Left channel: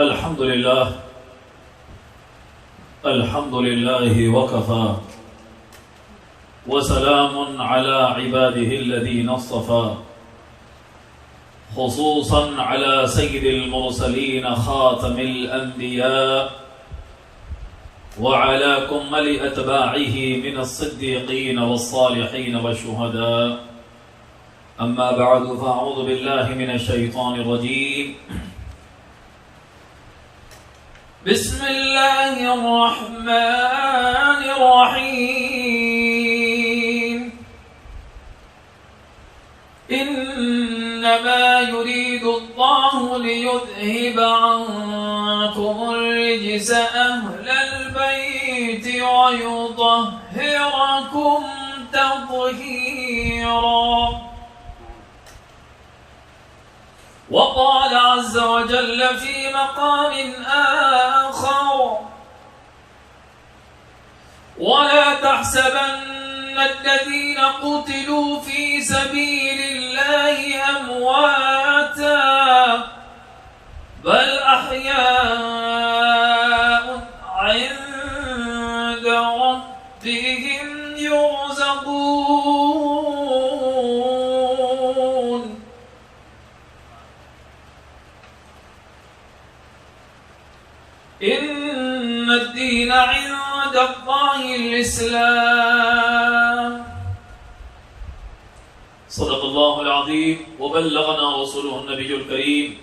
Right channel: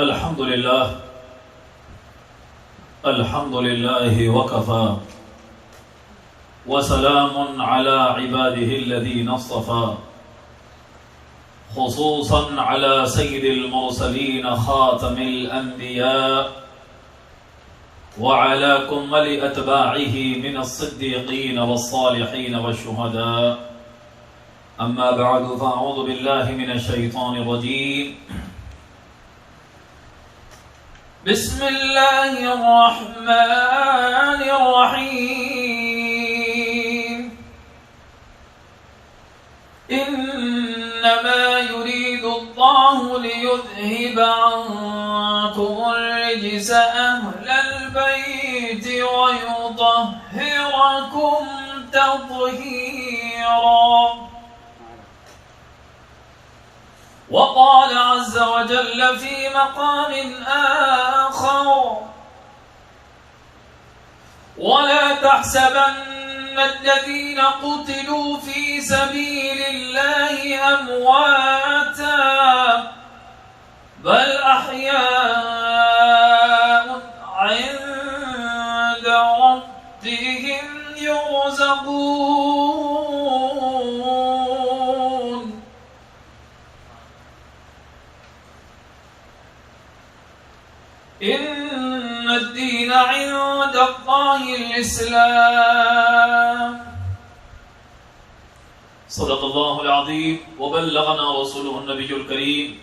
الحمد لله وكفى وسلام على عباده الذين اصطفى خصوصا على سيد المرسلين خاتم الأنبياء وعلى كمل أتباعه من الصديقين والصالحين والشهداء أما بعد فأعوذ بالله من الشيطان الرجيم بسم الله الرحمن الرحيم إنما يريد الله ليذهب عنكم الرجس أهل البيت ويطهركم تطهيرا وقال عز وجل في مقام آخر ولا تحسبن الذين قتلوا في سبيل الله أمواتا بل أحياء عند ربهم يرزقون إن الدين عند الله الإسلام صدق الله العظيم وبلغنا رسوله النبي الكريم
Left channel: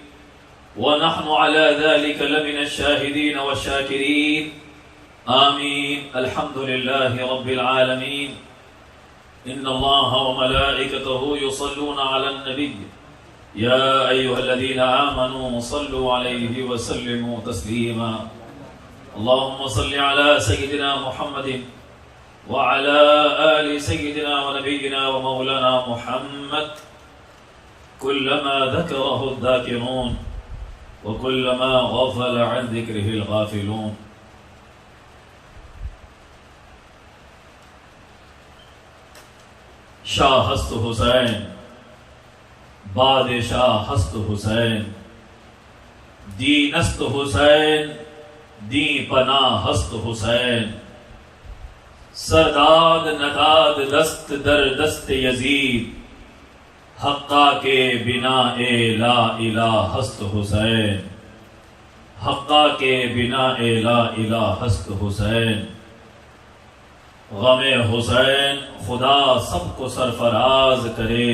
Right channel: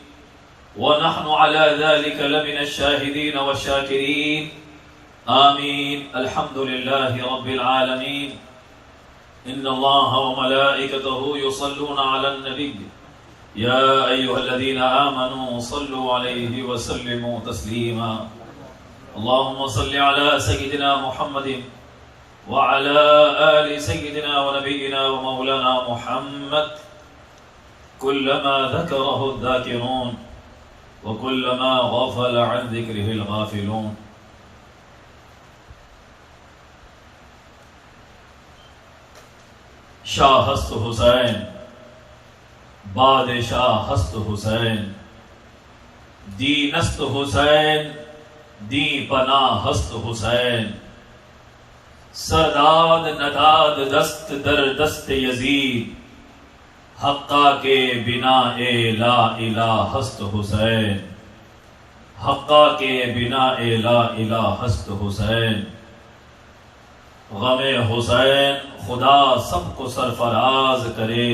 ونحن على ذلك لمن الشاهدين والشاكرين آمين. الحمد لله رب العالمين. إن الله وملائكته يصلون على النبي يا أيها الذين آمنوا صلوا عليه وسلموا تسليما. اللهم صل على سيدنا محمد وعلى آل سيدنا ونبينا ومولانا محمد كلما ذكره الذاكرون وكلما غفل عن ذكره الغافلون. شاہ ہست حسین بادشاہ ہست حسین دینست حسین دی پناہ ہست حسین سرداد نداد دست در دست یزید حقا کے بنا اے لا الہ ہست حسین حقا کے بنا اے لا الہ ہست حسین. غم حسین خدا سب کو سرفراز کرے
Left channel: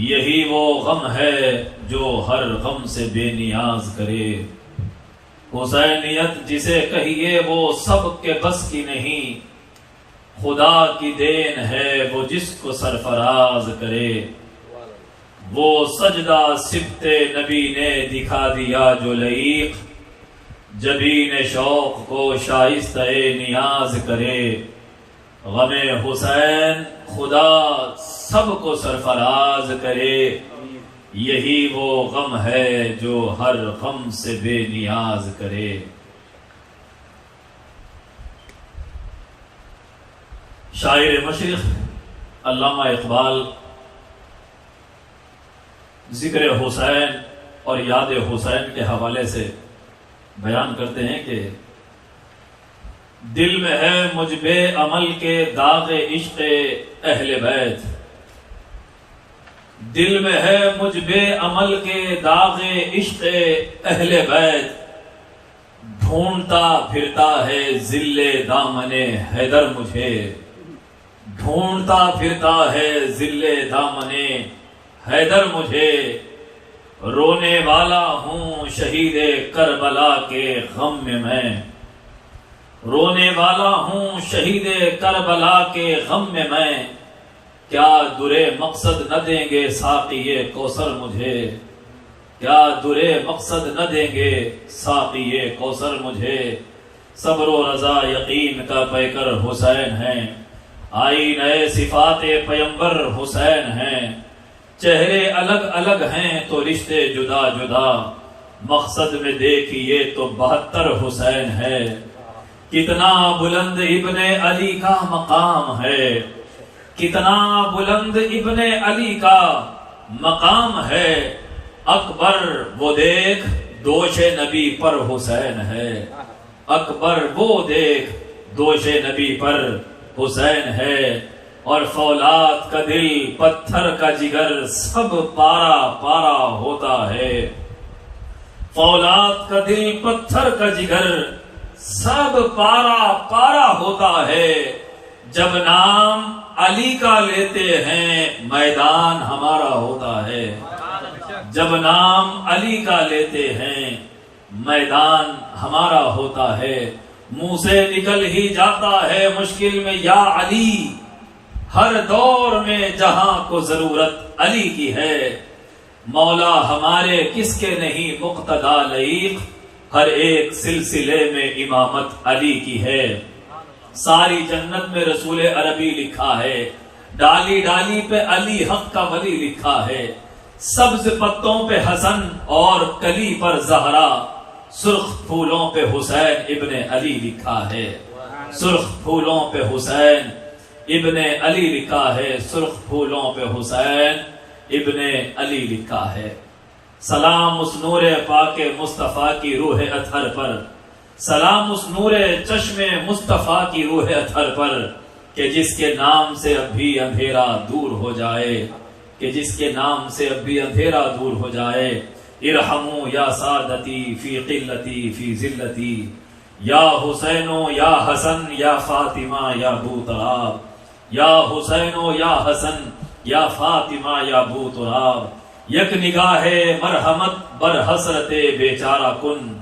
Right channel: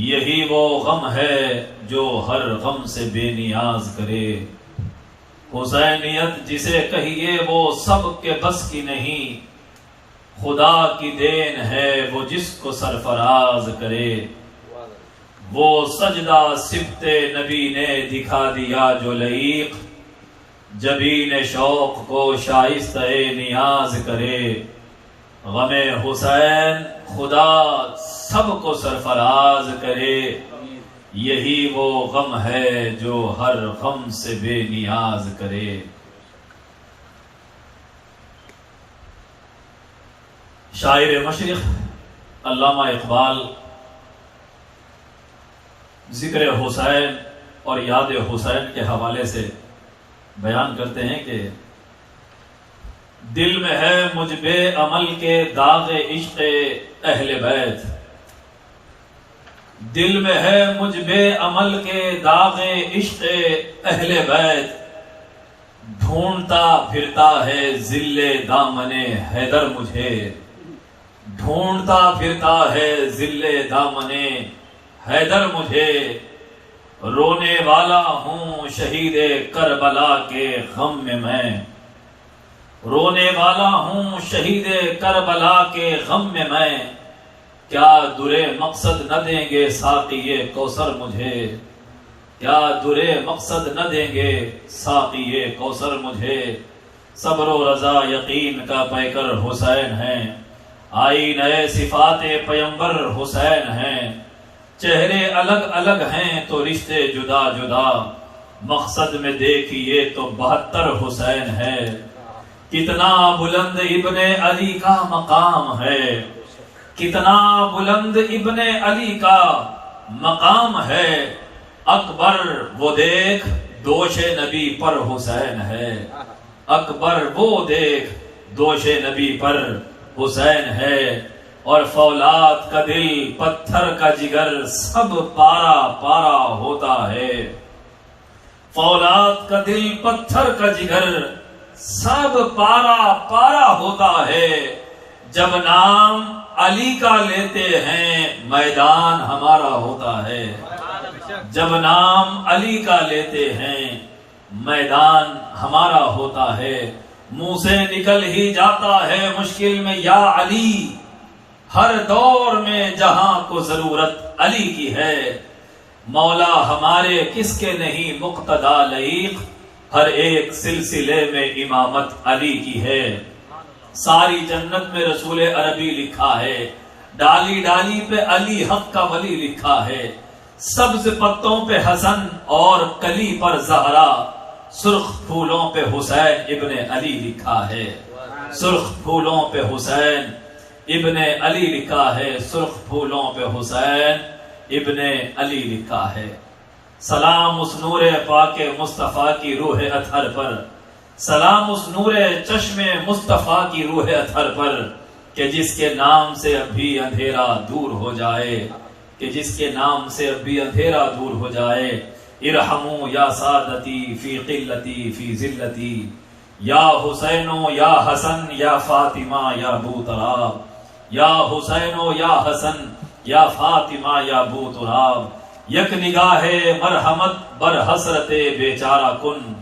یہی وہ غم ہے جو ہر غم سے بے نیاز کرے. حسینیت جسے کہیے وہ سب کے بس کی نہیں خدا کی دین ہے وہ جس کو سرفراز کرے. وہ سجدہ سبت نبی نے دکھا دیا جو لعیق جبین شوق کو شائستہ نیاز کرے. غم حسین خدا سب کو سرفراز کرے یہی وہ غم ہے جو ہر غم سے بے نیاز کرے. شاعر مشرق علامہ اقبال ذکر حسین اور یاد حسین کے حوالے سے بیان کرتے ہیں کہ دل میں ہے مجھ بے عمل کے داغ عشق اہل بیت دل میں ہے مجھ بے عمل کے داغ عشق اہل بیت ڈھونڈتا پھرتا ہے ذل دامن حیدر مجھے ڈھونڈتا پھرتا ہے ذل دامن حیدر مجھے. رونے والا ہوں شہید کربلا کے غم میں رونے والا ہوں شہید کربلا کے غم میں کیا درے مقصد نہ دیں گے ساقی کوثر مجھے کیا درے مقصد نہ دیں گے ساقی کوثر مجھے. صبر و رضا یقین کا پیکر حسین ہیں آئی نئے صفات پیمبر حسین ہیں. چہرے الگ الگ ہیں تو رشتے جدا جدا مقصد میں دیکھیے تو 72 حسین ہے. کتنا بلند ابن علی کا مقام ہے کتنا بلند ابن علی کا مقام ہے. اکبر وہ دیکھ دوش نبی پر حسین ہے، اکبر وہ دیکھ دوش نبی پر حسین ہے، اور فولاد کا دل پتھر کا جگر سب پارا پارا ہوتا ہے، فولاد کا دل پتھر کا جگر سب پارا پارا ہوتا ہے، جب نام علی کا لیتے ہیں میدان ہمارا ہوتا ہے، جب نام علی کا لیتے ہیں میدان ہمارا ہوتا ہے، منہ سے نکل ہی جاتا ہے مشکل میں یا علی، ہر دور میں جہاں کو ضرورت علی کی ہے، مولا ہمارے کس کے نہیں مقتدا لائق، ہر ایک سلسلے میں امامت علی کی ہے، ساری جنت میں رسول عربی لکھا ہے، ڈالی ڈالی پہ علی حق کا ولی لکھا ہے، سبز پتوں پہ حسن اور کلی پر زہرا، سرخ پھولوں پہ حسین ابن علی لکھا ہے، سرخ پھولوں پہ حسین ابن علی لکھا ہے، سرخ پھولوں پہ حسین ابن علی لکھا ہے، سلام اس نور پاک مصطفیٰ کی روح اطہر پر، سلام اس نور چشم مصطفیٰ کی روح اطہر پر، کہ جس کے نام سے اب بھی اندھیرا دور ہو جائے، کہ جس کے نام سے اب بھی اندھیرا دور ہو جائے، ارحمو یا سادتی فی قلتی فی ذلتی، یا حسینو یا حسن یا فاطمہ یا بو تراب، یا حسینو یا حسن یا فاطمہ یا بو تراب، یک نگاہ مرحمت بر حسرت بیچارہ کن،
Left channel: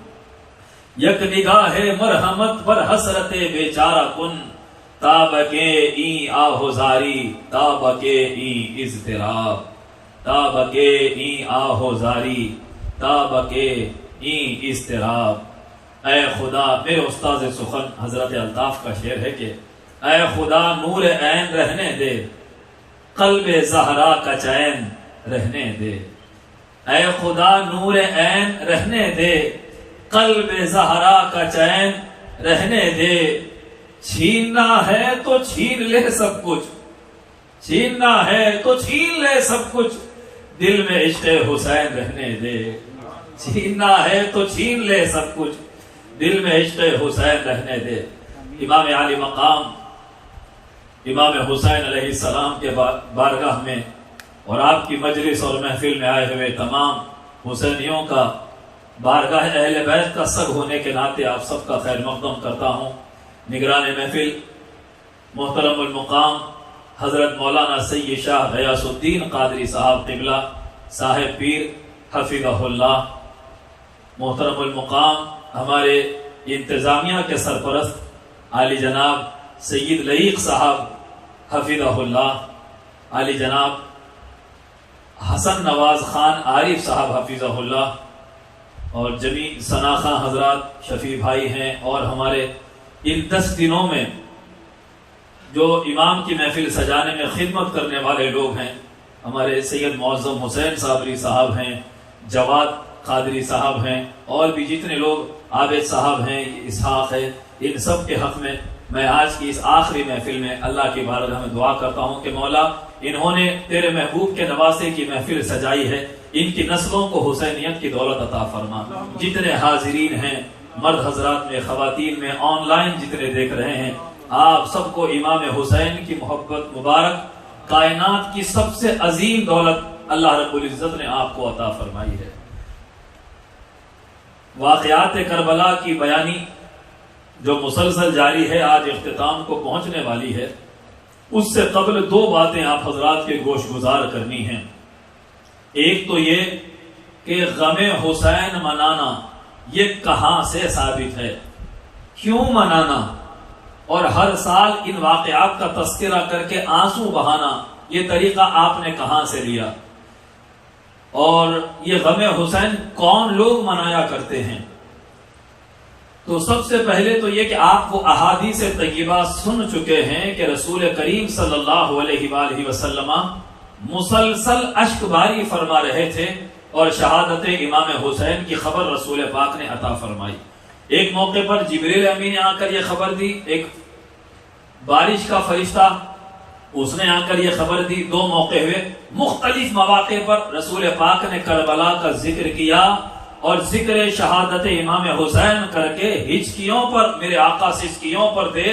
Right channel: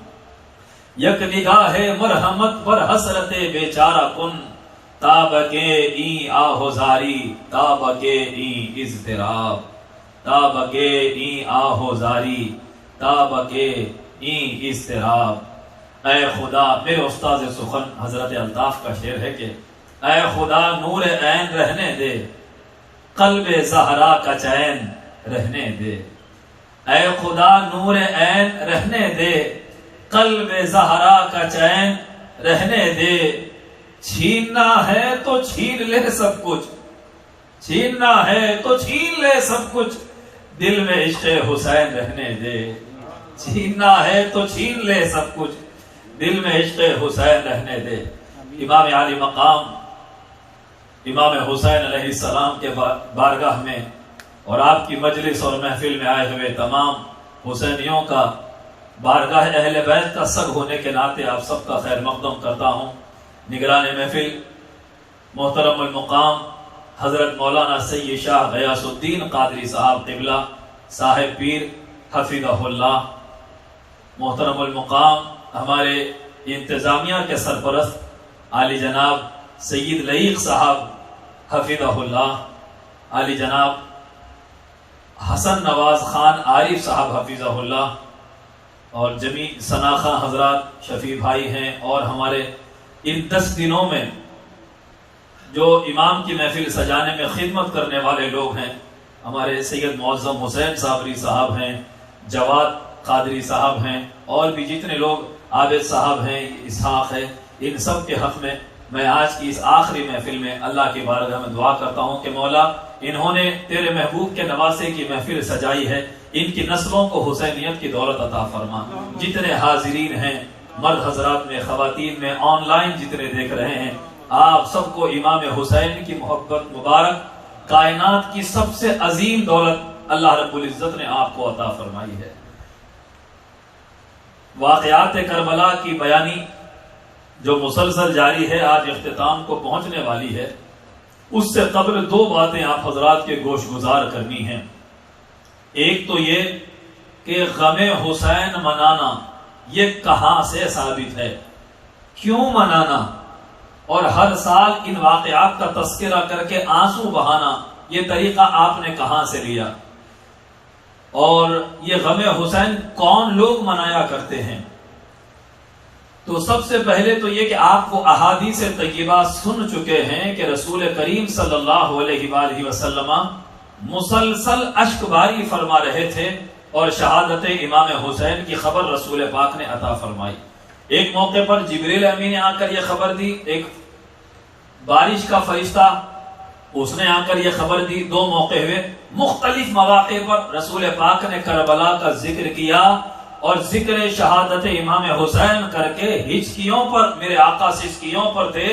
یک نگاہ مرحمت بر حسرت بیچارہ کن، تابکے این آہوزاری تابکے این اضطراب، تابکے این آہوزاری تابکے این اضطراب، اے خدا، میرے استاذ سخن حضرت الطاف کا شعر ہے کہ اے خدا نور عین رہنے دے، قلب زہرا کا چین رہنے دے، اے خدا نور عین رہنے دے، قلب زہرا کا چین رہنے دے، چھیننا ہے تو چھین لے سب کچھ، چھیننا ہے تو چھین لے سب کچھ، دل میں عشق حسین رہنے دے، چھیننا ہے تو چھین لے سب کچھ، دل میں عشق حسین رہنے دے۔ امام عالی مقام امام حسین علیہ السلام کے بارگاہ میں اور آپ کی مجلس اور محفل میں آئے ہوئے تمام حسینیوں کا بارگاہ اہل بیت کا سر ہونے کے ناطے آپ سب کا خیر مقدم کرتا ہوں۔ نگران محفل محترم المقام حضرت مولانا سید شاہ غیاث الدین قادری صاحب قبلہ صاحب پیر حفظہ اللہ، محترم المقام ہمارے انتظامیہ کے سرپرست عالی جناب سید لعیق صاحب حفظہ اللہ، عالی جناب حسن نواز خان عارف صاحب حفظہ اللہ، اور جمیع سناخہ حضرات شفیع بھائی ہیں، اور ہمارے ان 10 دنوں میں جو امام کی محفل سجانے میں خدمت کرنے والے لوگ ہیں، ہمارے سید معظم حسین صابری صاحب ہیں، جواد قادری صاحب ہیں، اور بھی جتنے لوگ، عابد صاحب ہیں، اسحاق ہے، ان سب کے حق میں میں آج کی اس آخری محفل میں اللہ کی بارگاہ میں دعا کرتا ہوں کہ مولا انہوں نے تیرے محبوب کے نواسے کی محفل سجائی ہے، ان کی نسلوں کو حسینیت کی دولت عطا فرما۔ جتنے حاضرین ہیں، مرد حضرات میں، خواتین میں، آن لائن جتنے دیکھ رہے ہیں، آپ سب کو امام حسین کی محبت مبارک، کائنات کی سب سے عظیم دولت اللہ رب العزت نے آپ کو عطا فرمائی ہے۔ واقعات کربلا کی بیانی جو مسلسل جاری ہے، آج اختتام کو پہنچنے والی ہے، اس سے قبل 2 باتیں آپ حضرات کے گوش گزار کرنی ہیں۔ ایک تو یہ کہ غم حسین منانا یہ کہاں سے ثابت ہے، کیوں منانا، اور ہر سال ان واقعات کا تذکرہ کر کے آنسو بہانا، یہ طریقہ آپ نے کہاں سے لیا، اور یہ غم حسین کون لوگ منایا کرتے ہیں۔ تو سب سے پہلے تو یہ کہ آپ وہ احادیث طیبہ سن چکے ہیں کہ رسول کریم صلی اللہ علیہ وآلہ وسلم مسلسل اشک باری فرما رہے تھے، اور شہادت امام حسین کی خبر رسول پاک نے عطا فرمائی۔ ایک موقع پر جبریل امین نے آ کر یہ خبر دی، ایک بارش کا فرشتہ اس نے آ کر یہ خبر دی، 2 موقع ہوئے، مختلف مواقع پر رسول پاک نے کربلا کا ذکر کیا، اور ذکر شہادت امام حسین کر کے ہچکیوں پر، میرے آقا سے ہچکیوں پر تھے،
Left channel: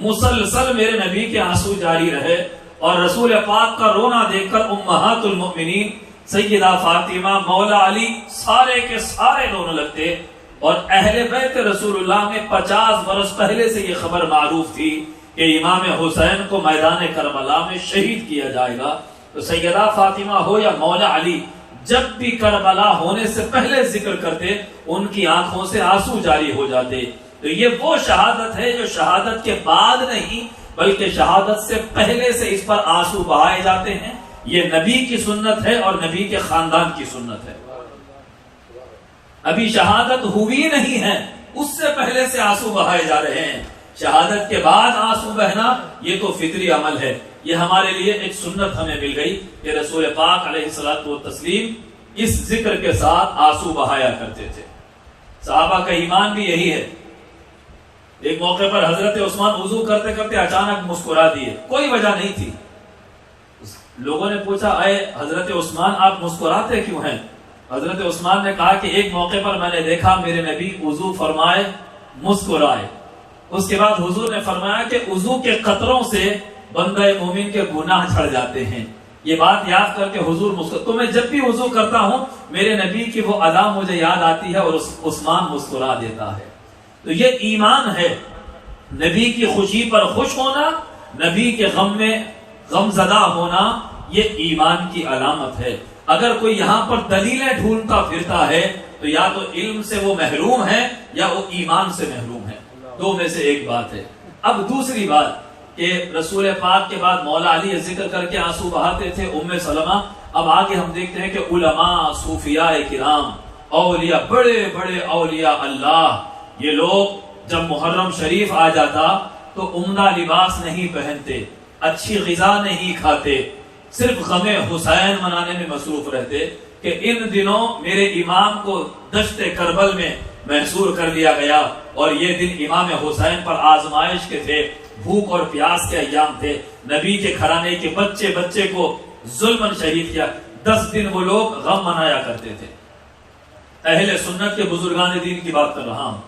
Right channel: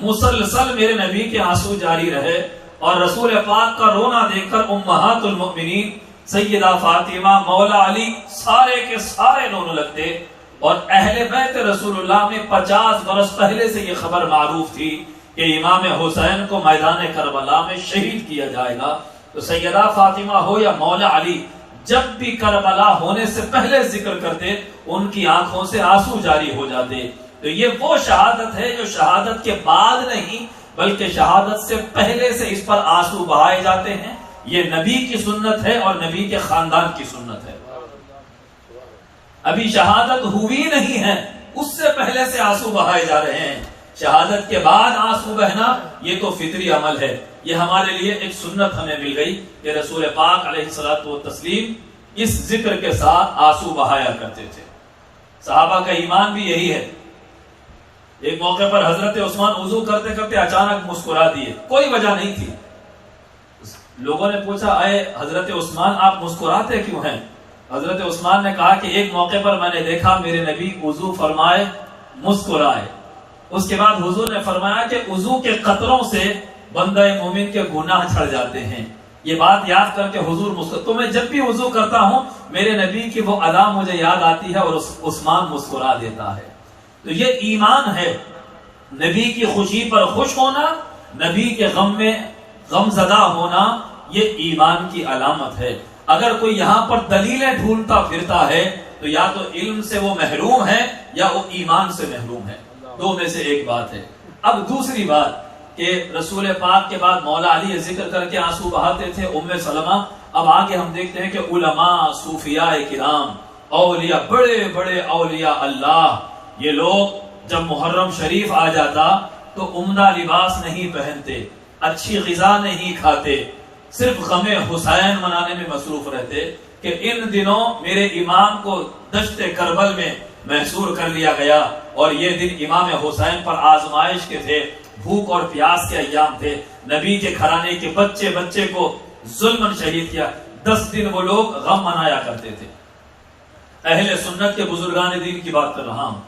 مسلسل میرے نبی کے آنسو جاری رہے، اور رسول پاک کا رونا دیکھ کر امہات المؤمنین سیدہ فاطمہ، مولا علی، سارے کے سارے رونے لگتے، اور اہل بیت رسول اللہ میں 50 برس پہلے سے یہ خبر معروف تھی کہ امام حسین کو میدان کربلا میں شہید کیا جائے گا۔ تو سیدہ فاطمہ ہو یا مولا علی، جب بھی کربلا ہونے سے پہلے ذکر کرتے ان کی آنکھوں سے آنسو جاری ہو جاتے۔ تو یہ وہ شہادت ہے جو شہادت کے بعد نہیں بلکہ شہادت سے پہلے سے اس پر آنسو بہائے جاتے ہیں۔ یہ نبی کی سنت ہے اور نبی کے خاندان کی سنت ہے۔ ابھی شہادت ہوئی نہیں ہے، اس سے پہلے سے آنسو بہائے جا رہے ہیں۔ شہادت کے بعد آنسو بہنا یہ تو فطری عمل ہے۔ یہ ہمارے لیے ایک سنت ہمیں مل گئی کہ رسول پاک علیہ الصلوۃ والتسلیم اس ذکر کے ساتھ آنسو بہایا کرتے تھے۔ صحابہ کا ایمان بھی یہی ہے۔ ایک موقع پر حضرت عثمان وضو کرتے کرتے اچانک مسکرا دیے، کوئی وجہ نہیں تھی۔ لوگوں نے پوچھا، اے حضرت عثمان آپ مسکراتے کیوں ہیں؟ حضرت عثمان نے کہا کہ ایک موقع پر میں نے دیکھا میرے نبی وضو فرمائے مسکرائے۔ اس کے بعد حضور نے فرمایا کہ وضو کے قطروں سے بندہ مومن کے گناہ جھڑ جاتے ہیں۔ یہ بات یاد کر کے حضور مسکراتے، تو میں جب بھی وضو کرتا ہوں میرے نبی کی وہ ادا مجھے یاد آتی ہے اور عثمان مسکرا دیتا ہے۔ تو یہ ایمان ہے، نبی کی خوشی پر خوش ہونا، نبی کے غم میں غم زدہ ہونا، یہ ایمان کی علامت ہے۔ اگر کوئی یہاں پر دلیلیں ڈھونڈتا پھرتا ہے تو یا تو علم سے وہ محروم ہے یا وہ ایمان سے محروم ہے، دو میں سے ایک بات ہے۔ اب دوسری بات کہ رسول پاک کے بعد مولا علی ذکر کر کے آنسو بہاتے تھے، ام سلمہ۔ اب آگے ہم دیکھتے ہیں کہ علماء، صوفیاء کرام، اولیاء، بڑے بڑے اولیاء اللہ، یہ لوگ جب محرم شریف آ جاتا تو عمدہ لباس نہیں پہنتے، اچھی غذا نہیں کھاتے، صرف غم حسین منانے میں مصروف رہتے کہ ان دنوں میرے امام کو دشت کربل میں محصور کر لیا گیا، اور یہ دن امام حسین پر آزمائش کے تھے، بھوک اور پیاس کے ایام تھے، نبی کے گھرانے کے بچے بچے کو ظلماً شہید کیا۔ 10 دن وہ لوگ غم منایا کرتے تھے۔ اہل سنت کے بزرگان دین کی بات کر رہا ہوں۔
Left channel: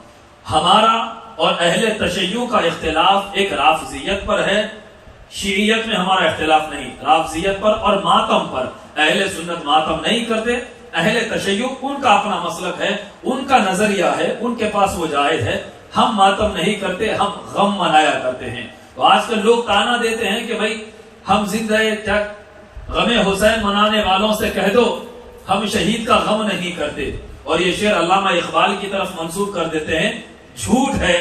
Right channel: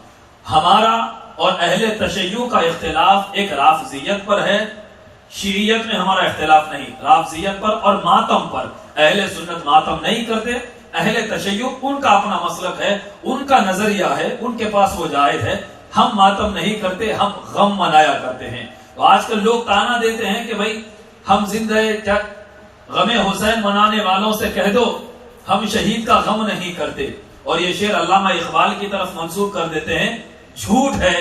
ہمارا اور اہل تشیع کا اختلاف ایک رافضیت پر ہے، شیعیت میں ہمارا اختلاف نہیں، رافضیت پر اور ماتم پر۔ اہل سنت ماتم نہیں کرتے، اہل تشیع ان کا اپنا مسلک ہے، ان کا نظریہ ہے، ان کے پاس وہ جائز ہے۔ ہم ماتم نہیں کرتے، ہم غم منایا کرتے ہیں۔ تو آج کل لوگ تانا دیتے ہیں کہ بھائی ہم زندہ کیا غم حسین منانے والوں سے کہہ دو ہم شہید کا غم نہیں کرتے، اور یہ شعر علامہ اقبال کی طرف منسوب کر دیتے ہیں۔ جھوٹ ہے،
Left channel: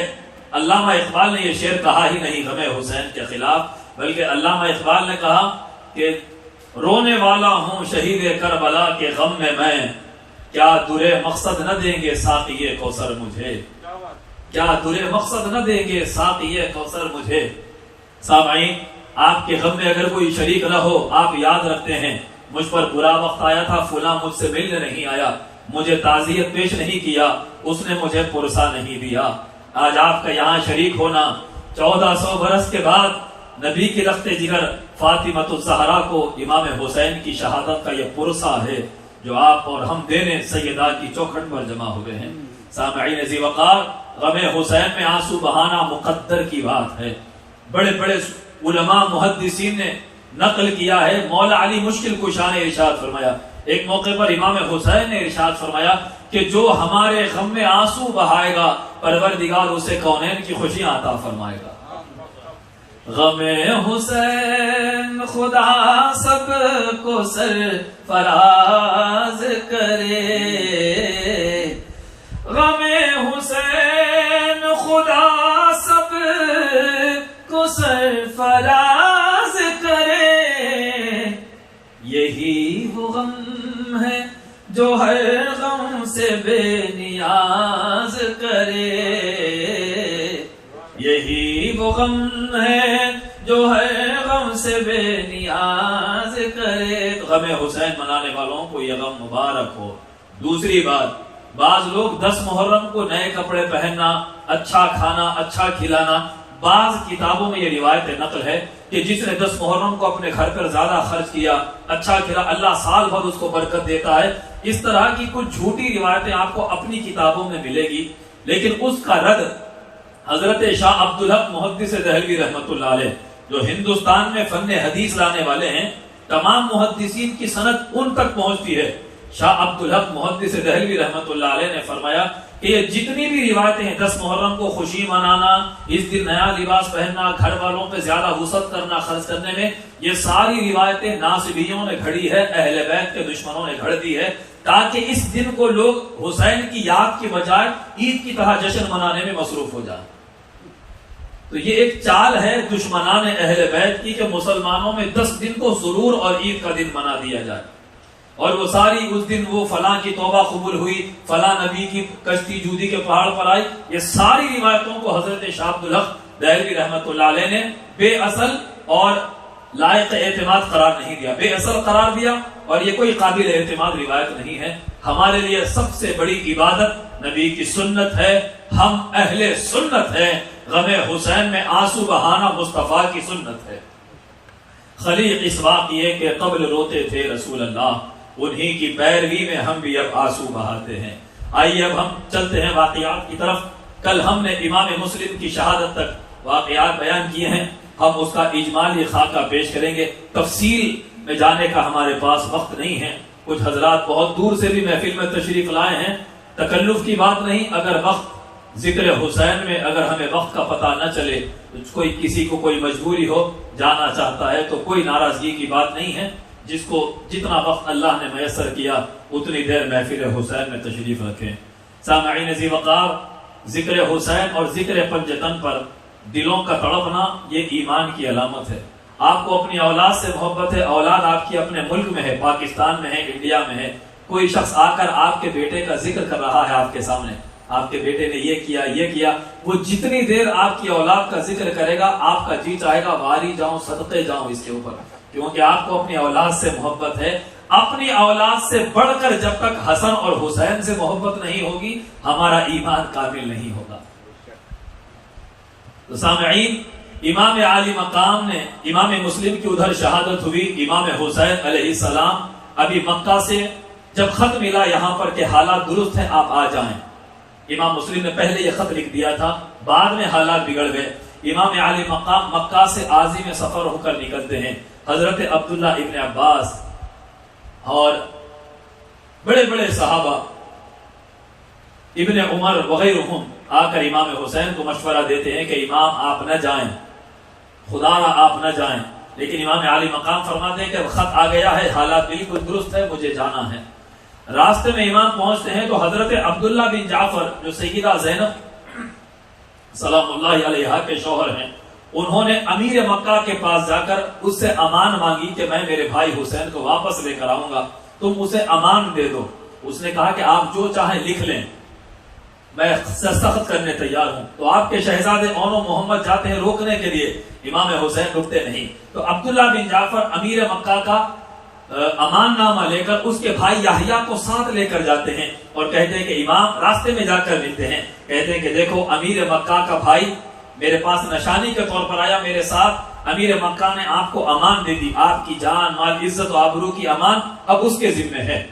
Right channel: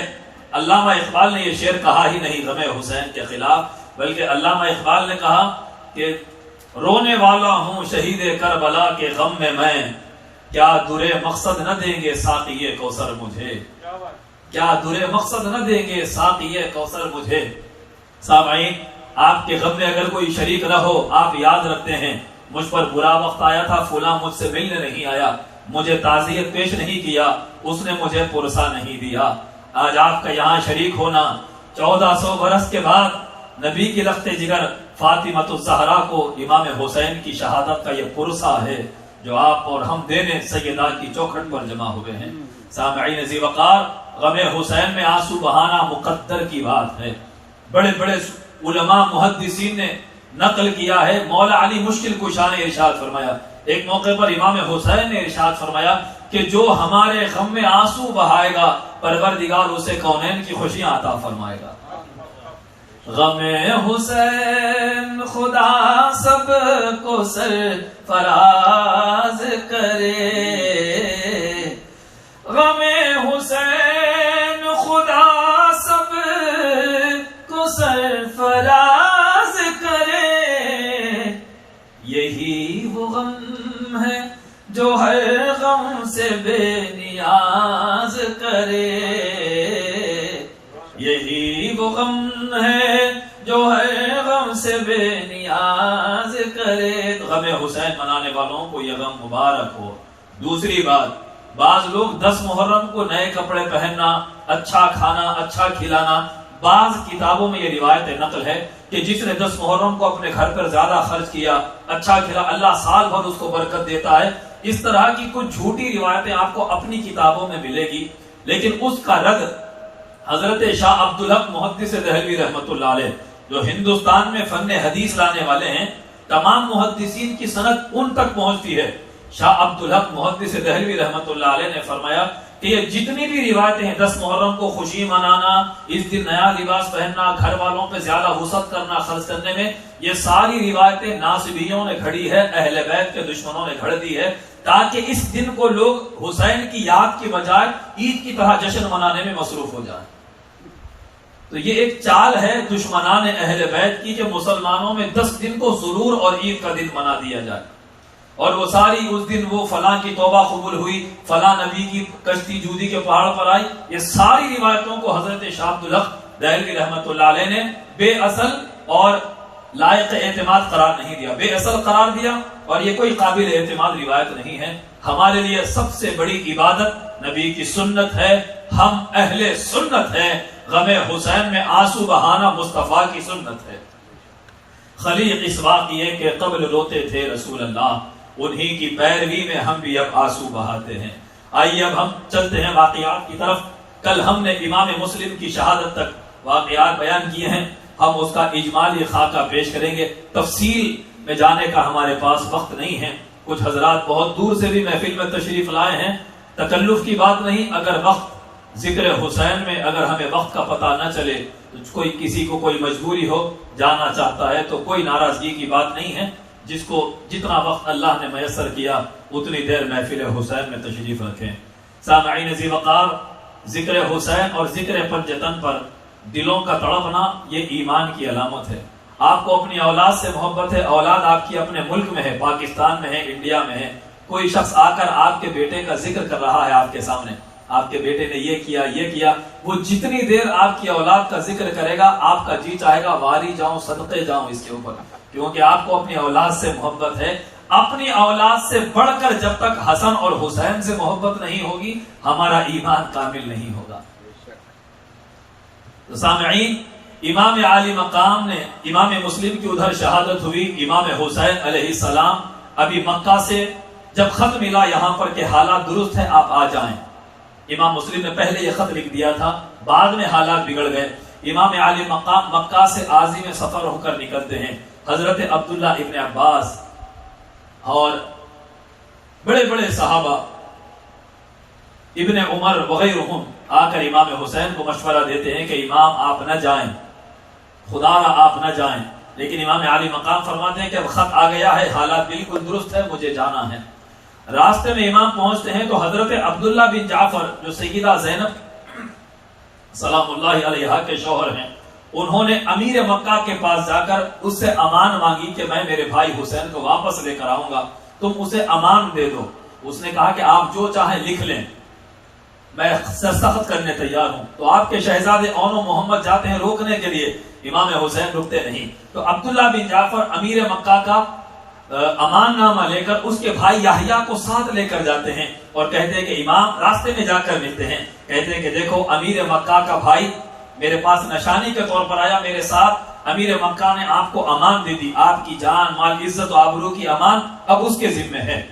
علامہ اقبال نے یہ شعر کہا ہی نہیں غم حسین کے خلاف، بلکہ علامہ اقبال نے کہا کہ رونے والا ہوں شہید کربلا کے غم میں کیا درے مقصد نہ دیں گے ساقی کوثر مجھے، کیا درے مقصد نہ دیں گے ساقی کوثر مجھے۔ سامعین، آپ کے غم میں اگر کوئی شریک نہ ہو، آپ یاد رکھتے ہیں مجھ پر برا وقت آیا تھا، فلاں مجھ سے ملنے نہیں آیا، مجھے تعزیت پیش نہیں کیا، اس نے مجھے پرسا نہیں دیا۔ آج آپ کا یہاں شریک ہونا 1400 برس کے بعد نبی کی لخت جگر فاطمۃ الزہرا کو امام حسین کی شہادت کا یہ پرسا ہے جو آپ اور ہم دینے سیدہ کی چوکھٹ پر جمع ہوئے ہیں۔ سامعین ذی وقار، غم حسین میں آنسو بہانا مقدر کی بات ہے۔ بڑے بڑے علماء محدثین نے نقل کیا ہے، مولا علی مشکل کشا نے ارشاد فرمایا، ایک موقع پر امام حسین نے ارشاد فرمایا کہ جو ہمارے غم میں آنسو بہائے گا پروردگار اسے کونین کی خوشیاں عطا فرمائے گا۔ غم حسین خدا سب کو سرفراز کرے، غم حسین خدا سب کو سرفراز کرے، یہی وہ غم ہے جو ہر غم سے بے نیاز کرے، یہی وہ غم ہے جو ہر غم سے بے نیاز کرے۔ تو غم حسین منانے والوں کو یہ غم مبارک ہو۔ دوسری بات، بعض لوگ 10 محرم کو نئے کپڑے پہننا، اچھا کھانا، اچھا کھلانا بعض کتابوں میں یہ روایت نقل ہے کہ جس نے 10 محرم کو اپنے گھر پر زیادہ خرچ کیا، اچھا کھلا، اللہ سال بھر اس کو برکت دیتا ہے. اس طرح کی کچھ جھوٹی روایتیں آپ کو اپنی کتابوں میں ملے گی، لیکن اس کا رد حضرت شاہ عبدالحق محدث دہلوی رحمۃ اللہ علیہ، جو ہندوستان میں فن حدیث لانے والے ہیں، تمام محدثین کی سند ان تک پہنچتی ہے. شاہ عبدالحق محدث دہلوی رحمۃ اللہ علیہ نے فرمایا کہ یہ جتنی بھی روایتیں ہیں، 10 محرم کو خوشی منانا، اس دن نیا لباس پہننا، گھر والوں پہ زیادہ وسعت کرنا خرچ کرنے میں، یہ ساری روایتیں ناصبیوں نے گھڑی ہے، اہل بیت کے دشمنوں نے گھڑ دی ہے، تاکہ اس دن کو لوگ حسین کی یاد کی بجائے عید کی طرح جشن منانے میں مصروف ہو جائیں. تو یہ ایک چال ہے دشمنان اہل بیت کی کہ مسلمانوں میں 10 دن کو سرور اور عید کا دن بنا دیا جائے، اور وہ ساری اس دن وہ فلاں کی توبہ قبول ہوئی، فلاں نبی کی کشتی جودی کے پہاڑ پر آئی. یہ ساری روایتوں کو حضرت شاہ عبدالحق دہلوی رحمۃ اللہ علیہ نے بے اصل اور لائق اعتماد قرار نہیں دیا، بے اصل قرار دیا، اور یہ کوئی قابل اعتماد روایت نہیں ہے. ہمارے لیے سب سے بڑی عبادت نبی کی سنت ہے، ہم اہل سنت ہیں. غم حسین میں آنسو بہانا مصطفیٰ کی سنت ہے. خلیق اس واقعے کے قبل روتے تھے رسول اللہ، انہی کی پیروی میں ہم بھی اب آنسو بہاتے ہیں. آئیے اب ہم چلتے ہیں واقعات کی طرف. کل ہم نے امام مسلم کی شہادت تک واقعات بیان کیے ہیں، ہم اس کا اجمالی خاکہ پیش کریں گے. تفصیل میں جانے کا ہمارے پاس وقت نہیں ہے. کچھ حضرات بہت دور سے بھی محفل میں تشریف لائے ہیں، تکلف کی بات نہیں. اگر وقت ذکر حسین میں اگر ہمیں وقت کا پتہ نہ چلے، تو کسی کو کوئی مجبوری ہو جانا چاہتا ہے تو کوئی ناراضگی کی بات نہیں ہے. جس کو جتنا وقت اللہ نے میسر کیا اتنی دیر محفل حسین میں تشریف رکھیں. سامعین ذی وقار، ذکر حسین اور ذکر پنجتن پر دلوں کا تڑپنا یہ ایمان کی علامت ہے. آپ کو اپنی اولاد سے محبت ہے، اولاد آپ کی اپنے ملک میں ہے، پاکستان میں ہے، انڈیا میں ہے. کوئی شخص آ کر آپ کے بیٹے کا ذکر کر رہا ہے آپ کے سامنے، آپ کے بیٹے نے یہ کیا یہ کیا، وہ جتنی دیر آپ کی اولاد کا ذکر کرے گا آپ کا جی چاہے گا واری جاؤں، صدقے جاؤں اس کے اوپر، کیونکہ آپ کو اپنی اولاد سے محبت ہے. اپنی اولاد سے بڑھ کر جب تک حسن اور حسین سے محبت نہیں ہوگی ہمارا ایمان کامل نہیں ہوگا. تو سامعین، امام عالی مقام نے، امام مسلم کی ادھر شہادت ہوئی، امام حسین علیہ السلام ابھی مکہ سے جب خط ملا یہاں پر کہ حالات درست ہیں آپ آ جائیں. امام مسلم نے پہلے یہ خط لکھ دیا تھا، بعد میں حالات بگڑ گئے. امام عالی مقام مکہ سے عازم سفر ہو کر نکلتے ہیں. حضرت عبداللہ ابن عباس اور بڑے بڑے صحابہ، ابن عمر وغیرہم آ کر امام حسین کو مشورہ دیتے ہیں کہ امام آپ نہ جائیں، خدا را آپ نہ جائیں. لیکن امام عالی مقام فرماتے ہیں کہ اب خط آ گیا ہے، حالات بالکل درست ہے، مجھے جانا ہے. راستے میں امام پہنچتے ہیں تو حضرت عبداللہ بن جعفر جو سیدہ زینب سلام اللہ علیہا کے شوہر ہیں، انہوں نے امیر مکہ کے پاس جا کر اس سے امان مانگی کہ میں میرے بھائی حسین کو واپس لے کر آؤں گا، تم اسے امان دے دو. اس نے کہا کہ آپ جو چاہیں لکھ لیں، میں سخت کرنے تیار ہوں. تو آپ کے شہزادے اون و محمد جاتے ہیں روکنے کے لیے، امام حسین رکتے نہیں. تو عبداللہ بن جعفر امیر مکہ کا امان نامہ لے کر اس کے بھائی یحییٰ کو ساتھ لے کر جاتے ہیں اور کہتے ہیں کہ امام، راستے میں جا کر ملتے ہیں، کہتے ہیں کہ دیکھو امیر مکہ کا بھائی میرے پاس نشانی کے طور پر آیا، میرے ساتھ امیر مکہ نے آپ کو امان دے دی، آپ کی جان مال عزت و آبرو کی امان اب اس کے ذمہ ہے،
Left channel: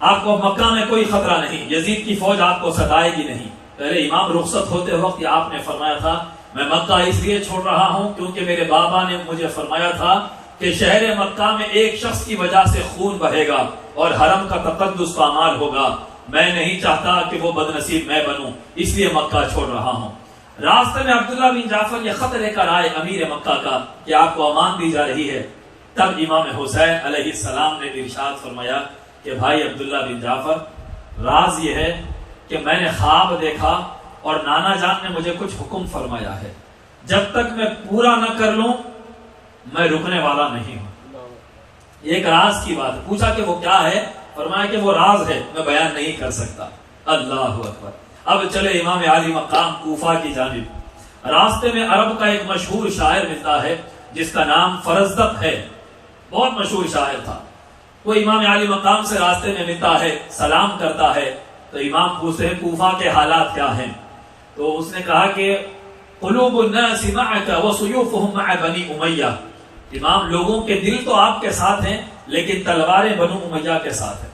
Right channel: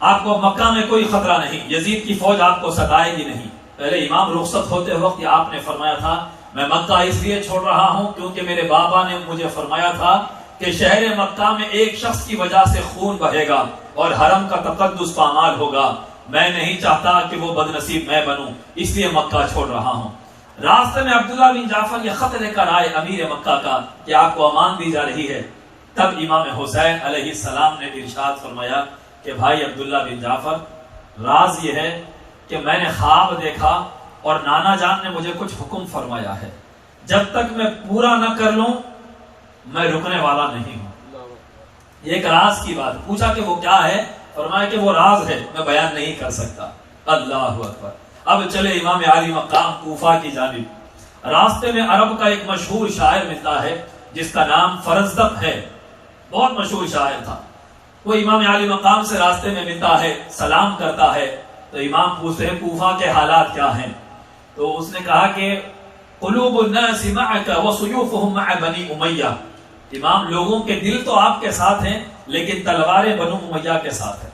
آپ کو مکہ میں کوئی خطرہ نہیں، یزید کی فوج آپ کو ستائے گی نہیں. پہلے امام رخصت ہوتے وقت یہ آپ نے فرمایا تھا میں مکہ اس لیے چھوڑ رہا ہوں کیونکہ میرے بابا نے مجھے فرمایا تھا کہ شہر مکہ میں ایک شخص کی وجہ سے خون بہے گا اور حرم کا تقدس پامال ہوگا، میں نہیں چاہتا کہ وہ بدنصیب میں بنوں، اس لیے مکہ چھوڑ رہا ہوں. راستے میں عبداللہ بن جعفر یہ خط لے کر آئے امیر مکہ کا کہ آپ کو امان دی جا رہی ہے. تب امام حسین علیہ السلام نے ارشاد فرمایا کہ بھائی عبداللہ بن جعفر، راز یہ ہے کہ میں نے خواب دیکھا اور نانا جان نے مجھے کچھ حکم فرمایا ہے، جب تک میں پورا نہ کر لوں میں رکنے والا نہیں ہوں. ایک راز کی بات پوچھا کہ وہ کیا ہے، فرمایا کہ وہ راز ہے، میں بیان نہیں کر سکتا. اللہ اکبر. اب چلے امام عالی مقام کوفہ کی جانب. راستے میں عرب کا ایک مشہور شاعر ملتا ہے جس کا نام فرزدق ہے، بہت مشہور شاعر تھا. وہ امام عالی مقام سے راستے میں ملتا ہے، سلام کرتا ہے. تو امام پوچھتے ہیں کوفہ کے حالات کیا ہیں. تو اس نے کہا کہ قلوب الناس معك وسيوفهم مع بني امیہ، امام لوگوں کے دل تو آپ کے ساتھ ہیں لیکن تلواریں بنو امیہ کے ساتھ ہیں،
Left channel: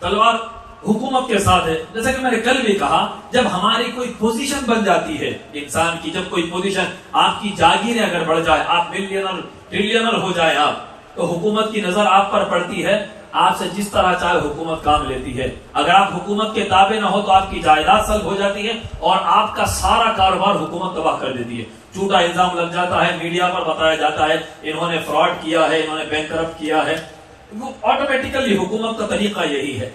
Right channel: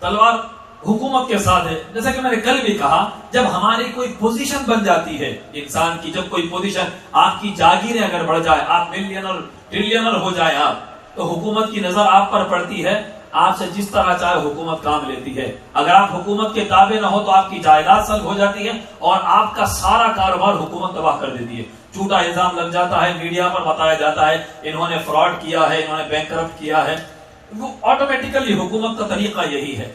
تلوار حکومت کے ساتھ ہے۔ جیسا کہ میں نے کل بھی کہا، جب ہماری کوئی پوزیشن بن جاتی ہے انسان کی، جب کوئی پوزیشن آپ کی جاگیریں اگر بڑھ جائے، آپ ملینر ٹریلینر ہو جائے آپ، تو حکومت کی نظر آپ پر پڑتی ہے، آپ سے جس طرح چاہے حکومت کام لیتی ہے۔ اگر آپ حکومت کے تابع نہ ہو تو آپ کی جائیداد سلب ہو جاتی ہے اور آپ کا سارا کاروبار حکومت تباہ کر دیتی ہے۔ جھوٹا الزام لگ جاتا ہے، میڈیا پر بتایا جاتا ہے انہوں نے فراڈ کیا ہے، انہوں نے بینک کرپٹ کیا ہے، وہ آٹومیٹیکلی حکومت کا طریقہ یہی ہے۔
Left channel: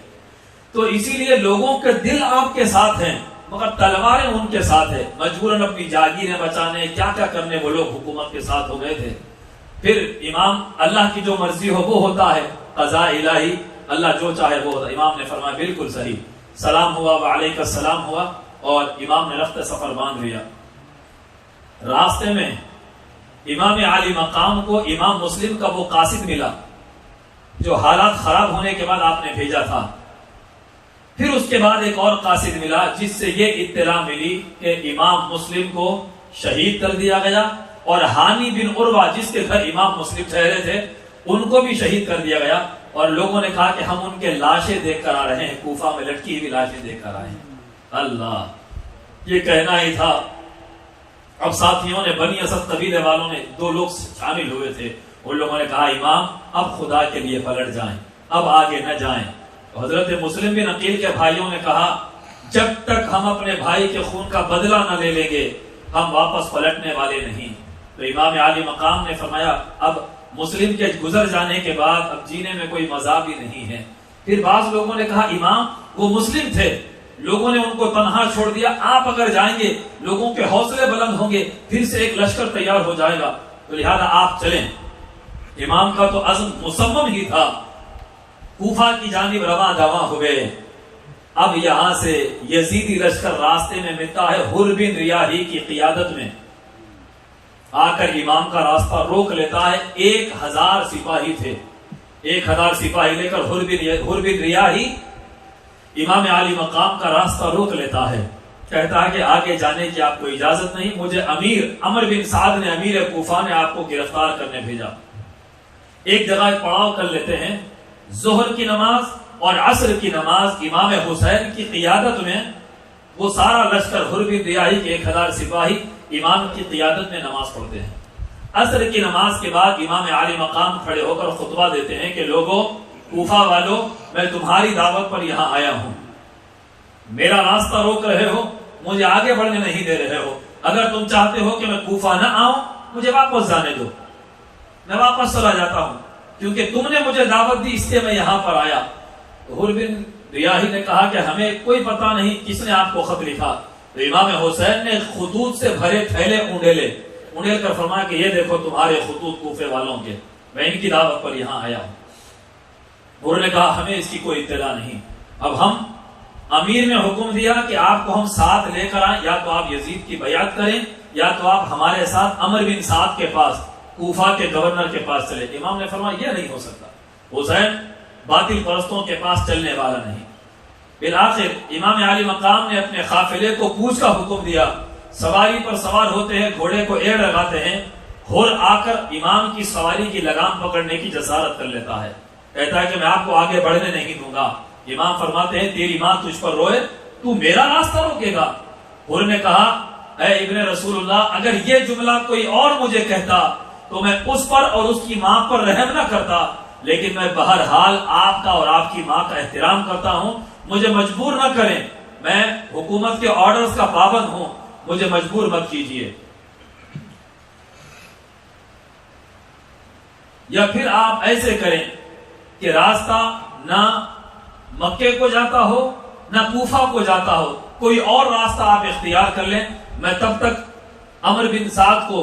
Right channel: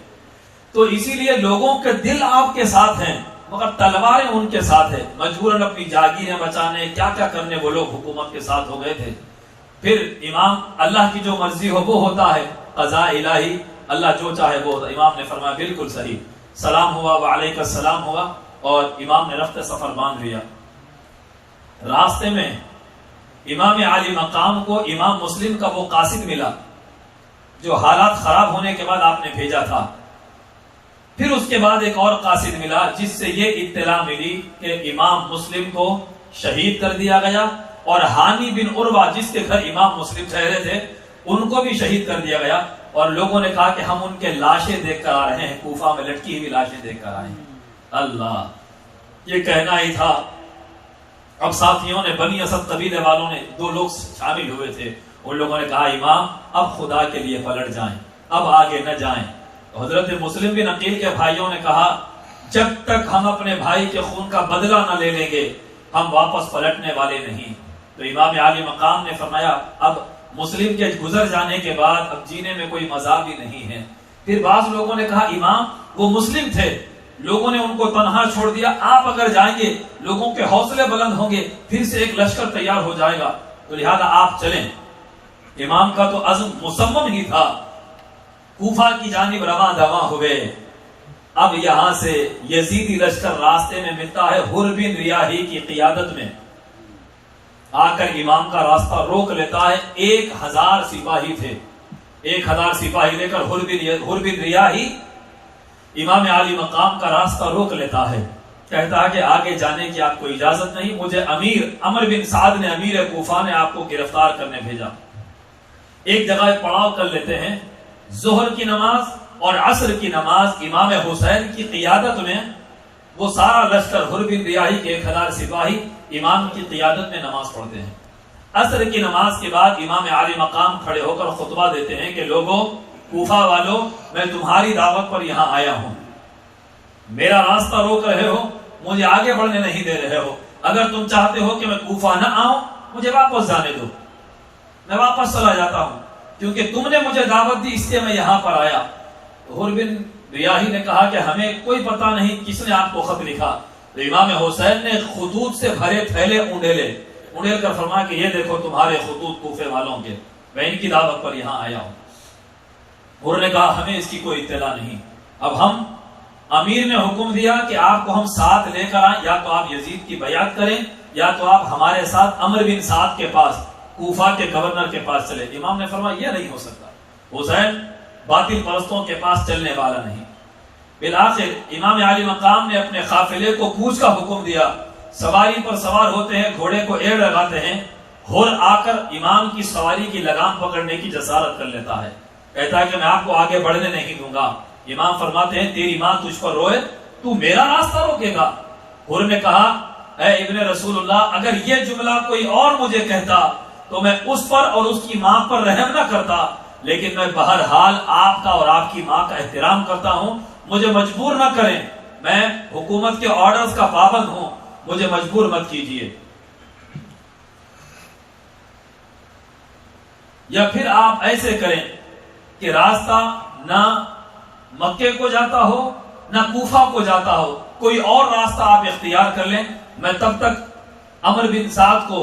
تو اسی لیے لوگوں کے دل آپ کے ساتھ ہیں مگر تلواریں ان کے ساتھ ہیں، مجبوراً اپنی جاگیریں بچانے کیا کیا کرنے وہ لوگ حکومت کے ساتھ ہو گئے تھے۔ پھر امام اللہ کی جو مرضی ہو وہ ہوتا ہے، قضاء الہی، اللہ جو چاہے وہ ہوتا ہے۔ امام نے فرمایا بالکل صحیح، سلام ہوا وعلیک السلام ہوا، اور امام نے رفت سفر باندھ لیا۔ راستے میں امام عالی مقام کو امام مسلم کا وہ قاصد ملا جو حالات خراب ہونے کے بعد آپ نے بھیجا تھا۔ پھر اس کے بعد ایک اور قاصد ملا جس سے یہ اطلاع ملی کہ امام مسلم کو شہید کر دیا گیا، اور ہانی بن عروہ جس کے گھر امام مسلم ٹھہرے تھے ان کو بھی شہید کر دیا گیا۔ اور لوگوں نے کہا کہ ہم ان کے لاشیں دیکھ کر آ رہے ہیں، کوفہ میں لٹکی ہوئی لاشیں دیکھ کر آئے ہیں۔ اللہ، یہ کہنا ہی تھا۔ اب ساتھیوں نے، بنی اسد قبیلے والوں نے، 2 لوگ شامل ہوئے تھے، ان لوگوں نے کہا امام اب خدا کے لیے پلٹ جائیں، اب آگے نہ جائیں۔ حضرت مسلم بن عقیل کے بھائیوں نے کہا جب تک ہم اپنے بھائی کے خون کا بدلہ نہ لے لیں گے ہم واپس پلٹنے والے نہیں۔ تو امام عالی مقام نے فرمایا اب مسلم کے گزر جانے کے بعد اب جینے میں کوئی مزہ بھی نہیں ہے۔ پھر بعض لوگوں نے کہا امام وہ مسلم تھے، لوگوں نے ان کو تنہا چھوڑ دیا، آپ اگر جائیں گے لوگوں کے حوصلے بلند ہوں گے، پھر سے ایک لشکر تیار ہو جائے گا، تو لہذا آپ چلیں۔ امام کا تو عزم مصمم ہی تھا، کوفہ کی جانب رواں دواں ہوئے۔ اب یہاں سے یزیدی لشکر راستے میں ملتا ہے حر بن ریاحی کی قیادت میں، آ کر امام کا راستہ روک لیتا ہے۔ 1000 سپاہی تھے، 1000 سپاہی لے کر حر بن ریاحی امام عالی مقام کا راستہ روک لیتا ہے، کہتا ہے کہ آگے جانے کی آپ کو اجازت نہیں، مجھے امیر عمر بن سعد نے، امیر کوفہ نے آپ کو گرفتار کرنے بھیجا۔ ایک جگہ پڑاؤ کر لیتے ہیں، ظہر کی نماز اور عصر کی نماز امام حسین کی قیادت میں، وہ سارا لشکر حر بن ریاحی کے 1000 سپاہی امام کی قیادت میں نماز پڑھتے ہیں۔ عصر کی نماز کے بعد امام عالی مقام کھڑے ہو کر خطبہ دیتے ہیں کہ لوگوں، کوفہ والوں، میں تمہاری دعوت پر یہاں آیا ہوں، میرا راستہ روک رہے ہو، مجھے آگے بڑھنے نہیں دے رہے ہو، اگر تم چاہتے ہو کہ میں کوفہ نہ آؤں مجھے واپس جانے دو، میں واپس چلا جاتا ہوں، کیونکہ تم نے مجھے دعوت دی اس لیے میں یہاں پر آیا۔ حر بن ریاحی نے کہا کہ ہمیں کوئی پتہ نہیں کس نے آپ کو خط لکھا۔ تو امام حسین نے خطوط سے بھرے تھیلے اونڈیل کر فرمایا کہ یہ دیکھو تمہارے خطوط کوفے والوں کے، میں ان کی دعوت پر یہاں آیا ہوں۔ حر نے کہا ہمیں اس کی کوئی اطلاع نہیں۔ اب ہم امیر نے حکم دیا کہ آپ کو ہم ساتھ لے کر آئیں، یا تو آپ یزید کی بیعت کریں یا تو آپ ہمارے ساتھ عمر بن سعد کے پاس، کوفہ کے گورنر کے پاس چلے۔ امام نے فرمایا یہ نہیں ہو سکتا، حسین باطل پرستوں کے پاس چلنے والا نہیں۔ بالآخر امام عالی مقام نے اپنے قافلے کو کوچ کا حکم دیا، سواری پر سوار ہوتے ہیں، گھوڑے کو ایڑ لگاتے ہیں، حر آ کر امام کی سواری کی لگام پکڑنے کی جسارت کر لیتا ہے، کہتا ہے کہ میں آپ کو آگے بڑھنے نہیں دوں گا۔ امام فرماتے ہیں تیری ماں تجھ پر روئے، تو میرا راستہ روکے گا؟ حر نے کہا اے ابن رسول اللہ، اگر یہ جملہ کوئی اور مجھے کہتا تو میں اس پر اور اس کی ماں پر رحم نہ کرتا، لیکن میں بہرحال آپ کا اور آپ کی ماں کا احترام کرتا ہوں، مجھے مجبور نہ کریں، میں حکومت کے آرڈرز کا پابند ہوں، مجھے مجبور مت کیجئے۔ یا پھر آپ ایسے کریں کہ راستہ نہ مکے کو جاتا ہو نہ کوفہ کو جاتا ہو، کوئی اور راستہ آپ اختیار کر لیں، میں تب تک عمر بن سعد کو،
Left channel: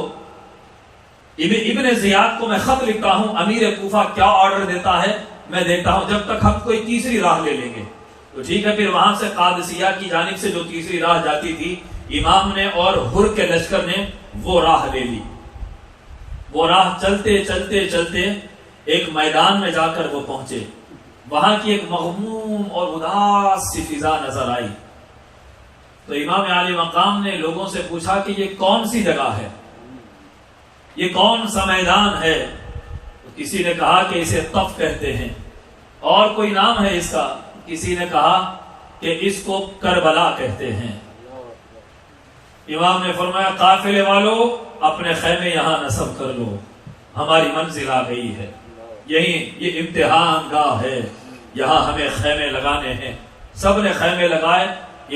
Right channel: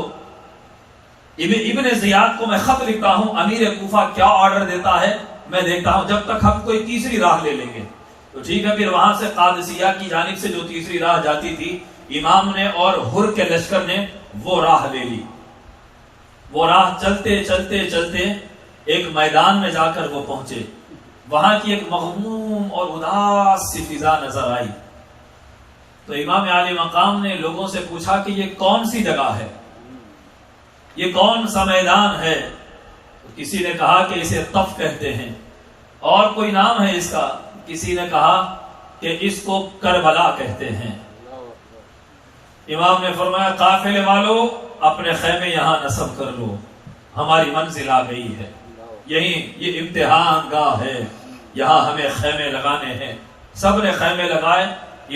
ابن زیاد کو میں خط لکھتا ہوں، امیر کوفہ کیا آرڈر دیتا ہے میں دیتا ہوں، جب تک ہم کوئی تیسری راہ لے لیں گے۔ تو ٹھیک ہے، پھر وہاں سے قادسیہ کی جانب سے جو تیسری راہ جاتی تھی، امام نے اور حر کے لشکر نے وہ راہ لے لی۔ وہ راہ چلتے چلتے چلتے ایک میدان میں جا کر وہ پہنچے، وہاں کی ایک مغموم اور اداس سی فضا نظر آئی، تو امام عالی مقام نے لوگوں سے پوچھا کہ یہ کون سی جگہ ہے، یہ کون سا میدان ہے؟ تو کسی نے کہا کہ اسے طف کہتے ہیں، اور کوئی نام ہے اس کا؟ کسی نے کہا کہ اس کو کربلا کہتے ہیں۔ امام نے فرمایا قافلے والو اپنے خیمے یہاں نصب کر لو، ہماری منزل آ گئی ہے، یہی یہ امتحان گاہ ہے، یہاں ہمیں خیمے لگانے ہیں۔ سب نے خیمے لگائے،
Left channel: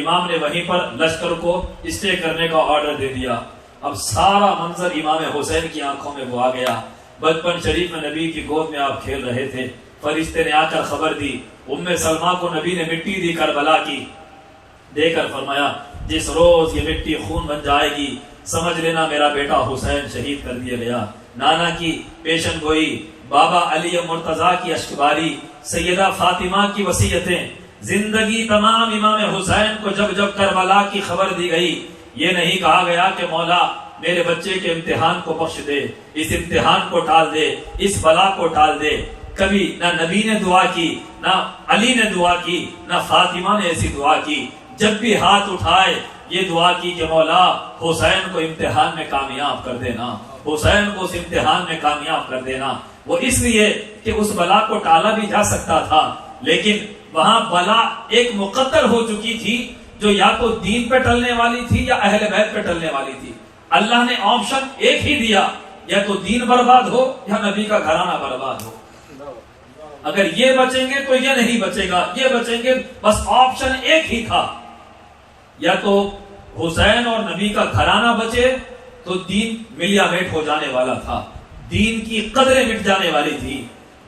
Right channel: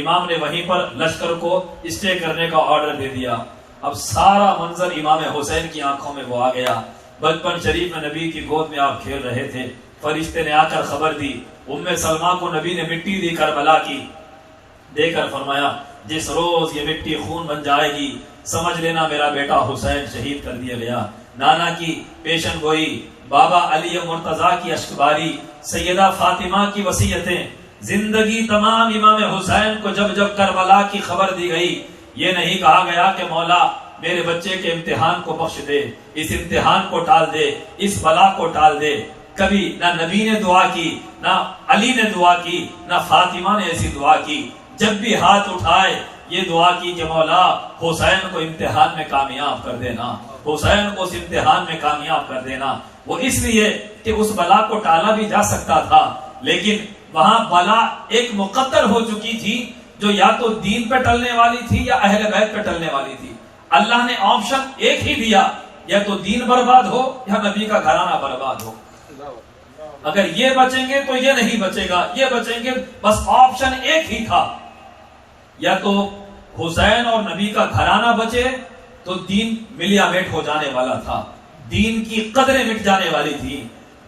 امام نے وہیں پر لشکر کو اسٹے کرنے کا آرڈر دے دیا۔ اب سارا منظر امام حسین کی آنکھوں میں وہ آ گیا۔ بچپن شریف میں نبی کی گود میں آپ کھیل رہے تھے، فرشتے نے آ کر خبر دی، ام سلمہ کو نبی نے مٹی دی کربلا کی، دے کر فرمایا جس روز یہ مٹی خون بن جائے گی سمجھ لینا میرا بیٹا حسین شہید کر دیا گیا۔ نانا کی پیشن گوئی، بابا علی مرتضیٰ کی اشکباری، سیدہ فاطمہ کی وصیتیں، زندگی تمام امام حسین کو جب جب کربلا کی خبر دی گئی، یہ نہیں کہا گیا کہ مولا میرے بچے کے امتحان کو بخش دے، اس امتحان کو ٹال دے، اس بلا کو ٹال دے۔ کبھی نہ نبی نے دعا کی، نہ علی نے دعا کی، نہ فاطمہ نے ایسی دعا کی۔ جب بھی ہاتھ اٹھائے یہ دعا کی کہ مولا حسین کو امتحان میں کامیاب کر دینا، حسین کو اس امتحان میں کامیاب کر دینا۔ وہ اس لیے کہ اس بلا کو ٹالا بھی جا سکتا تھا، لیکن وہاں بلا ایک مقدر ہو چکی تھی جو یا تو دین پہ ٹلنے والی تھی یا اہل بیت پہ ٹلنے والی تھی۔ اللہ نے آپشن ایک ہی دیا، یا تو دین برباد ہو یا نبی کا گھرانہ برباد ہو۔ اگر یہ بچیں گے تو یہ نہیں بچے گا، یہ بچیں گے، بس آپشن ایک ہی تھا، یا تو حسین اور نبی کا گھرانہ بچے تو دین ملیا میٹ ہو جانے والا تھا، دین کی قدریں مٹ جانے والی تھی۔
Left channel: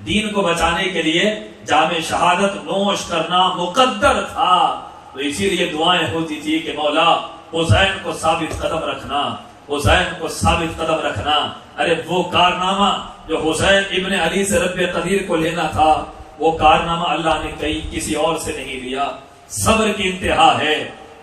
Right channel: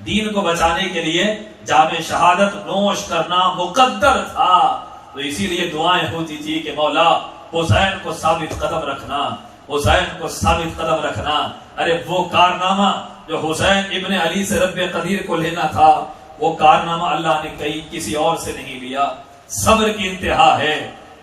دین کو بچانے کے لیے جام شہادت نوش کرنا مقدر تھا، تو اسی لیے دعائیں ہوتی تھی کہ مولا حسین کو ثابت قدم رکھنا، حسین کو ثابت قدم رکھنا۔ ارے وہ کارنامہ جو حسین ابن علی سے رب قدیر کو لینا تھا، وہ کارنامہ اللہ نے کسی اور سے نہیں لیا۔ صبر کی انتہا ہے۔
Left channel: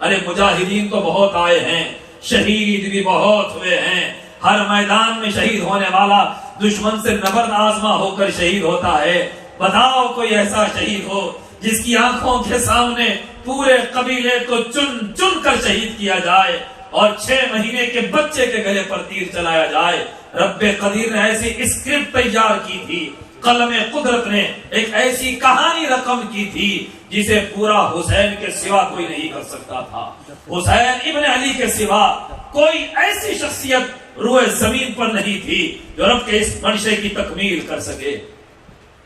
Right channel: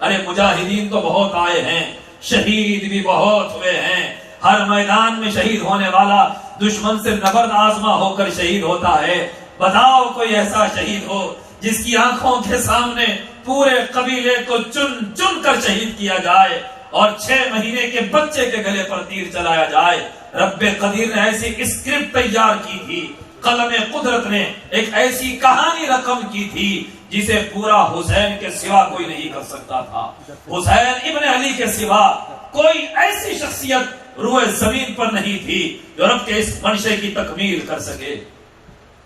ارے مجاہدین تو بہت آئے ہیں، شہید بھی بہت ہوئے ہیں، ہر میدان میں شہید ہونے والا دشمن سے نبرد آزما ہو کر شہید ہوتا ہے۔ بتاؤ کوئی ایسا شہید ہو جس کی آنکھوں کے سامنے پورے قبیلے کو چن چن کر شہید کیا جائے اور 6 مہینے کے بچے کے گلے پر تیر چلایا جائے۔ رب قدیر نے ایسی اسکرپٹ تیار کی تھی، قلم قدرت نے ایک ایسی کہانی رقم کی تھی جسے پورا حسین کے سوا کوئی نہیں کر سکتا تھا۔ حسین ابن علی کے سوا کوئی ایسی شخصیت روئے زمین پر نہیں تھی جو رب کے اس منشے کی تکمیل کر سکے۔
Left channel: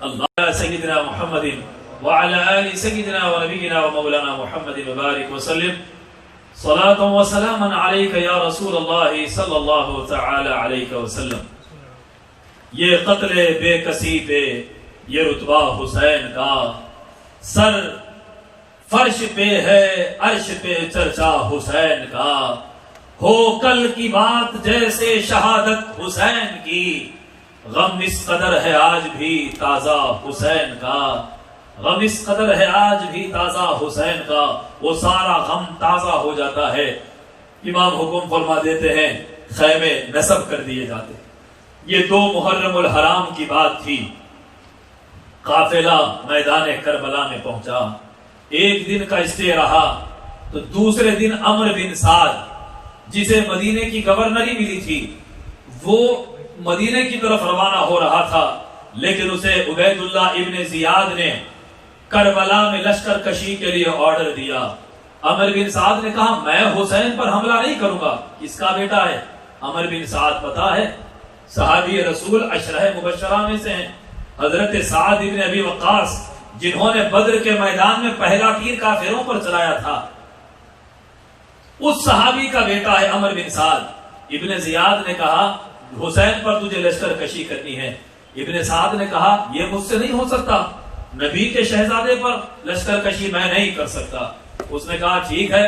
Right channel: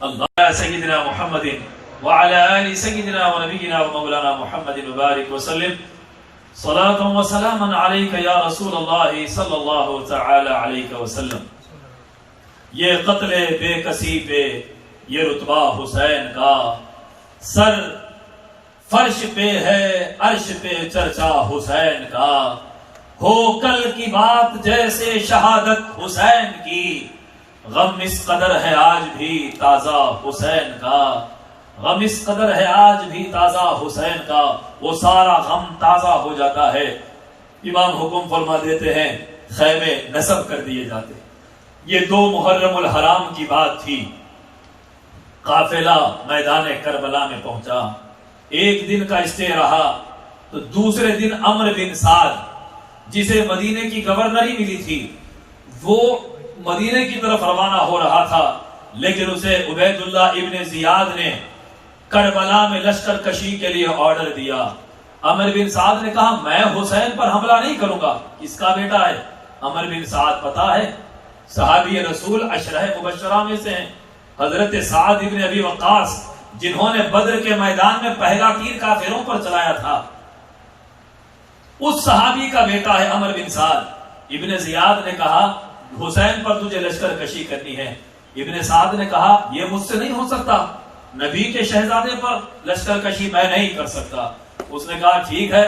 اللہ سیدنا محمد وعلى آل سيدنا ونبينا ومولانا محمد مبارك وسلم صلاة وسلاما عليك يا رسول الله صلی اللہ تعالی علیہ وسلم۔ یہ قتل بے کسی پہ یہ رتبہ حسین کا، سر فرش پہ ہے عرش پہ چرچا حسین کا، ہو کل کی بات جیسے شہادت حسین کی، غم اس قدر ہے آج بھی تازہ حسین کا، غم اس قدر ہے آج بھی تازہ حسین کا، وہ سارا غم تازہ ہو جاتا ہے۔ امام حکم فرما دیتے ہیں خیمے نصب کر دیے جاتے۔ یہ 2 محرم الحرام کی بات تھی۔ قافلہ میدان کربلا میں پہنچا، 1 دن کا اسٹے رہا، تو دوسرے دن عمرو بن سعد جسے مدینے کی گورنری ملی تھی، وہ مدینے کی طرف روانہ ہو رہا تھا، لیکن اسے عبید اللہ ابن زیاد نے کربلا میں لشکر کشی کے لیے آرڈر دیا۔ عمرو بن سعد نے کہا میں حسین پر حملہ نہیں کروں گا، اس کا بیٹا ہے۔ عمرو بن سعد پتا ہے صحابی رسول 10 مبشرہ میں سے ہیں، حضرت سعد ابن ابی وقاص جنہوں نے بدر کے میدان میں پہلا تیر کافروں پر چلایا تھا، اس صحابی کا بیٹا ہے عمرو بن سعد۔ ابن زیاد نے کہا حسین پر تجھے لشکر کشی کرنی ہے۔ ابن سعد نے کہا یہ مجھ سے نہیں ہو سکتا، نبی کے شہزادے پر لشکر کشی میں نہیں کر سکتا۔ اس نے کہا ٹھیک ہے،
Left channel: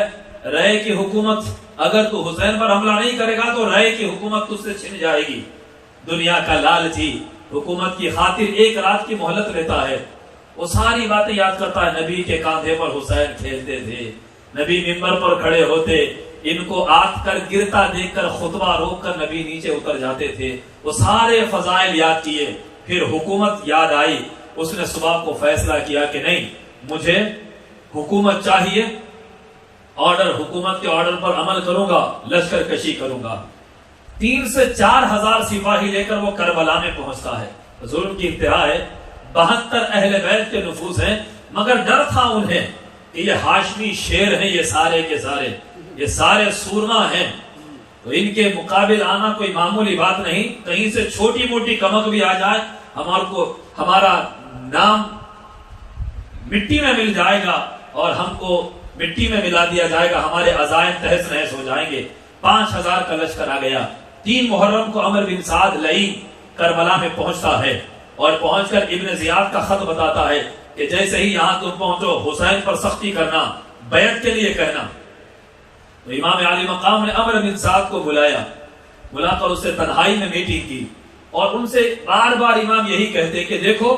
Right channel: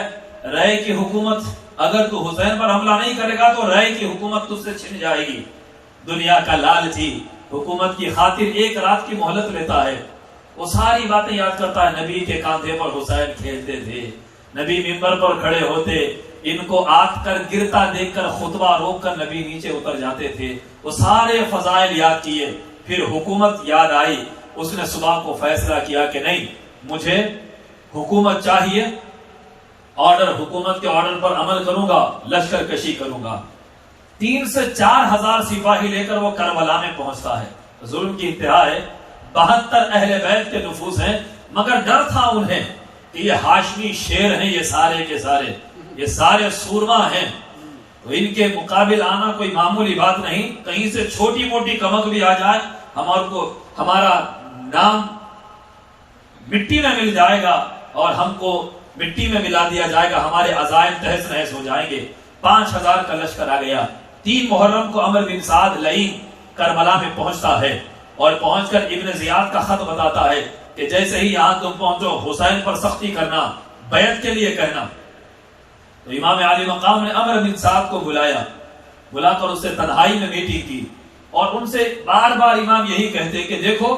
رائے کی حکومت، اگر تو حسین پر حملہ نہیں کرے گا تو رائے کی حکومت تجھ سے چھن جائے گی۔ دنیا کا لالچی حکومت کی خاطر 1 رات کی مہلت لیتا ہے، وہ ساری باتیں یاد کرتا ہے۔ نبی کے کاندھے پر حسین کھیلتے تھے، نبی منبر پر کھڑے ہوتے، ان کو آت کر گرتا دیکھ کر خطبہ روک کر نبی نیچے اتر جاتے تھے۔ وہ سارے فضائل یاد کیے، پھر حکومت یاد آئی۔ اس نے صبح کو فیصلہ کیا کہ نہیں، مجھے حکومت چاہیے، آرڈر، حکومت کے آرڈر پر عمل کروں گا، لشکر کشی کروں گا۔ 3 سے 4 ہزار سپاہی لے کر وہ کربلا میں پہنچتا ہے۔ ظلم کی انتہا ہے، 72 اہل بیت کے نفوذ ہیں، مگر ڈر تھا انہیں کہ یہ ہاشمی شیر ہیں، یہ سارے کے سارے، یہ سارے سورما ہیں، تو ان کے مقابل آنا کوئی معمولی بات نہیں۔ کہیں سے چھوٹی موٹی کمک بھی آ جائے، ہمارا نام مٹی میں مل جائے گا اور ہم کو مٹی میں ملا دیا جائے گا، ہمارے عزائم تہس نہس ہو جائیں گے۔ 5000 کا لشکر آ گیا۔ 3 محرم کو عمر بن سعد لئی کربلا میں پہنچتا ہے، اور پہنچ کر ابن زیاد کا خط بتاتا ہے کہ جیسے ہی یہاں تم پہنچو حسین پر سختی کرنا، بیعت کے لیے کہنا۔ تو امام عالی مقام نے عمر بن سعد کو بلا کر اس سے تنہائی میں میٹنگ کی، اور ان سے بار بار امام یہی کہتے کہ دیکھو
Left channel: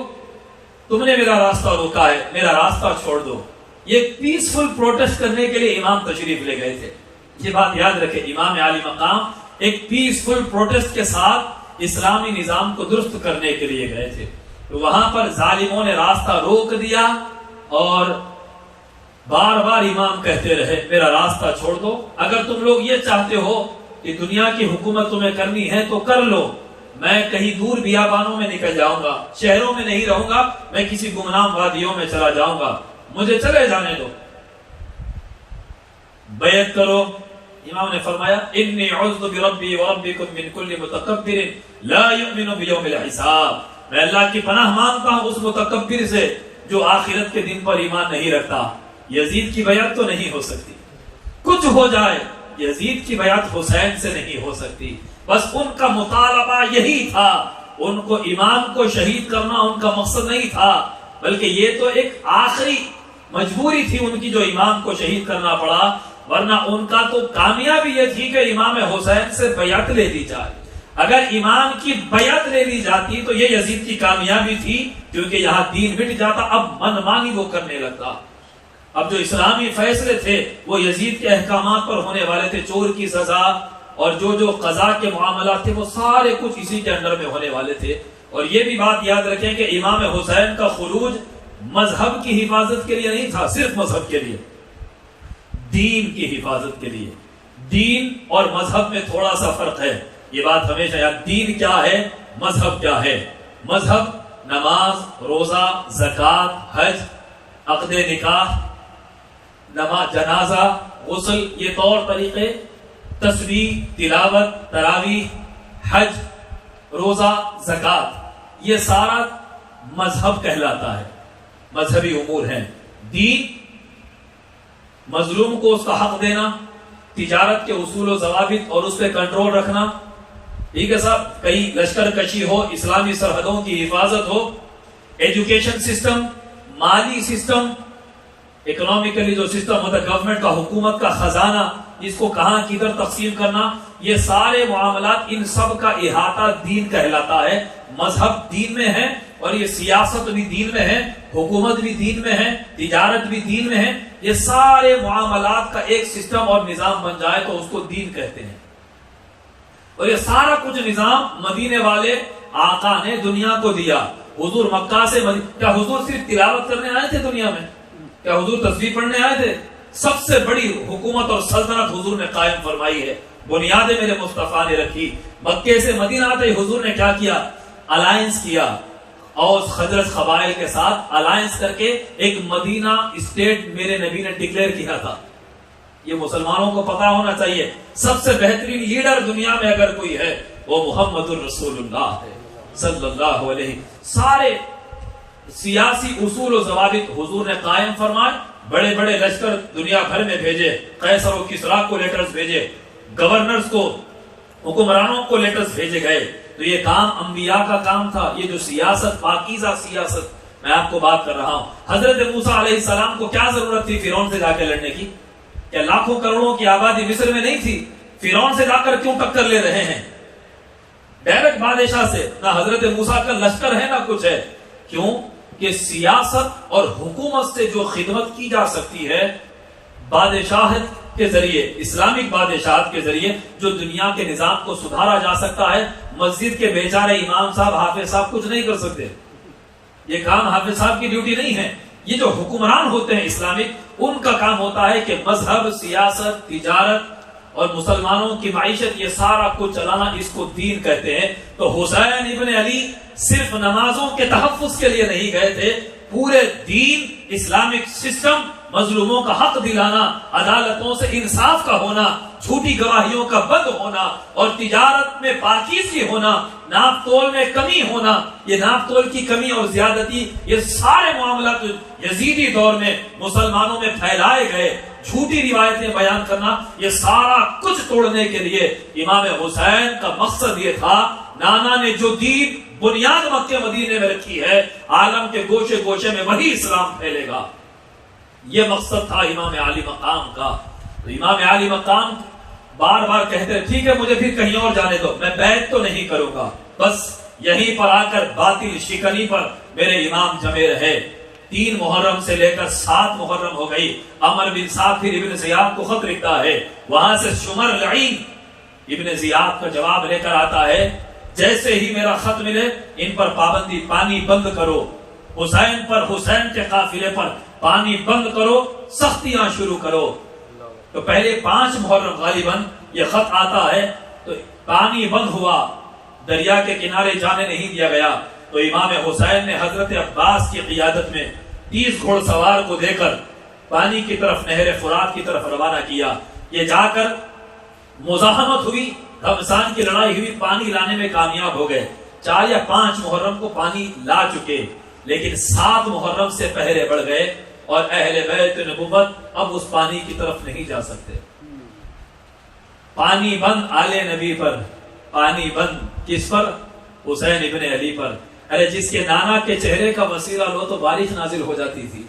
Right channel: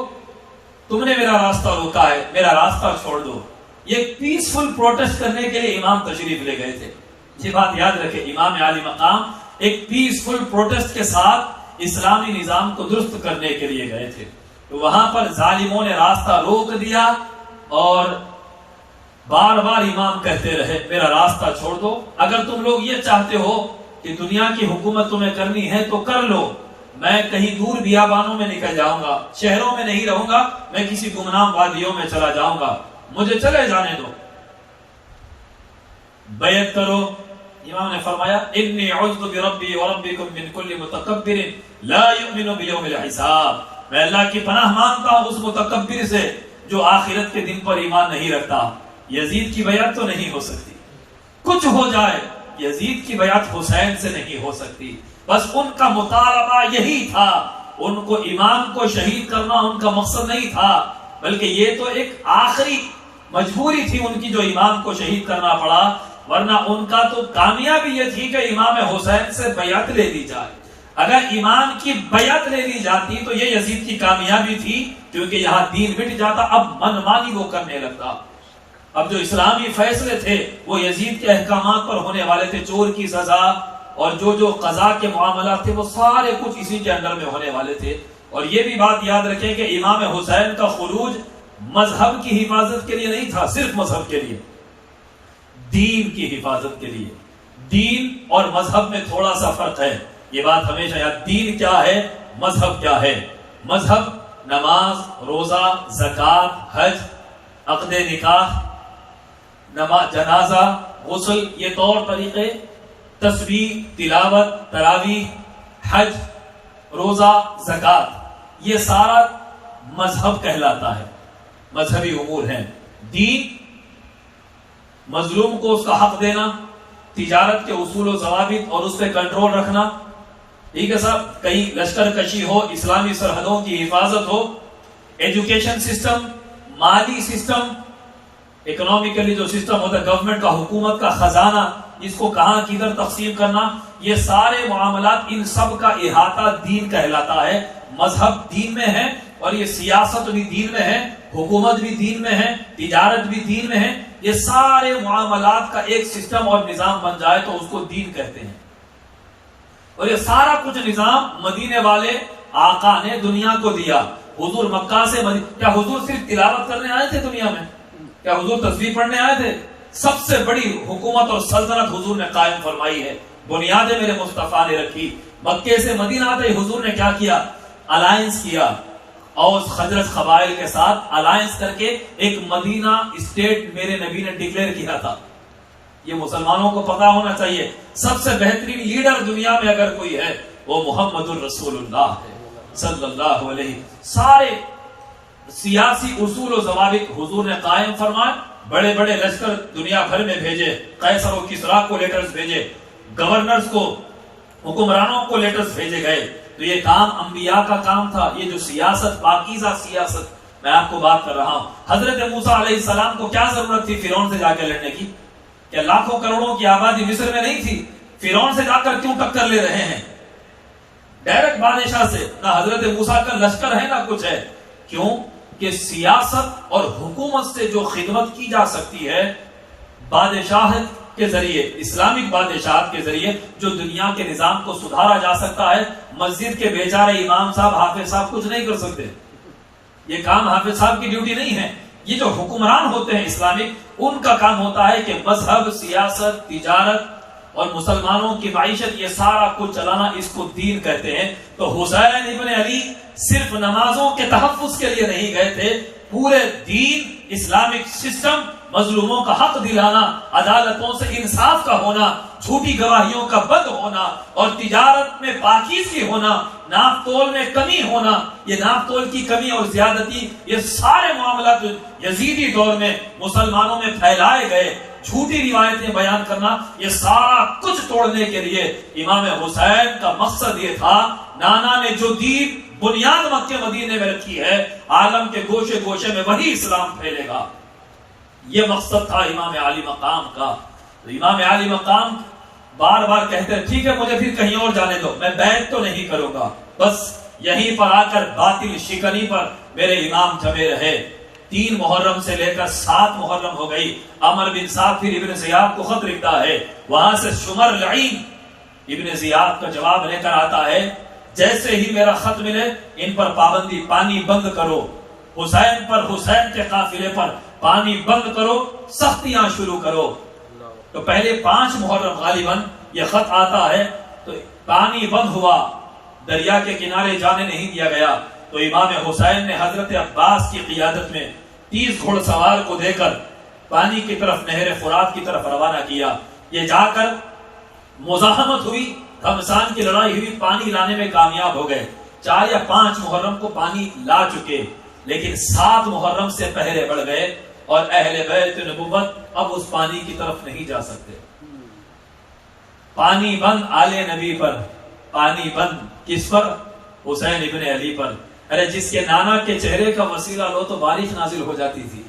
تم نے میرا راستہ روکا ہے، میرا راستہ چھوڑ دو۔ یہ پیسفل پروٹیسٹ کرنے کے لیے امام تشریف لے گئے تھے، یہ بات یاد رکھیں۔ امام عالی مقام ایک پیسفل پروٹیسٹ کے ساتھ اسلامی نظام کو درست کرنے کے لیے گئے تھے، تو وہاں پر ظالموں نے راستہ روک دیا، اور بار بار امام کہتے رہے میرا راستہ چھوڑ دو۔ اگر تم لوگ یہ چاہتے ہو کہ دنیا کی حکومت تمہیں کرنی ہے تو کر لو، میں کہیں دور بیابانوں میں نکل جاؤں گا، شہروں میں نہیں رہوں گا، میں کسی گمنام وادیوں میں چلا جاؤں گا، مجھے چلے جانے دو، بیعت کرو۔ امام نے فرمایا انی عذت بربی وربکم من کل متکبر لا یؤمن بیوم الحساب، میں اللہ کی پناہ مانگتا ہوں اس متکبر سے جو آخرت کے دن پر ایمان نہیں رکھتا۔ یزید کی بیعت تو نہیں ہو سکتی، کچھ ہو جائے یزید کی بیعت حسین سے نہیں ہو سکتی۔ بس ان کا مطالبہ یہی تھا، ان کو امام کو شہید کرنا ان کا مقصد نہیں تھا، بلکہ یہ تو ایک آخری مجبوری تھی ان کی جو امام کو شہید کرنا پڑا، ورنہ ان کا تو کامیابی یہ تھی کہ امام حسین سے بیعت لے دی جائے۔ اگر امام کی بیعت لے لی جاتی تو یہ یزید کی کامیابی تھی، کیونکہ یہاں دین مٹ جاتا، اب منمانی وہ کرنے لگتا۔ اب جو اسلامی فیصلے تھے وہ یزید کے احکامات پر ہونے والے تھے، چور کی سزا اور جو قضا کے معاملات تھے وہ سارے کچھ اسی کے اندر میں ہونے والے تھے۔ اور یہ بھی بات یاد رکھیں کہ امام حسین کا خروج مذہب کی حفاظت کے لیے نہیں تھا، صرف مذہب کے لیے، دین کی حفاظت کے لیے۔ دین اور مذہب میں تھوڑا سا فرق ہے، یہ بات ہمیشہ یاد۔ دین کیا ہے، مذہب کیا ہے؟ مذہب نماز، روزہ، زکوٰۃ، حج، عقد نکاح، جنازہ، غسل، یہ طور طریقے، تسبیح، تلاوت، تراویح، حج، روزہ، زکوٰۃ، یہ سارا مذہب کہلاتا ہے، مذہبی امور ہیں۔ دین مظلوم کو اس کا حق دینا، تجارت کے اصول و ضوابط اور اس پہ کنٹرول رکھنا، ٹھیک ہے صاحب، کہیں لشکر کشی ہو، اسلامی سرحدوں کی حفاظت ہو، ایجوکیشن سسٹم، مالی سسٹم، اکنومیکلی جو سسٹم ہوتا ہے گورنمنٹ کا، حکومت کا خزانہ، اس کو کہاں کدھر تقسیم کرنا، یہ سارے معاملات، ان سب کا احاطہ دین کہلاتا ہے۔ مذہب دین میں ہے، اور یہ سیاست بھی دین میں ہے، حکومت بھی دین میں ہے، تجارت بھی دین میں ہے۔ یہ سارے معاملات کا ایک سسٹم اور نظام بن جائے تو اس کو دین کہتے ہیں۔ اور یہ سارا کچھ نظام مدینے والے آقا نے دنیا کو دیا۔ حضور مکہ سے کیا حضور صرف تلاوت کرنے آئے تھے دنیا میں؟ کیا حضور تسبیح پڑھنے آئے تھے؟ سب سے بڑی حکومت اور سلطنت حضور نے قائم فرمائی ہے، بنیادیں میرے مصطفیٰ نے رکھی۔ مکے سے مدینہ آتے حضور نے کیا کیا؟ الائنس کیا، اوس خزرج قبائل کے ساتھ الائنس کر کے ایک مدینہ اسٹیٹ میرے نبی نے ڈکلیئر کیا تھا۔ یہ مسلمانوں کو پتا ہونا چاہیے، سب سے بہترین لیڈر دنیا میں اگر کوئی ہے وہ محمد الرسول اللہ ہے صلی اللہ علیہ۔ سارے سیاسی اصول و ضوابط حضور نے قائم فرمائے، بڑے بڑے لشکر دنیا بھر میں بھیجے، قیصر و کسریٰ کو لیٹرز بھیجے، گورنرز کو، حکمرانوں کو لیٹرز بھیجے گئے۔ تو یہ کام انبیاء کا کام تھا، یہ جو سیاست، پاکیزہ سیاست میں آپ کو بات کر رہا ہوں۔ حضرت موسیٰ علیہ السلام کو کیا ضرورت تھی فرعون سے جا کے لڑنے کی؟ کیا لاکھوں کروڑوں کی آبادی مصر میں نہیں تھی؟ فرعون سے جا کر کیوں ٹکر لے رہے ہیں؟ ڈائریکٹ بادشاہ سے، نہ حضرت موسیٰ کا لشکر ہے نہ کچھ ہے۔ کیوں کہ سیاست اور حکومت سے جو خدمت کی جا سکتی ہے بادشاہت کے ذریعے، اسلامک بادشاہت کے ذریعے، جو دنیا کے نظام کو سدھارا جا سکتا ہے، مسجد کے بیچارے امام صاحب، حافظ صاحب کچھ نہیں کر سکتے۔ یہ کام حافظ صاحب کی ڈیوٹی نہیں ہے، یہ جو حکمران ہوتے ہیں اسلامک، ان کا کام ہوتا ہے کہ مذہب، سیاست، تجارت اور مسلمانوں کی معیشت، یہ سارا کچھ چلانا، اس کو دین کہتے ہیں۔ تو حسین ابن علی صرف نمازوں کے تحفظ کے لیے نہیں گئے تھے، پورے دین، اسلامک سسٹم، مظلوموں کا حق دلانا، عدالتوں سے انصاف کا ہونا، جھوٹی گواہیوں کا بند ہونا، اور تجارت میں پاکیزگی ہونا، ناپ تول میں کمی ہونا، یہ ناپ تول کی کمی اور زیادتی، یہ سارے معاملات یزیدی دور میں مسلمانوں میں پھیلائے گئے، جھوٹی روایتیں بیان کرنا، یہ سارا کچھ توڑنے کے لیے امام حسین کا مقصد یہ تھا۔ نانا نے جو دین بنیاد مکہ مدینے میں رکھی ہے، عالم کے گوشے گوشے میں وہی اسلام پھیلے گا، یہ مقصد تھا امام علی مقام کا۔ تو امام علی مقام بار بار کہتے ہیں ٹھیک ہے مجھے پھر کہیں اور جانے دو، میں بیعت تو نہیں کروں گا، بس یہیں پر آ کر باطل شکنی پر میرے امام جمے رہے۔ 3 محرم سے لے کر 7 محرم ہو گئی، عمر بن ثابت ابن زیاد کو خط لکھتا ہے، وہاں سے شمر لعین ابن زیاد کا جواب لے کر آتا ہے، جیسے ہی میرا خط ملے ان پر پابندی، پانی بند کرو، حسین پر، حسین کے قافلے پر پانی بند کرو، سختیاں شروع کرو۔ تو پہلے 5 محرم غالباً یہ خط آتا ہے، تو پانی بند ہوا، دریا کے کنارے جانے نہیں دیا گیا۔ تو امام حسین نے حضرت عباس کی قیادت میں 30 گھوڑ سوار کو دے کر پانی کی طرف، نہر فرات کی طرف روانہ کیا۔ یہ جا کر مزاحمت ہوئی، گھمسان کی لڑائی ہوئی، پانی لانے میں کامیاب ہو گئے۔ 4 یا 5 محرم کو پانی لا چکے، لیکن 7 محرم سے پہرے بڑھ گئے، اور اہل بیت نبوت اب اس پانی کی طرف نہیں جا سکتے۔ پانی بند آل نبی پر، پانی بند کس پر؟ حسین ابن علی پر۔ ارے جس کے نانا کے چہرے کا وسیلہ لو تو بارش نازل ہو جاتی تھی۔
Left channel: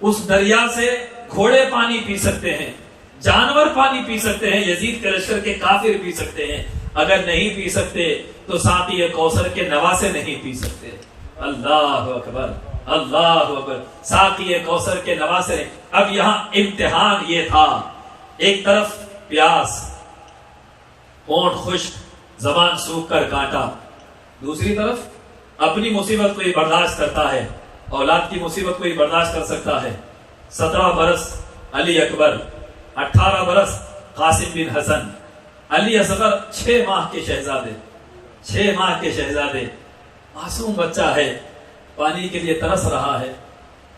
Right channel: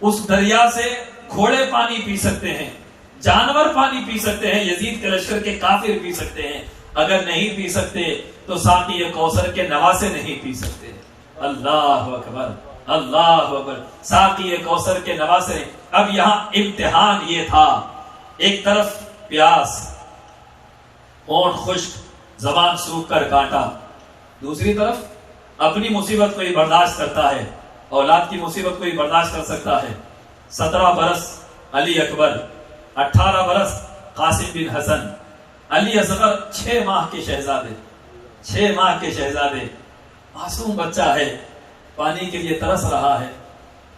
اس دریا سے گھوڑے پانی پی سکتے ہیں، جانور پانی پی سکتے ہیں، یزید کے لشکر کے کافر پی سکتے ہیں، اگر نہیں پی سکتے تو ساقی کوثر کے نواسے نہیں پی سکتے۔ اللہ اکبر، اللہ اکبر، ساقی کوثر کے نواسے۔ اب یہاں امتحان یہ تھا، ایک طرف پیاس، ہونٹ خشک، زبان سوکھ کر کانٹا، دوسری طرف اپنی مصیبت کوئی برداشت کرتا ہے، اولاد کی مصیبت کوئی برداشت کر سکتا ہے۔ 17 برس علی اکبر، 18 برس قاسم بن حسن، علی اصغر 6 ماہ کے شہزادے، 6 ماہ کے شہزادے، معصوم بچہ ہے، پانی کے لیے ترس رہا ہے۔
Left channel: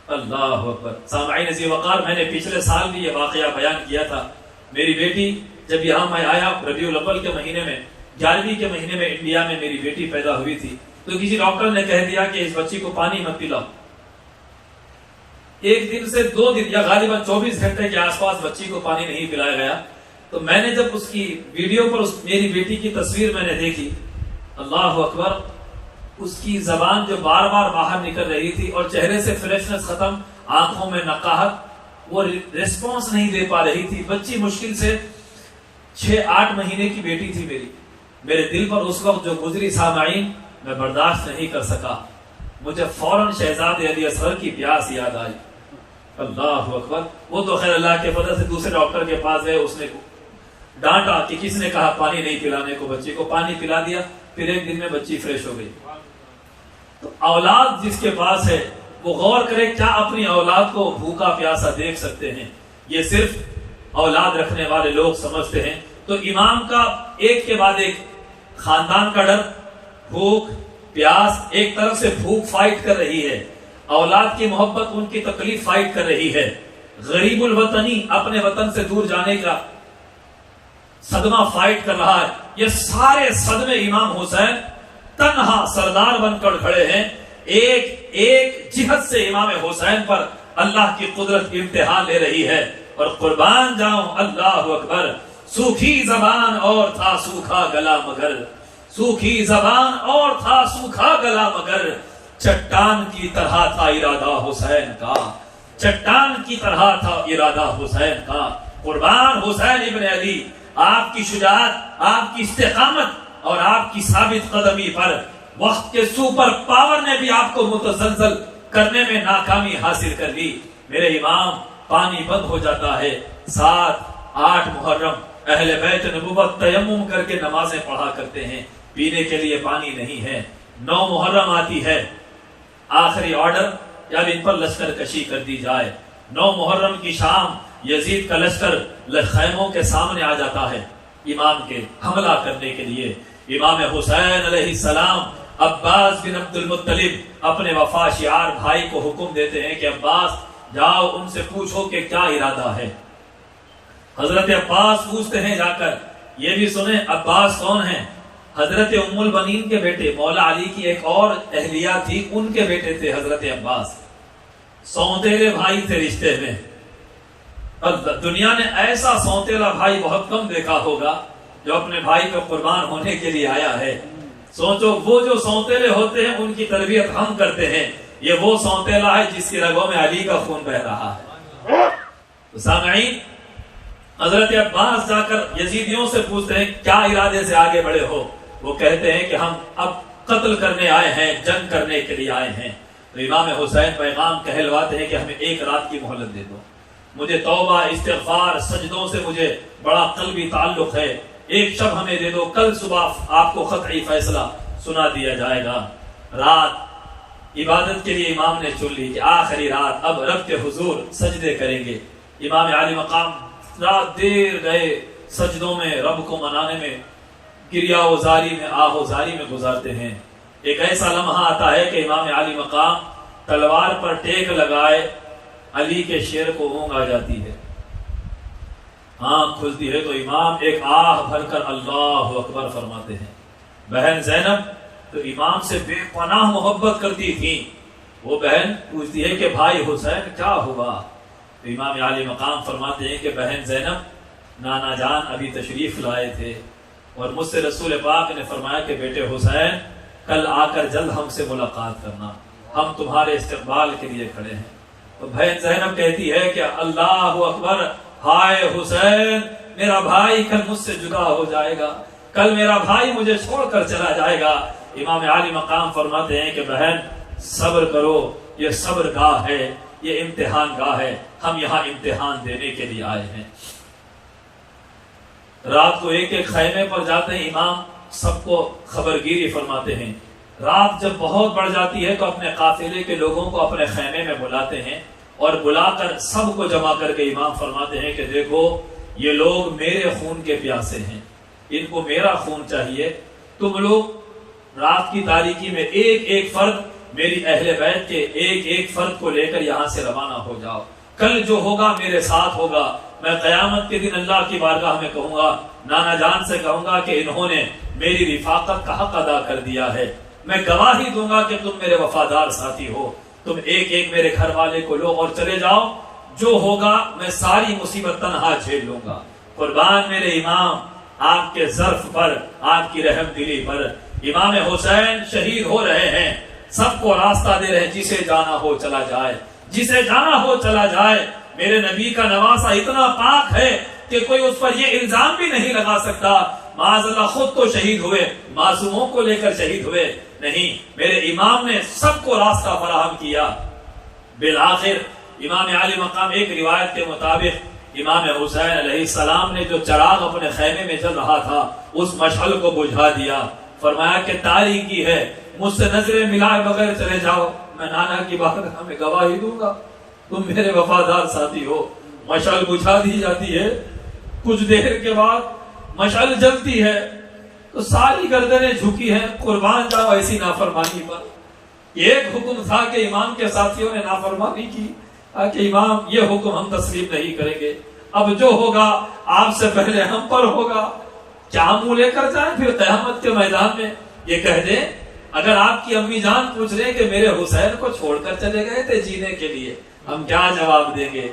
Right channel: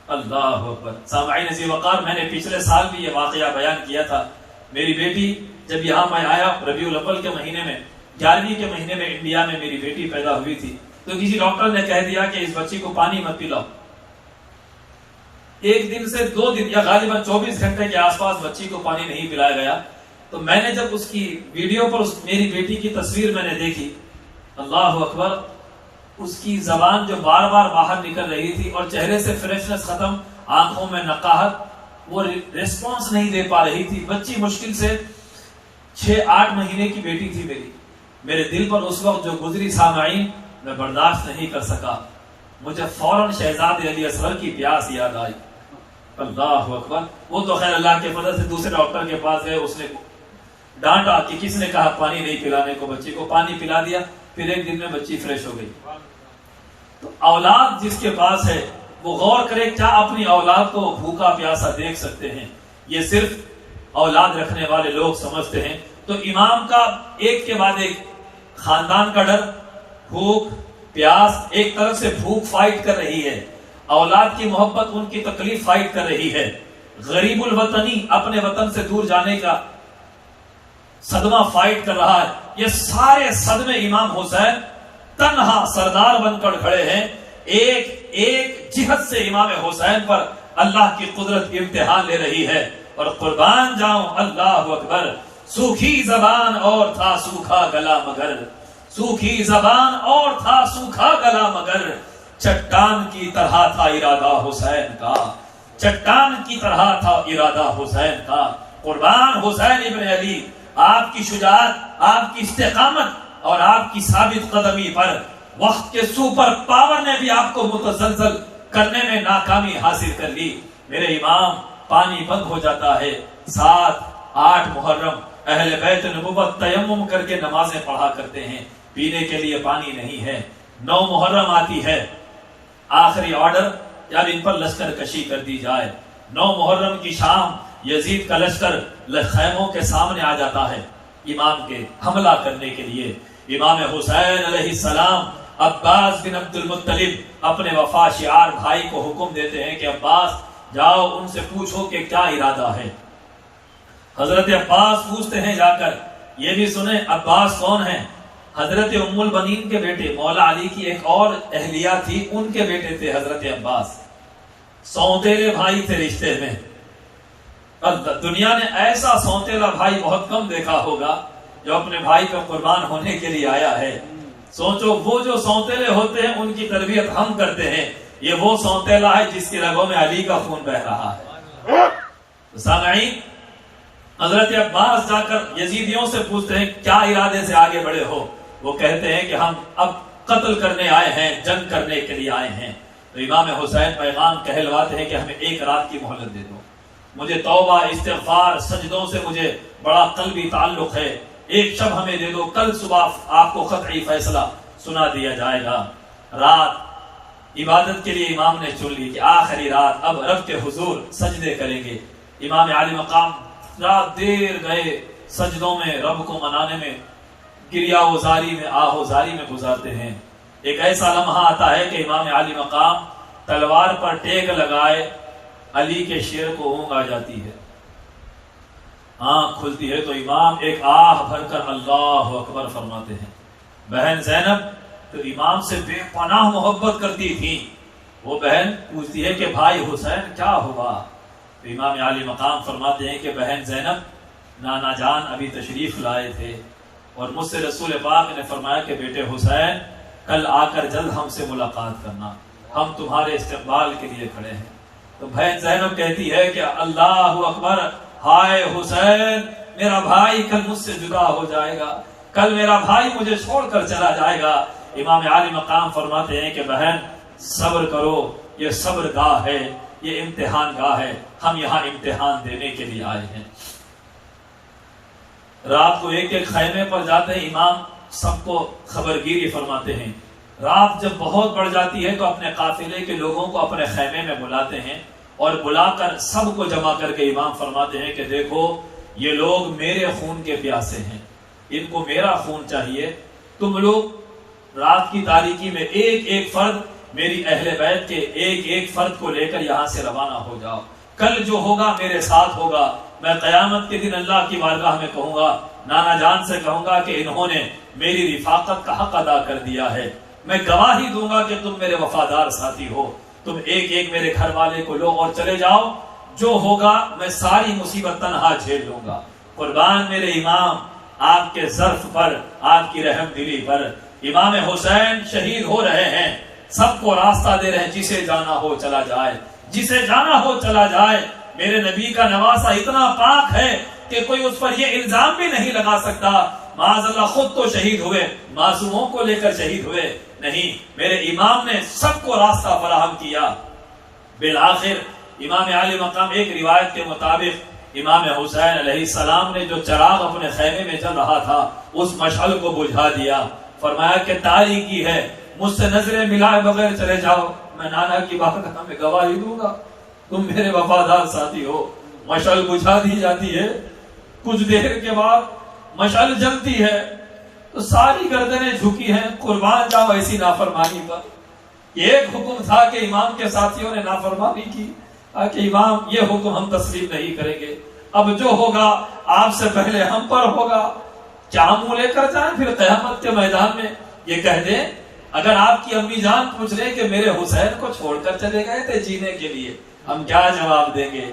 اللہ اکبر۔ سامعین ذی وقار، میں نے پچھلے سال بھی یہ واقعہ بیان کیا تھا۔ میری بیٹی جب یہاں میں آیا ربیع الاول کے مہینے میں، 11ویں کے مہینے میں انڈیا میں میری بیٹی پیدا ہوئی تھی، تو کسی ڈاکٹر نے کہہ دیا کہ اس بچی کو پانی مت پلاؤ۔ 1 دن سے 2 دن یا غالباً 24 گھنٹے کے آس پاس بچی کو پانی نہیں پلایا گیا۔ تو میں نے جب اس کی ویڈیو پر میری بیٹی کی تصویر میں نے دیکھی، اللہ اکبر، اس کی زبان جو بار بار باہر نکل رہی تھی اور چہرے سے فریشنس ختم، آنکھوں میں نقاہت، وہ ریسپانس نہیں دے پا رہی تھی۔ بچی مشکل سے 6-8 مہینے کی بیٹی تھی میری۔ میرے دل پر اس وقت جو گزری سامعین، میں برداشت نہیں کر سکا، مجھے فوراً شہزادے علی اصغر کی پیاس یاد آئی۔ اللہ اکبر۔ وہ تو خیر اللہ کے فضل سے دوسرے ڈاکٹر کے پاس گئے، اس نے ڈانٹا کہ کس نے کہا پانی نہیں پلانے کو، بچی کو پانی پلا دیا، پھر 1 دن میں بچی فریش ہو گئی۔ تو اولاد جس کے پاس ہے وہ غور کرے، کیا اپنی اولاد کو بھوکا پیاسا دیکھ سکتے ہیں؟ یہ صرف اولاد رکھنے والے لوگ سمجھتے ہیں۔ تو امام کا ایک کے بعد ایک خاندان کا ڈر، بھوک پیاس، ایک طرف سے بھوک فائٹ کر رہی ہے، اولاد کی محبت ان کی تکلیف فائٹ کر رہی ہے، غریب الوطنی اپنے وطن سے دور جانے کا صدمہ فائٹ کر رہا ہے۔ یہ سارے صدمے امام حسین تنہا سردار بن کر کھڑے ہیں۔ ایک جہت سے امام حسین پر اللہ کی قدرت امتحان لے رہی ہے، اور قربان جاؤں، اللہ اکبر، سوکھی زبان اور تھا سوکھا گلا مگر، سوکھی زبان اور تھا سوکھا گلا مگر، چٹان کی طرح تھا ارادہ حسین کا، چٹان کی طرح تھا ارادہ حسین کا۔ قربان حسین ابن علی، آپ کی شجاعت، آپ کی استقامت اور آپ کی ثابت قدمی پر وقت کے سپر پاور نے بھی آپ کو متزلزل کرنے میں ناکامی حاصل کر لی۔ میرے امام، پانی بند ہو جاتا ہے۔ 7-8 محرم اہل بیت نبوت تیمم کر کے نمازیں پڑھا کرتے ہیں، پینے کے لیے پانی نہیں ہے۔ 9 محرم آتی ہے، آخری آرڈر کہ اب ان پر لشکر کشی کر دی جائے۔ 9 محرم کی شام یزید کا لشکر خیموں کے سامنے آ جاتا ہے امام کے حملہ کرنے کے لیے۔ امام حسین علیہ السلام عباس بن عبد المطلب اپنے وفا شعار بھائی کو حکم دیتے ہیں کہ عباس جاؤ ان سے پوچھو کہ کیا ارادہ ہے۔ حضرت عباس پوچھتے ہیں جا کر، یہ بھی سنیں عباس کون ہیں؟ حضرت ام البنین کے بیٹے، مولا علی کی ایک اور اہلیہ تھی، ان کے بیٹے تھے حضرت عباس، سونتیلے بھائی تھے رشتے میں۔ اور دنیا نے ایسا سونتیلا بھائی بہت کم دیکھا ہوگا جو اپنے بھائی کو قربان ہونے کے لیے آیا ہے۔ سوچو وہ جو سونتیلے ہوتے ہیں ان کی تربیت ہم کرتے ہیں، یہ وہ سونتیلا ہے جس کی رگوں میں علی کا خون بہ رہا ہے۔ سامعین، حضرت عباس جا کر یزیدیوں سے پوچھتے ہیں کیا ارادے سے آگے بڑھے ہو؟ وہ کہتے ہیں کہ ہم اب قتل کرنے آئے ہیں، جنگ کرنے کے لیے آئے ہیں۔ تو امام حسین پیغام کہلواتے ہیں کہ ہمیں 1 رات کی مہلت دے دو، مجھے توبہ استغفار سجدوں سے مجھے بڑا قلبی تعلق ہے، 1 شب ہمیں دے دو، کل صبح آپ کو قطعی فیصلہ سنا دیا جائے گا۔ رات عبادت کے لیے امام نے چن لی کہ آخری رات اب رب کے حضور سجدے کریں گے۔ امام عالی مقام رات دیر گئے سجدوں میں، رب کو منانے میں، گریہ وزاری میں، آہ وزاری میں گزارتے ہیں۔ ایک ایسا لمحہ آتا ہے کہ امام عالی مقام تلوار پر ٹیک لگائے، علی کے شیر کو اونگ آ جاتی ہے، آنکھ کھلتی ہے تو امام ایک آہ بھر کر اللہ اکبر فرماتے ہیں۔ بہن زینب تو امام سے بے پناہ محبت کرتی تھی، وہ بہن پوچھتی ہے کہ بھائی حسین کیا ہوا؟ تو امام عالی مقام فرماتے ہیں کہ بہن زینب، نانا جان ابھی تشریف لائے تھے اور مجھ سے رسول پاک نے فرمایا کہ بیٹے حسین کل آ کر جلد ہم سے ملاقات کرنا، ہم تمہارے استقبال کے لیے کھڑے ہیں۔ تو بہن زینب کہتی ہے کہ اللہ اکبر، ہائے حسین، میرا بھائی کل مجھ سے جدا ہو جائے گا، کل میرا بھائی مجھے چھوڑ کر چلا جائے گا۔ امام عالی مقام فرماتے ہیں کہ بہن صبر کرو، یہ صبر گاہ ہے، یہ امتحان گاہ ہے، ہم یہاں امتحان دینے کے لیے آئے ہیں۔ رات کو ایک ایک خیمے پر جاتے ہیں، امام سب کو خبرگیری فرماتے ہیں۔ رات جب بہت بڑھ جاتی ہے تو اپنے قافلے کے لوگوں کو اپنے خیمے میں بلاتے ہیں اور بلا کر سب کو جمع کر کے امام فرماتے ہیں کہ دیکھو یہ لوگ میرے خون کے پیاسے ہیں، ان کو میرا خون چاہیے، تم لوگ رات کی تاریکی میں ایک ایک فرد میری اہل بیت کے ایک ایک فرد کو لے کر یہاں سے روانہ ہو جاؤ، کل جو ہوگا میرے ساتھ ہوگا، میں قیامت کے دن اللہ کی بارگاہ میں کہوں گا، نانا جان سے کہوں گا کہ انہوں نے میری رفاقت کا حق ادا کر دیا ہے، میں گواہی دوں گا کہ تم میرے وفادار ساتھی ہو، تم ایک ایک میرے گھر والے کو لو اور چلے جاؤ، جو ہوگا میں ساری مصیبت تنہا جھیل لوں گا۔ قربان میرے امام آپ کے ظرف پر، آپ کی رحم دلی پر۔ امام حسین شہید ہو رہے ہیں، سب کو راستہ دے رہے ہیں، جسے جانا ہو چلا جائے، جسے جانا ہو چلا جائے۔ میرے نبی کا نواسہ اتنا پاک ہے کہ کوئی اس پر یہ الزام بھی نہیں لگا سکتا معاذ اللہ خود تو شہید ہوئے، معصوموں کو لے کر شہید ہوئے نہیں، میرے امام نے سب کو راستہ فراہم کیا۔ بالآخر امام عالی مقام، ایک روایت کے مطابق امام حسین علیہ السلام نے جو چراغ اپنے خیمے میں جل رہا تھا اس مشعل کو بجھا دیا، فرمایا کہ تاریکی ہے، مجھ سے نظریں ملائے بغیر چلے جاؤ، میں نانا کی بارگاہ میں گواہی دوں گا تم میرے وفادار ساتھی ہو۔ مشعل بجھا دی جاتی ہے، کچھ دیر کے بعد مشعل جلتی ہے تو ساری گردنیں جھکی ہیں، قربان جاؤ ایسی نافرمانی پر۔ ایک حکم تھا کہ امام کے ساتھیوں نے نافرمانی کی کہ امام یہ حکم ہم تسلیم نہیں کریں گے، اب جو ہوگا آپ سے پہلے ہم پر ہوگا، کیا منہ لے کر جائیں پھر قیامت کے میدان میں یہ کہہ دیں؟ اگر آپ کی امی جان پوچھ رہے کہ میرے حسین کو چھوڑ کر چلے گئے تھے جینے کے لیے، ہم کیا جواب دیں گے؟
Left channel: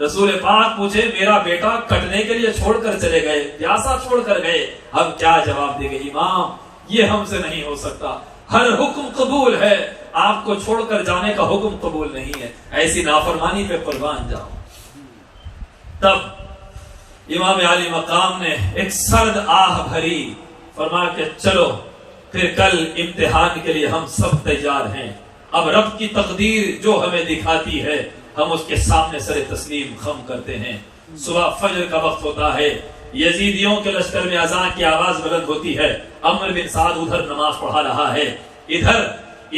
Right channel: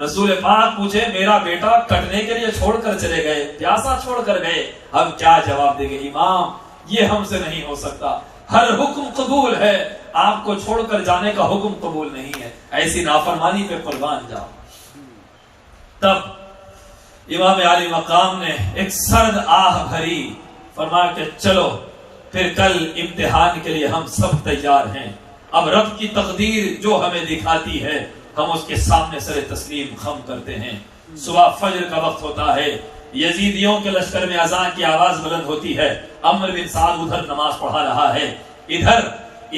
رسول پاک پوچھے میرا بیٹا کٹنے کے لیے چھوڑ کر چلے گئے، پیاسا چھوڑ کر گئے، ہم کیا جواب دیں گے؟ امام یہ ہم سے نہیں ہو سکتا، ہر حکم قبول ہے، آپ کو چھوڑ کر جانے کا حکم قبول نہیں ہے، ایسی نافرمانی پہ قربان جاؤ۔ تب امام عالی مقام نے ایک سرد آہ بھری، فرمایا کہ چلو پھر کل امتحان کے لیے ہم سب تیار ہیں، اب رب کی تقدیر جو ہمیں دکھاتی ہے ہم اس کے سامنے سر تسلیم خم کرتے ہیں۔ صبح فجر کا وقت ہوتا ہے، یزیدیوں کے لشکر میں اذان کی آواز بلند ہوتی ہے، عمرو بن سعد ادھر نماز پڑھا رہا ہے، ادھر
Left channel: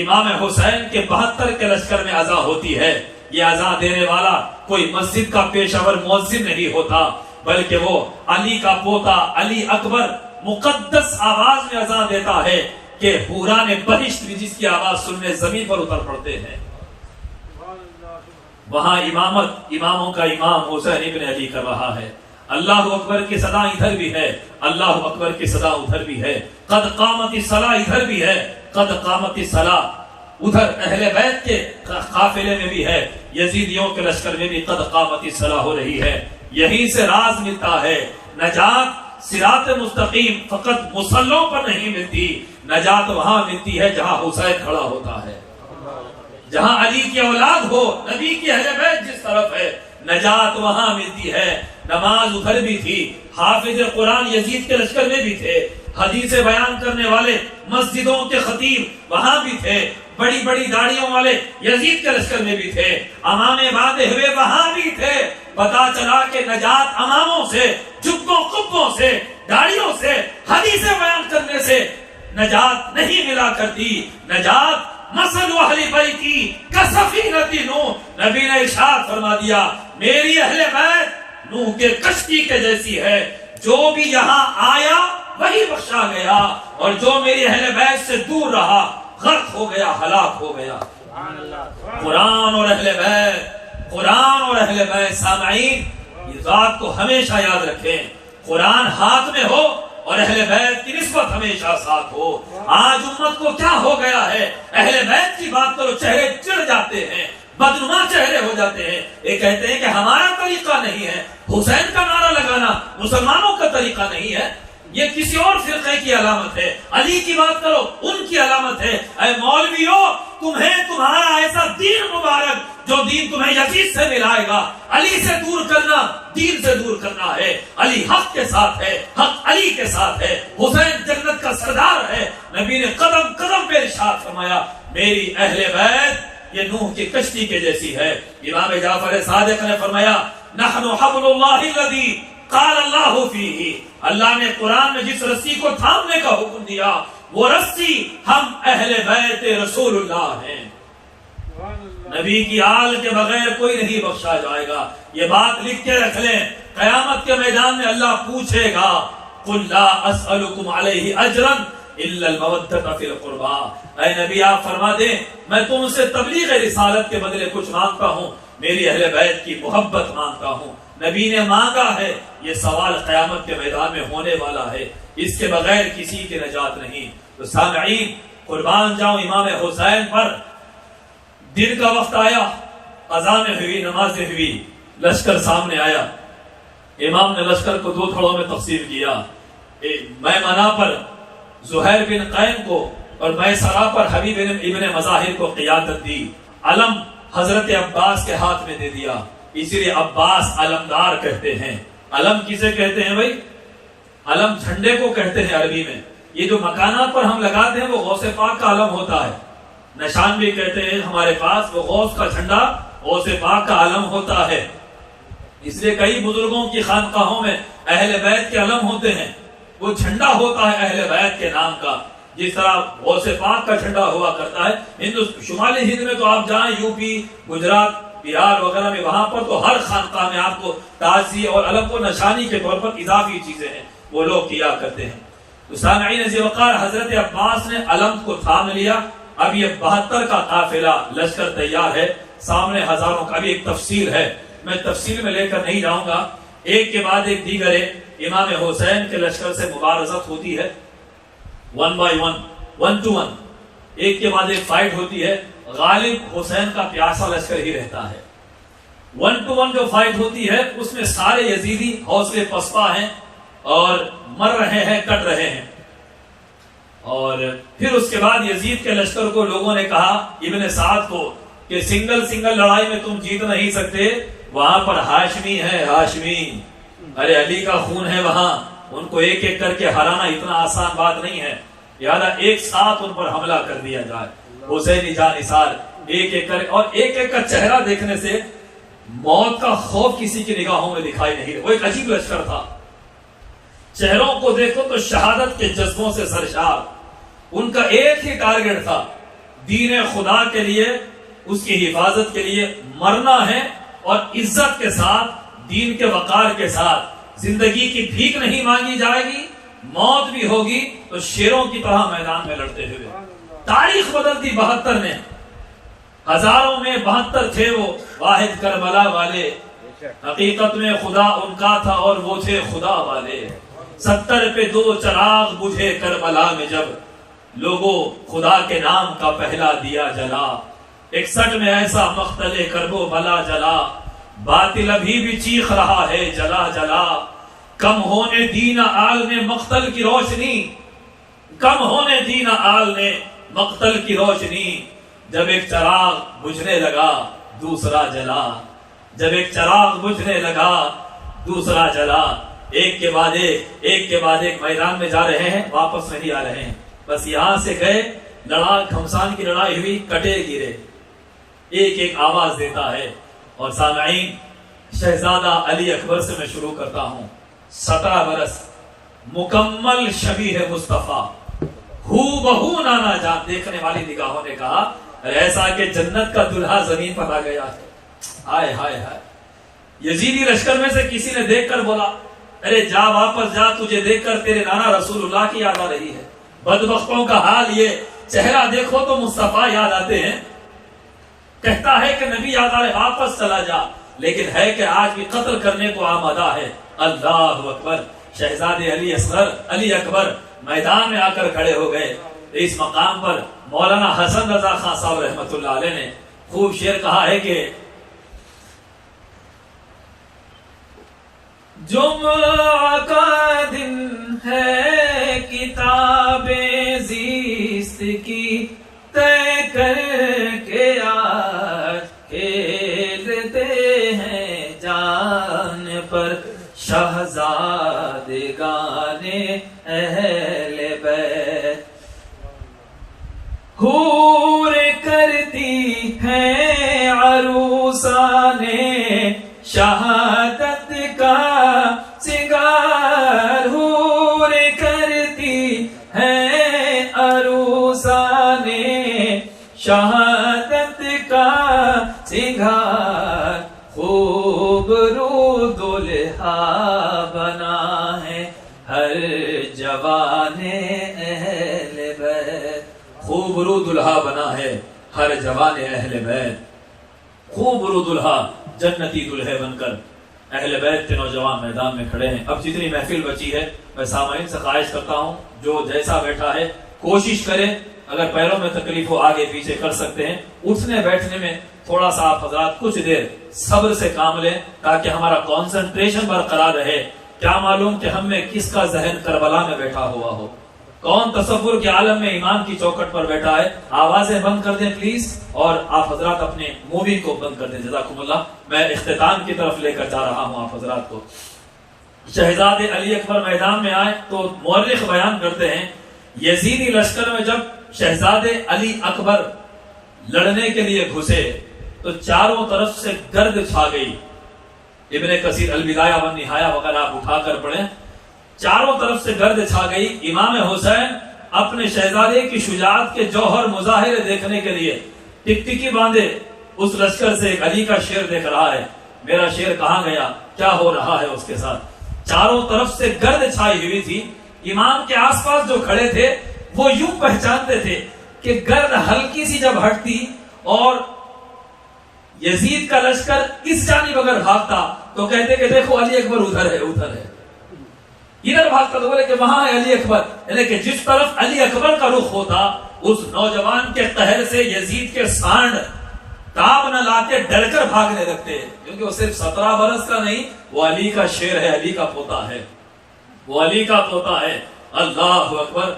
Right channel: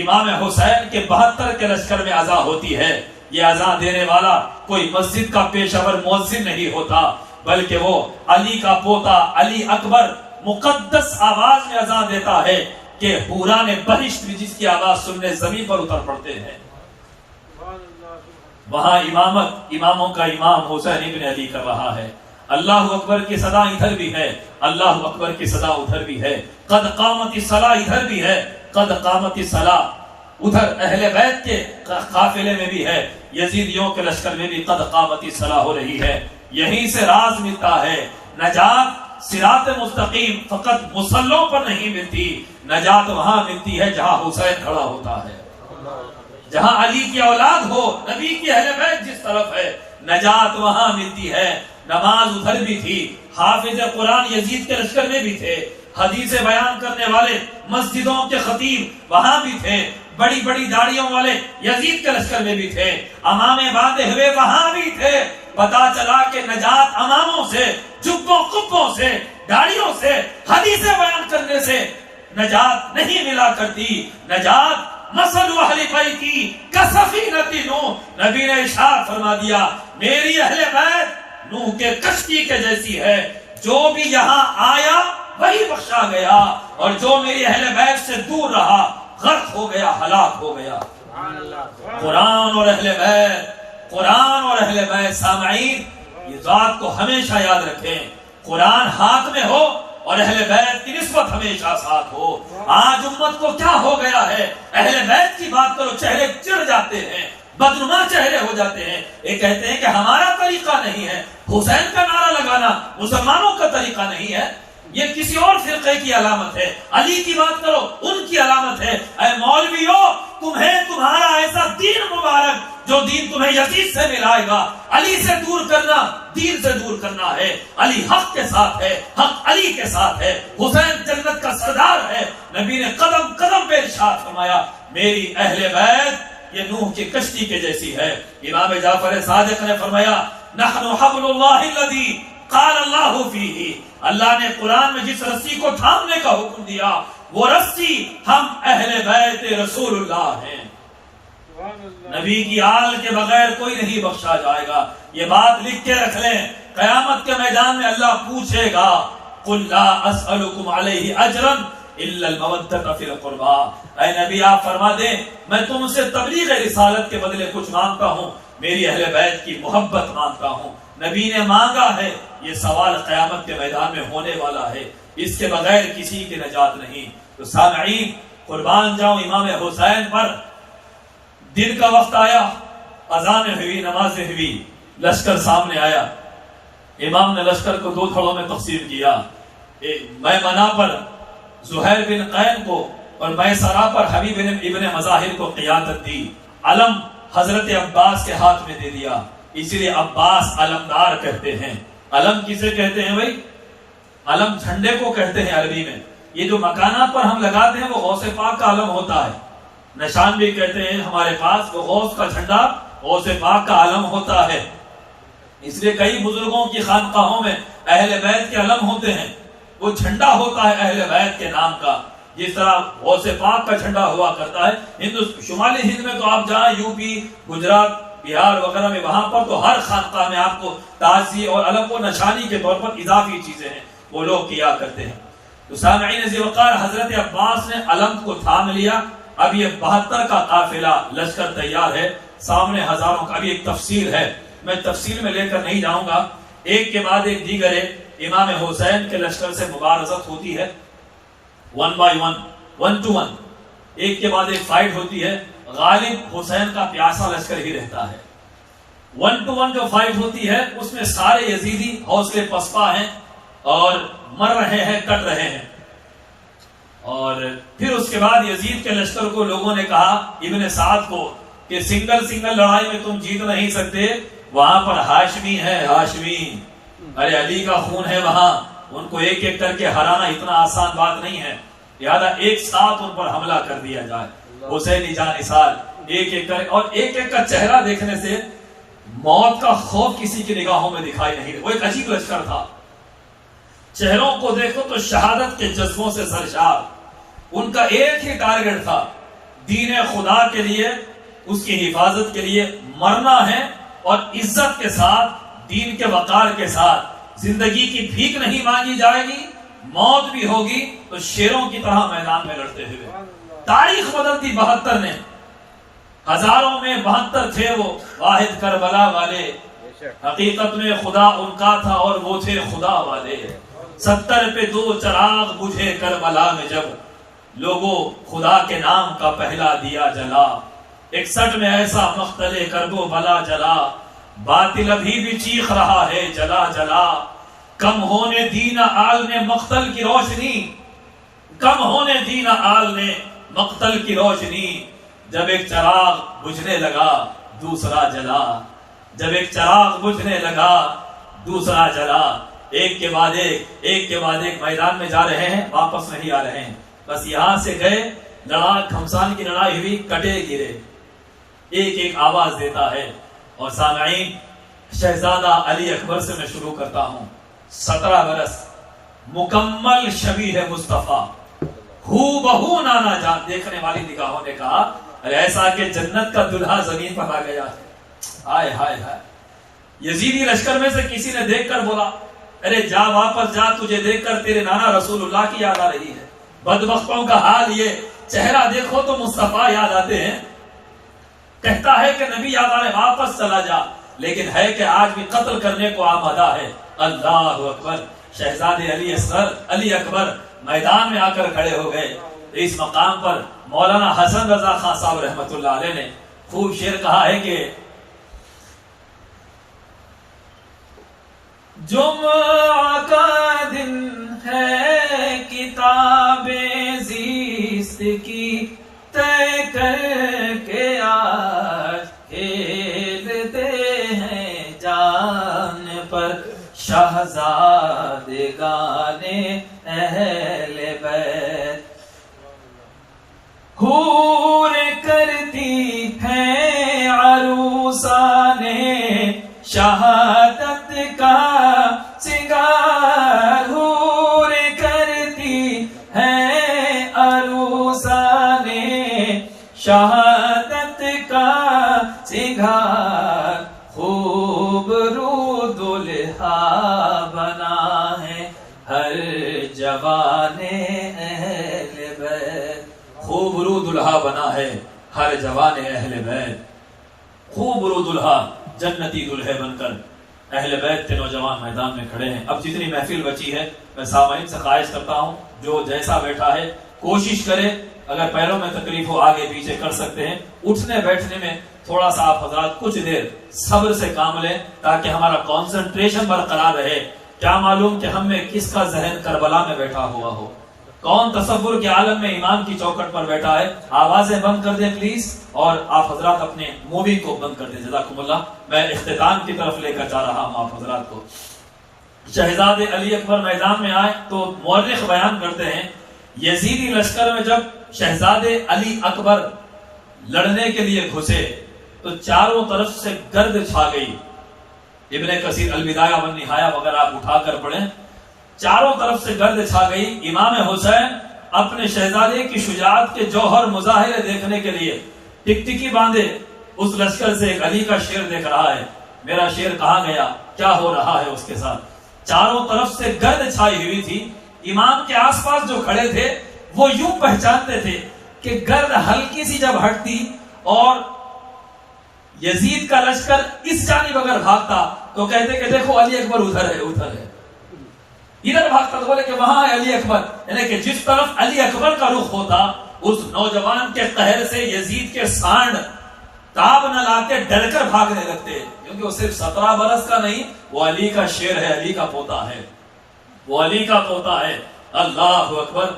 امام حسین کے 72 کے لشکر میں اذان ہوتی ہے، یہ اذان دینے والا کوئی مسجد کا پیشہ ور مؤذن نہیں ہوتا، بلکہ وہ علی کا پوتا علی اکبر مقدس آواز میں اذان دیتا ہے کہ حوران بہشت بھی جس کی آواز سننے زمین پر اتر پڑتے ہیں۔ وہاں اماموں کا امام حسین ابن علی کر رہا ہے، اللہ اکبر کی صدا ادھر بھی ہے، اللہ اکبر کی صدا ادھر بھی ہے، قد قامت الصلاۃ ادھر بھی ہے، قد قامت الصلاۃ ادھر اہل بیت کے قافلے میں بھی ہے، یزیدیوں کے لشکر میں بھی قد قامت الصلاۃ ہو رہی ہے۔ یہیں سے راز ملتا ہے، نجات صراط مستقیم فقط مصلوں پر نہیں ملتی، نجات وہاں ملتی ہے جہاں حسین کھڑا ہوتا ہے، جہاں علی کی اولاد ہو، نبی کی اہل بیت جس طرف ہے، نجات وہاں ملتی ہے۔ نماز ادھر بھی تھی، حافظ قرآن یزید کے لشکر میں بھی تھے، حدیث بیان کرنے والے مسجدوں کے خطیب وہاں بھی تھے، بڑی بڑی داڑیوں والے یزید کے لشکر میں بھی تھے، امامے باندھے ہوئے وہاں بھی تھے۔ پتا چلا کہ نجات اماموں سے، جبوں قبوں سے، داڑیوں سے، حدیث بیان کرنے سے نجات نہیں ملا کرتی، نجات مثل اہل بیتی کسفینۃ نوح، نبی نے ارشاد فرما دیا میری اہل بیت نوح کے کشتی کے جیسی ہے، جو بھی یہاں آیا وہی بخشا گیا، اور جو میری اہل بیت سے دور رہا غرق ہو گیا، ہلاک ہو گیا۔ قرآن اور اہل بیت، قرآن اور اہل بیت، سامعین یہ بات کو ہمیشہ یاد رکھیں، قرآن ہاتھ میں ہو اور اہل بیت کی نسبت ہمیشہ ساتھ ہو۔ آج امت کو کیا ہو گیا ہے، اہل بیت کی بات کرو چہرے چڑھ جاتے ہیں، بدنما چہرے ہو جاتے ہیں، یہ کہتے ہیں کہ ہمارا طریقہ نہیں ہے، حسین کا نعرہ لگانا مسلمانوں کا طریقہ نہیں ہے، یہ کسی اور فرقے کی علامت ہے، علی کی بات کرو ان کی علامت ہے۔ اے مولویو، تمہیں تمہارا ایسا دین مبارک جو دین تمہیں یزید سے ملائے گا، علی سے دور کرنا دین سے دور کرنا ہے۔ علی حق کے ساتھ ہے، حق علی کے ساتھ ہے، حسین جنت کا سردار ہے۔ نبی نے قدم قدم پہ ارشاد فرمایا میری اہل بیت یہ نوح کی کشتی کے جیسی ہے۔ امام جعفر صادق نے فرمایا نحن حبل اللہ الذی قال اللہ فیہ، اللہ نے قرآن میں جس رسی کو تھامنے کا حکم دیا وہ رسی ہم اہل بیت رسول اللہ ہیں۔ نبی کی آل کے بغیر کوئی نہیں بخشا جائے گا، یہ بات لکھ کے رکھ لیں، قیامت کے میدان میں اللہ پوچھے گا قل لا اسألکم علیہ اجرا الا المودۃ فی القربى، اے نبی آپ فرما دیں میں تم سے تبلیغ رسالت کے بدلے کچھ مانگتا ہوں، میری اہل بیت کی محبت مانگتا ہوں۔ نبی نے مانگا ہے، یہ سوال قیامت کے میدان میں ہونے والا ہے، اس کے بغیر کسی کی نجات نہیں۔ تو سامعین قربان جاؤں امام حسین پر۔ دن کا وقت آیا، اذانیں ہوئی، نمازیں ہوئی، لشکر سامنے آیا، امام نے لشکر کو 2 دھڑوں میں تقسیم کیا، میمنہ پر زہیر بن قین کو اور میسرہ پر حبیب ابن مظاہر کو قیادت دی، علم حضرت عباس کے ہاتھ میں دے دیا، اسی لیے عباس علمدار کہتے ہیں۔ علم کسے کہتے ہیں بھائی؟ علم جھنڈے کو کہتے ہیں عربی میں، یہ جو مکانات پر ہم لگاتے ہیں وہ غوث پاک کا علم ہوتا ہے، نشان بھی کہتے ہیں ہمارے پاس، وہ غوث کا جھنڈا غوث پاک کا علم ہوتا ہے۔ اس لیے کئی بزرگوں کی خانقاہوں میں اہل بیت کے علم ہوتے ہیں، وہ جھنڈا ہوتا ہے اہل بیت کے نام کا، جس طرح غوث پاک کا جھنڈا ہوا کرتا ہے۔ شمالی ہند میں تو آپ جائیں، یو پی، گجرات، بہار وغیرہ میں، وہاں پر تو ہر خانقاہ میں آپ کو تازی اور علم کو نشانی کے طور پر اضافی چیزیں ہیں وہ لوگ کیا کرتے ہیں۔ تو سامعین عزیز وقار، حضرت عباس نے علم کو تھام لیا، اب یہ 72 کا قافلہ لشکر تیار ہے، سامنے ہزاروں کا بھی ایک تفصیل ہے، میں تفصیل میں لے کر نہیں جاؤں گا، ایک کے بعد ایک دیگر امام حسین کے لشکر سے مبارزت ہوتی ہے، 1 by 1، 1 to 1، ایک کے بعد ایک فائٹ ہوتی ہے، غالب حسین کا پیاسا لشکر ہی رہتا ہے۔ 1 to 1 جو فائٹ ہوتی ہے اس میں سارے یزیدی حوصلے پسپا ہیں اور مر رہے ہیں، کٹ رہے ہیں، اور پھر اس کے بعد یزید کے لشکر کو لوگوں نے کہا ابن سعد کو کہ سنگل لڑائی میں تم جیت نہیں سکتے، وہاں پر ہاشمی ہے، ہاشمی، ارے علی کا خون ہے وہاں، ان کو ایک ایک کر کے ہرانا اتنا آسان بات نہیں ہے، لہذا ایک ساتھ ان پر حملہ کر دیا جائے، حسینی جانثار ایک ایک کر، اور ایک ایک کا چہرہ دیکھنے سے موت کا خوف کسی کی نگاہوں میں دکھائی نہیں رہا۔ وہ ایک عجیب لشکر تھا، چہروں کو دیکھو تو شہادت کے جذبوں سے سرشار، ان کا ایک ہی ٹارگٹ تھا، دین خدا کے لیے، اس کی حفاظت کے لیے مرنا ہے، اور عزت کے ساتھ، دین کے وقار کے ساتھ۔ زندگی کی بھیک نہیں مانگی جائے گی، موت بھی ہوگی تو شیروں کی طرح میدان میں لڑتے ہوئے۔ تاریخ بدل دی 72 نے، ہزاروں میں 72 تھے وہ واحد کربلا والے، حقیقت میں خدا ان کا تھا اور وہ تھے خدا والے۔ 70 پہ 2 چراغ بجھے کربلا میں جب، لوگوں خدا کے نام کا پہلا دیا جلا۔ 61 میں ایسا مقتل کرب و بلا جلا، باطل ابھی بھی چیخ رہا ہے جلا جلا۔ کم ہونے دین آل نے مقتل کی روشنی، کم ہونے دین آل نے مقتل کی روشنی۔ جب ایک چراغ بجھنے لگا دوسرا جلا، جب ایک چراغ بجھنے لگا دوسرا جلا۔ ایک کے بعد ایک کے بعد ایک میدان میں جا رہے ہیں، واپس نہیں آ رہے ہیں، بس یہاں سے گئے، لڑائی گھمسان کی لڑائی ہوئی، کٹے گرے، ایک ایک آواز دیتا ہے۔ اور سامعین، شہزادہ علی اکبر سے میں شروع کرتا ہوں۔ 17 برس، مکمل شبیہ مصطفیٰ، ہو بہو نانا جان۔ دیکھنے والی نگاہوں نے کہا ایسا کہ جنت کا دلہا زمین پر آ گیا ہے۔ ہائے ہائے ہائے۔ یزیدی لشکر میں سے کسی نے دیکھ کر بولا، ارے جا واپس جا، تجھے دیکھ کر تیرے نانا رسول اللہ کی یاد آ رہی ہے۔ بدبختوں کا حال یہ، چہرہ دیکھو تو مصطفیٰ یاد آتے ہیں، کہتا ہے کہ نبی یاد آ رہے، واپس چلا جا، لیکن ہے کہ آج بھی قتل کرنے کو آمادہ ہے۔ اللہ اکبر۔ شہزادے علی اکبر میدان میں آ کر کھڑے ہو گئے۔ اس مقام پر مولانا حسن رضا خان صاحب رحمۃ اللہ علیہ نے خوب شعر کہا ہے کہ جمعہ کا دن ہے کتاب زیست کی طے کر کے آج کھیلتے ہیں جان پر شہزادگان اہل بیت۔ حور کرتی ہیں عروسان شہادت کا سنگار، حور کرتی ہیں عروسان شہادت کا سنگار، خوب رو دلہا بنا ہے ہر جوان اہل بیت۔ خوب رو دلہا بنا ہے ہر جوان اہل بیت۔ خوب رو دلہا، جنتی دلہے بن کر اہل بیت کے نوجوان میدان میں کھڑے ہیں۔ اب جتنی محفل بچی ہے، میں سامعین سے خواہش کرتا ہوں جو جیسا بیٹھا ہے کوشش کرے، اگر پیروں میں تکلیف ہو آگے پیچھے کر سکتے ہیں، اٹھنے بیٹھنے میں تھوڑا سا آپ حضرات کچھ دیر صبر سے کام لیں تاکہ ہمارا کانسنٹریشن برقرار رہے۔ کیا معلوم کہ ہم میں کس کا ذہن کربلا میں بیٹھا ہوا ہو، کون تصور کے عالم میں امام کی چوکھٹ پر بیٹھا ہے۔ آوازیں بند کر دیں پلیز، اور آپ حضرات اپنے مووی کو بند کر دیں، جزاکم اللہ۔ میں اختتام کی طرف لے کر جا رہا ہوں آپ حضرات کو۔ شہزادے علی اکبر میدان میں آئے تو مورخ بیان کرتے ہیں، یزیدی لشکر میں جب شہزادے علی اکبر لڑنے کے لیے گھسے تو چاروں طرف سے گرد چھا گئی۔ ابن کثیر البدایہ والنہایہ وغیرہ آپ اٹھا کر پڑھیں، چاروں طرف سے گرد چھا گئی۔ امام حسین اپنے شہزادے کی شجاعت کے جوہر مظاہرے دیکھنے کے لیے ٹکٹکی باندھے اس لشکر سے ایک علی کا شعر دیکھ رہا ہے، میرا شعر کہاں گیا، کیا ہو رہا ہے اس کے ساتھ۔ چاروں طرف سے گرد چھائی ہوئی تھی، امام کے آس پاس جو کھڑے تھے وہ یوں پہچانتے تھے کہ گرد ہلکی سی جب ہٹتی اور یزید کا لشکر اس جانب اگر بھاگتا تو کہتے کہ دیکھو علی اکبر ادھر ہے، ادھر ہے، ادھر بھاگتا تو بولے کہ وہاں ہے علی اکبر، یعنی کہ جس طرف علی اکبر کا رخ ہوتا اس نوجوان کے قہر سے یزید کے سانڈ تاب نہ لاتے ڈر کر بھاگنے لگتے، کیونکہ وہ صرف 17 برس کا نہیں، وہ علی کا شیر ہے، علی کا پوتا ہے، وہ علی کا پوتا ہے۔ اللہ اکبر۔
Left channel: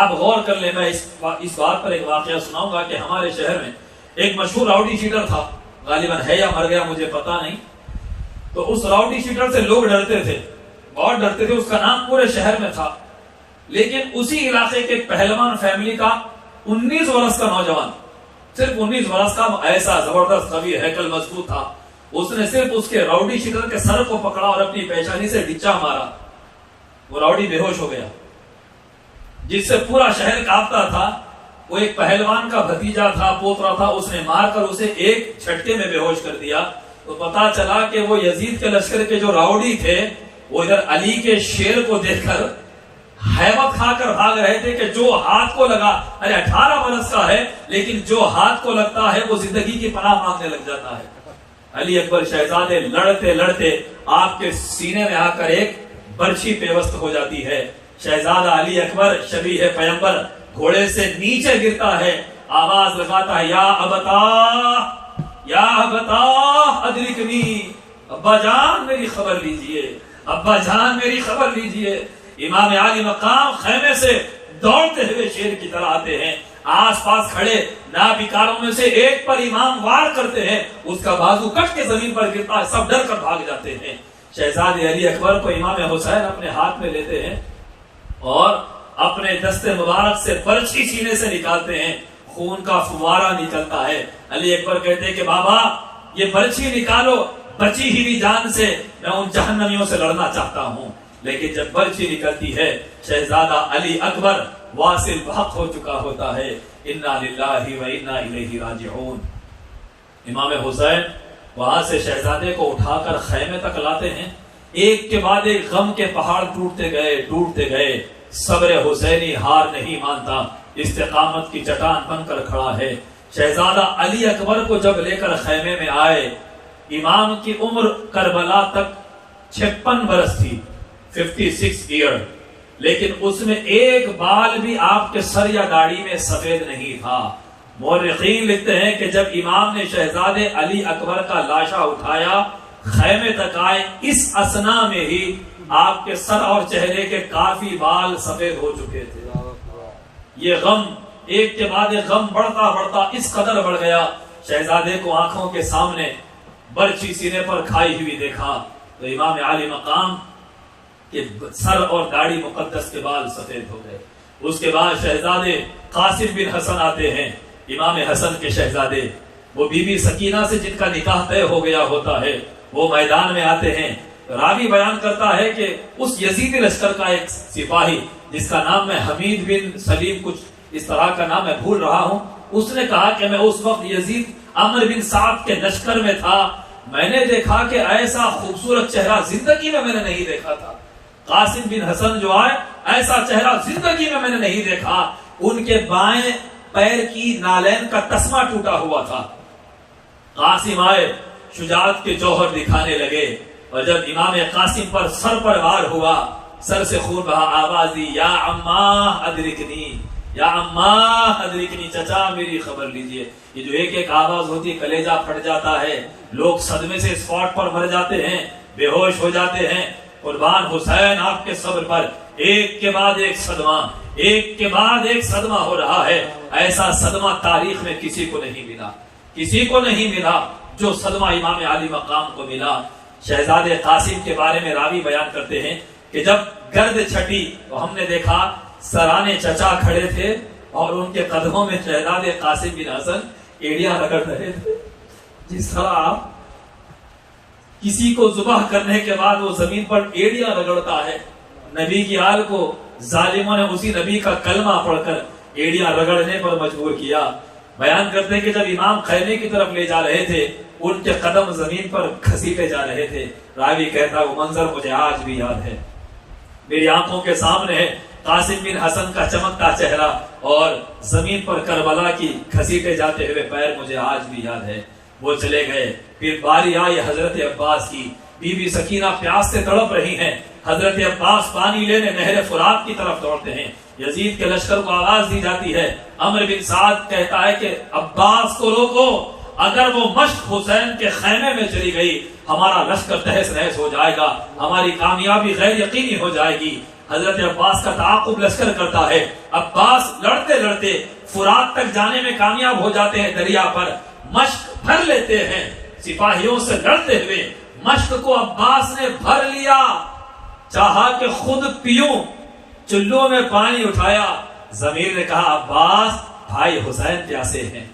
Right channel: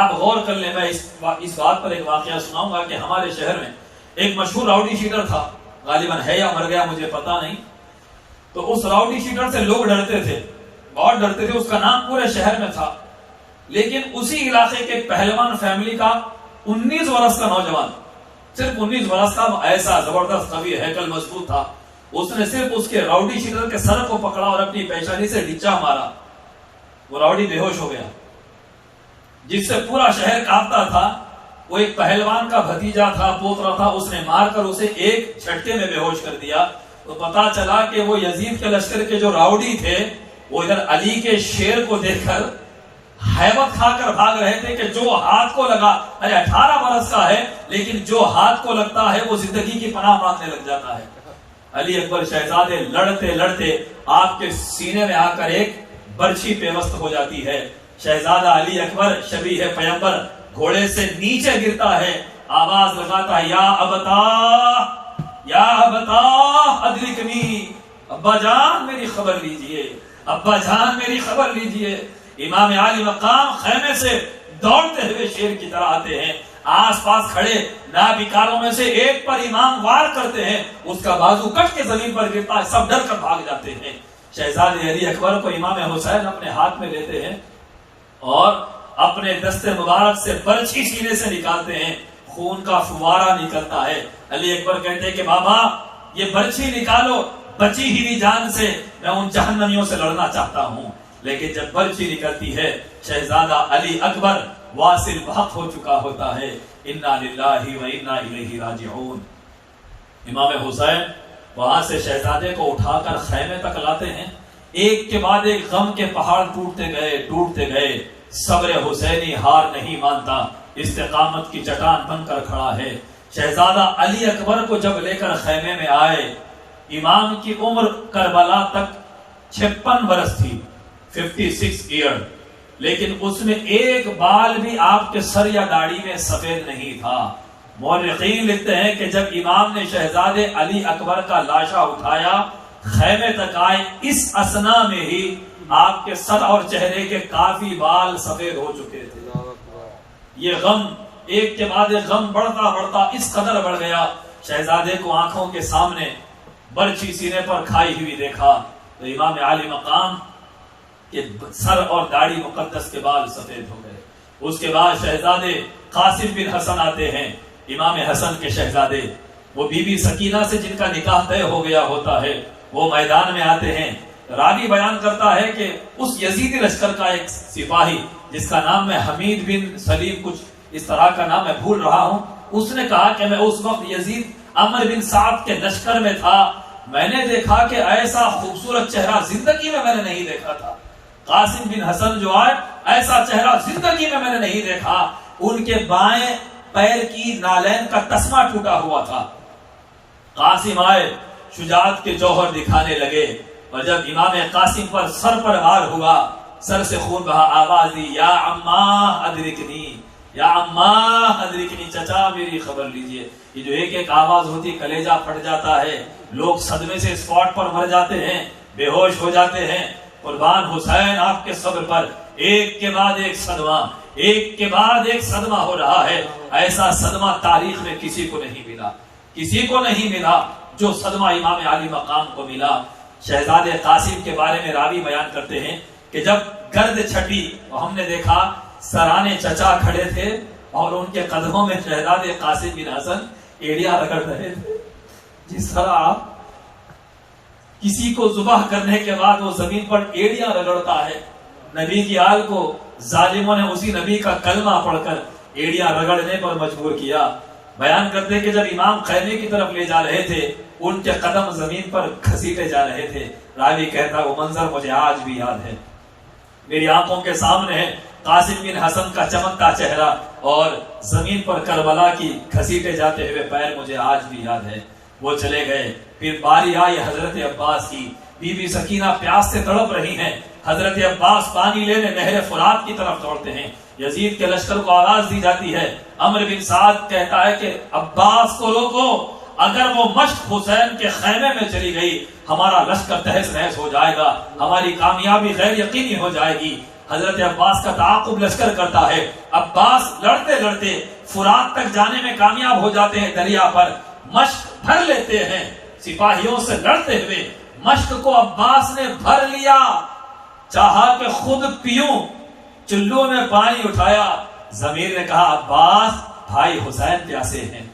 آپ غور کر لیں، میں اس بات پر ایک واقعہ سناؤں گا کہ ہمارے شہر میں ایک مشہور راؤڈی شیٹر تھا، غالباً ہے یا مر گیا مجھے پتا نہیں، تو اس راؤڈی شیٹر سے لوگ ڈرتے تھے، بہت ڈرتے تھے، اس کا نام پورے شہر میں تھا۔ لیکن اسی علاقے کے ایک پہلوان فیملی کا 19 برس کا نوجوان، صرف 19 برس کا، ایسا زبردست قوی ہیکل مضبوط تھا، اس نے صرف اس کے راؤڈی شیٹر کے سر کو پکڑا اور اپنی پیشانی سے ڈچا مارا، وہ راؤڈی بے ہوش ہو گیا، جس سے پورا شہر کانپتا تھا۔ وہ ایک پہلوان کا بھتیجا تھا، پوترا تھا، اس نے مار کر اسے ایک جھٹکے میں بے ہوش کر دیا. تو پتا چلا کہ وہ یزید کے لشکر کے جو راؤڈی تھے وہ ادھر علی کے شیر کو دیکھ کر ہیبت کھا کر بھاگ رہے تھے کہ جو ہاتھ کو لگا، 18 برس کا ہے لیکن جو ہاتھ کو لگتا ہے وہ زندگی کی پناہ مانگنے لگ جاتا ہے. علی اکبر شہزادے لڑتے لڑتے آپ کے سینے میں آ کر ایک برچھی پیوست ہو جاتی ہے. شہزادہ علی اکبر شبیہ پیغمبر گھوڑے سے نیچے گرتا ہے، آواز لگاتا ہے یا ابتا ادرکنی، ابا جان میری خبر لیجئے، ابا جان میری خبر لیجئے. امام عالی مقام خیمے سے دوڑتے ہوئے شیر کی طرح آتے ہیں، آس پاس کھڑے نابکاروں میں سے ایک پر امام وار کرتے ہیں، اس کا بازو کٹ کے زمین پر گرتا ہے، سب ڈر کر بھاگ جاتے ہیں. شہزادے علی اکبر کو امام حسین اپنے ہاتھ میں لیتے ہیں اور اپنے دست مبارک سے برچھی سینے سے نکالتے ہیں، خون کا فوارہ نکلتا ہے. علی اکبر کہتے ہیں کہ بابا یہ برچھی نکالو، بچی ہی جان سے میں ان جہنمیوں سے لڑنا چاہتا ہوں. لیکن جب برچھی نکلتی ہے شہزادہ علی اکبر واصل بحق ہو چکا ہوتا ہے. انا للہ و انا الیہ راجعون. امام حسین وہاں سے شہزادے کو اٹھا کر خیمے تک لاتے ہیں. ایک کے بعد ایک غم کے پہاڑ ٹوٹتے گئے. صبر حسینی ہار نہیں مانتا، استقامت کی چٹان بن کر کھڑا ہے. شہزادہ علی اکبر کو جب لے کر خیمے میں آئے، امام کی عمر کربلا تک 56 برس تھی، 56 ایئر، لیکن اس میں ایک بال بھی آپ کے سر یا داڑھی میں سفید نہیں تھا. مورخین لکھتے ہیں کہ جب امام نے شہزادے علی اکبر کا لاشا اٹھایا، خیمے تک آئے، اس اثنا میں ہی آپ کے سر اور چہرے کے کافی بال سفید ہو چکے تھے. یہ غم ایک کے بعد ایک غم بڑھتا اس قدر بڑھ گیا. شہزادے کو آنکھوں کے سامنے برچھی سینے پر کھائی ہوئی دیکھا تو امام عالی مقام کے سر اور داڑھی مقدس کے بال سفید ہو گئے. اس کے بعد شہزادے قاسم بن حسن آتے ہیں، امام حسن کے شہزادے. وہ بی بی سکینہ سے جن کا نکاح طے ہو گیا ہوتا ہے، وہ میدان میں آتے ہیں. راوی بیان کرتا ہے کہ اس یزیدی لشکر کا ایک سپاہی جس کا نام میں حمید بن سلیم کچھ اس طرح کا نام میں بھول رہا ہوں، اس نے کہا کہ میں اس وقت یزید عمر بن سعد کے لشکر میں تھا، میں نے دیکھا کہ ایسا خوبصورت چہرہ زندگی میں نے نہیں دیکھا تھا. قاسم بن حسن جو آئے، ایسا چہرہ زندگی میں نے نہیں دیکھا. ان کے بائیں پیر کی نالین کا تسمہ ٹوٹا ہوا تھا. قاسم آئے، شجاعت کے جوہر دکھانے لگے، اور جب امام قاسم پر سر پر وار ہوا، سر سے خون بہا، آواز دی یا عماں ادرکنی، یا عماں ادرکنی، چچا میری خبر لیجئے. یہ جو ایک ایک آواز ہوتی کلیجہ پھٹ جاتا ہے، لوگ صدمے سے اسپاٹ پر مر جاتے ہیں، بے ہوش ہو جاتے ہیں. قربان حسین آپ کے صبر پر ایک کے بعد ایک صدمہ، ایک کے بعد ایک صدمہ ہو رہا ہے. ایسا صدمہ تاریخ میں کسی کو نہیں ملا، کسی کو نہیں ملا جو صدمہ امام عالی مقام کو ملا. شہزادے قاسم کے بارے میں راوی بیان کرتے ہیں کہ جب گرد چھٹی تو ہم نے دیکھا سرانے چچا کھڑے تھے اور ان کے قدموں میں شہزادے قاسم بن حسن ایڑیاں رگڑ رہے تھے. جس طرح کسی کو ذبح کرنے کے بعد وہ زمین پر ایڑیاں رگڑتا ہے، نبی کی آل کو ظالموں نے اسی نبی کا کلمہ پڑھ کر ایڑیاں رگڑنے پر مجبور کیا. بیان کرتے ہیں کہ جب امام خیمے کی طرف لے جا رہے تھے، ان کے قدم زمین پر گھسیٹے جا رہے تھے. راوی کہتا وہ منظر مجھے آج بھی یاد ہے، میری آنکھوں کے سامنے ہے قاسم بن حسن کا چمکتا چہرہ اور زمین پر کربلا کی گھسیٹے جاتے ہوئے پیر مجھے آج بھی یاد ہے. وہ چلے گئے. پھر باری آئی حضرت عباس کی. بی بی سکینہ پیاس سے تڑپ رہی ہیں، حضرت عباس پانی لینے نہر فرات کی طرف دوڑتے ہیں. یزید کے لشکر کو آواز دی جاتی ہے. عمر بن سعد کہتا ہے کہ عباس کو روکو، اگر وہ مشق حسین کے خیمے میں چلی گئی ہمارا لشکر تہس نہس ہو جائے گا، ہماری کامیابی غیر یقینی ہو جائے گی. حضرت عباس کا تعاقب لشکر کرتا ہے. عباس لڑتے لڑتے فرات تک جانے میں کامیاب ہو جاتے ہیں. دریا پر مشق بھر لیتے ہیں، سپاہیوں سے لڑتے ہوئے مشق کو عباس نے بھر لیا. چاہا کہ خود پیوں، چلو میں پانی اٹھایا. ضمیر نے کہا عباس بھائی حسین پیاسے ہیں.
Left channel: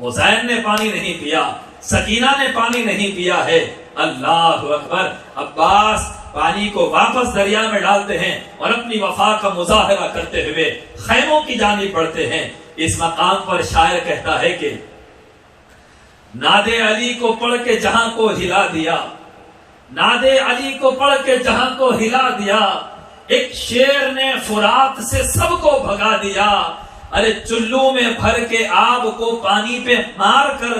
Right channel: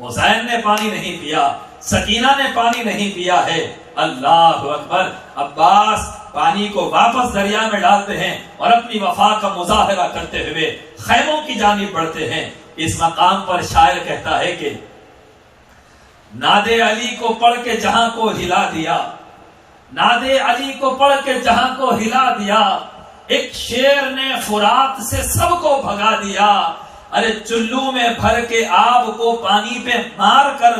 حسین نے پانی نہیں پیا، سکینہ نے پانی نہیں پیا ہے. اللہ اکبر. عباس پانی کو واپس دریا میں ڈالتے ہیں اور اپنی وفا کا مظاہرہ کرتے ہوئے خیموں کی جانب بڑھتے ہیں. اس مقام پر شاعر کہتا ہے کہ ناد علی کو پڑھ کے جہاں کو ہلا دیا، ناد علی کو پڑھ کے جہاں کو ہلا دیا، ایک شیر نے فرات سے سب کو بھگا دیا، ارے چلو میں بھر کے آب کو پانی پہ مار کر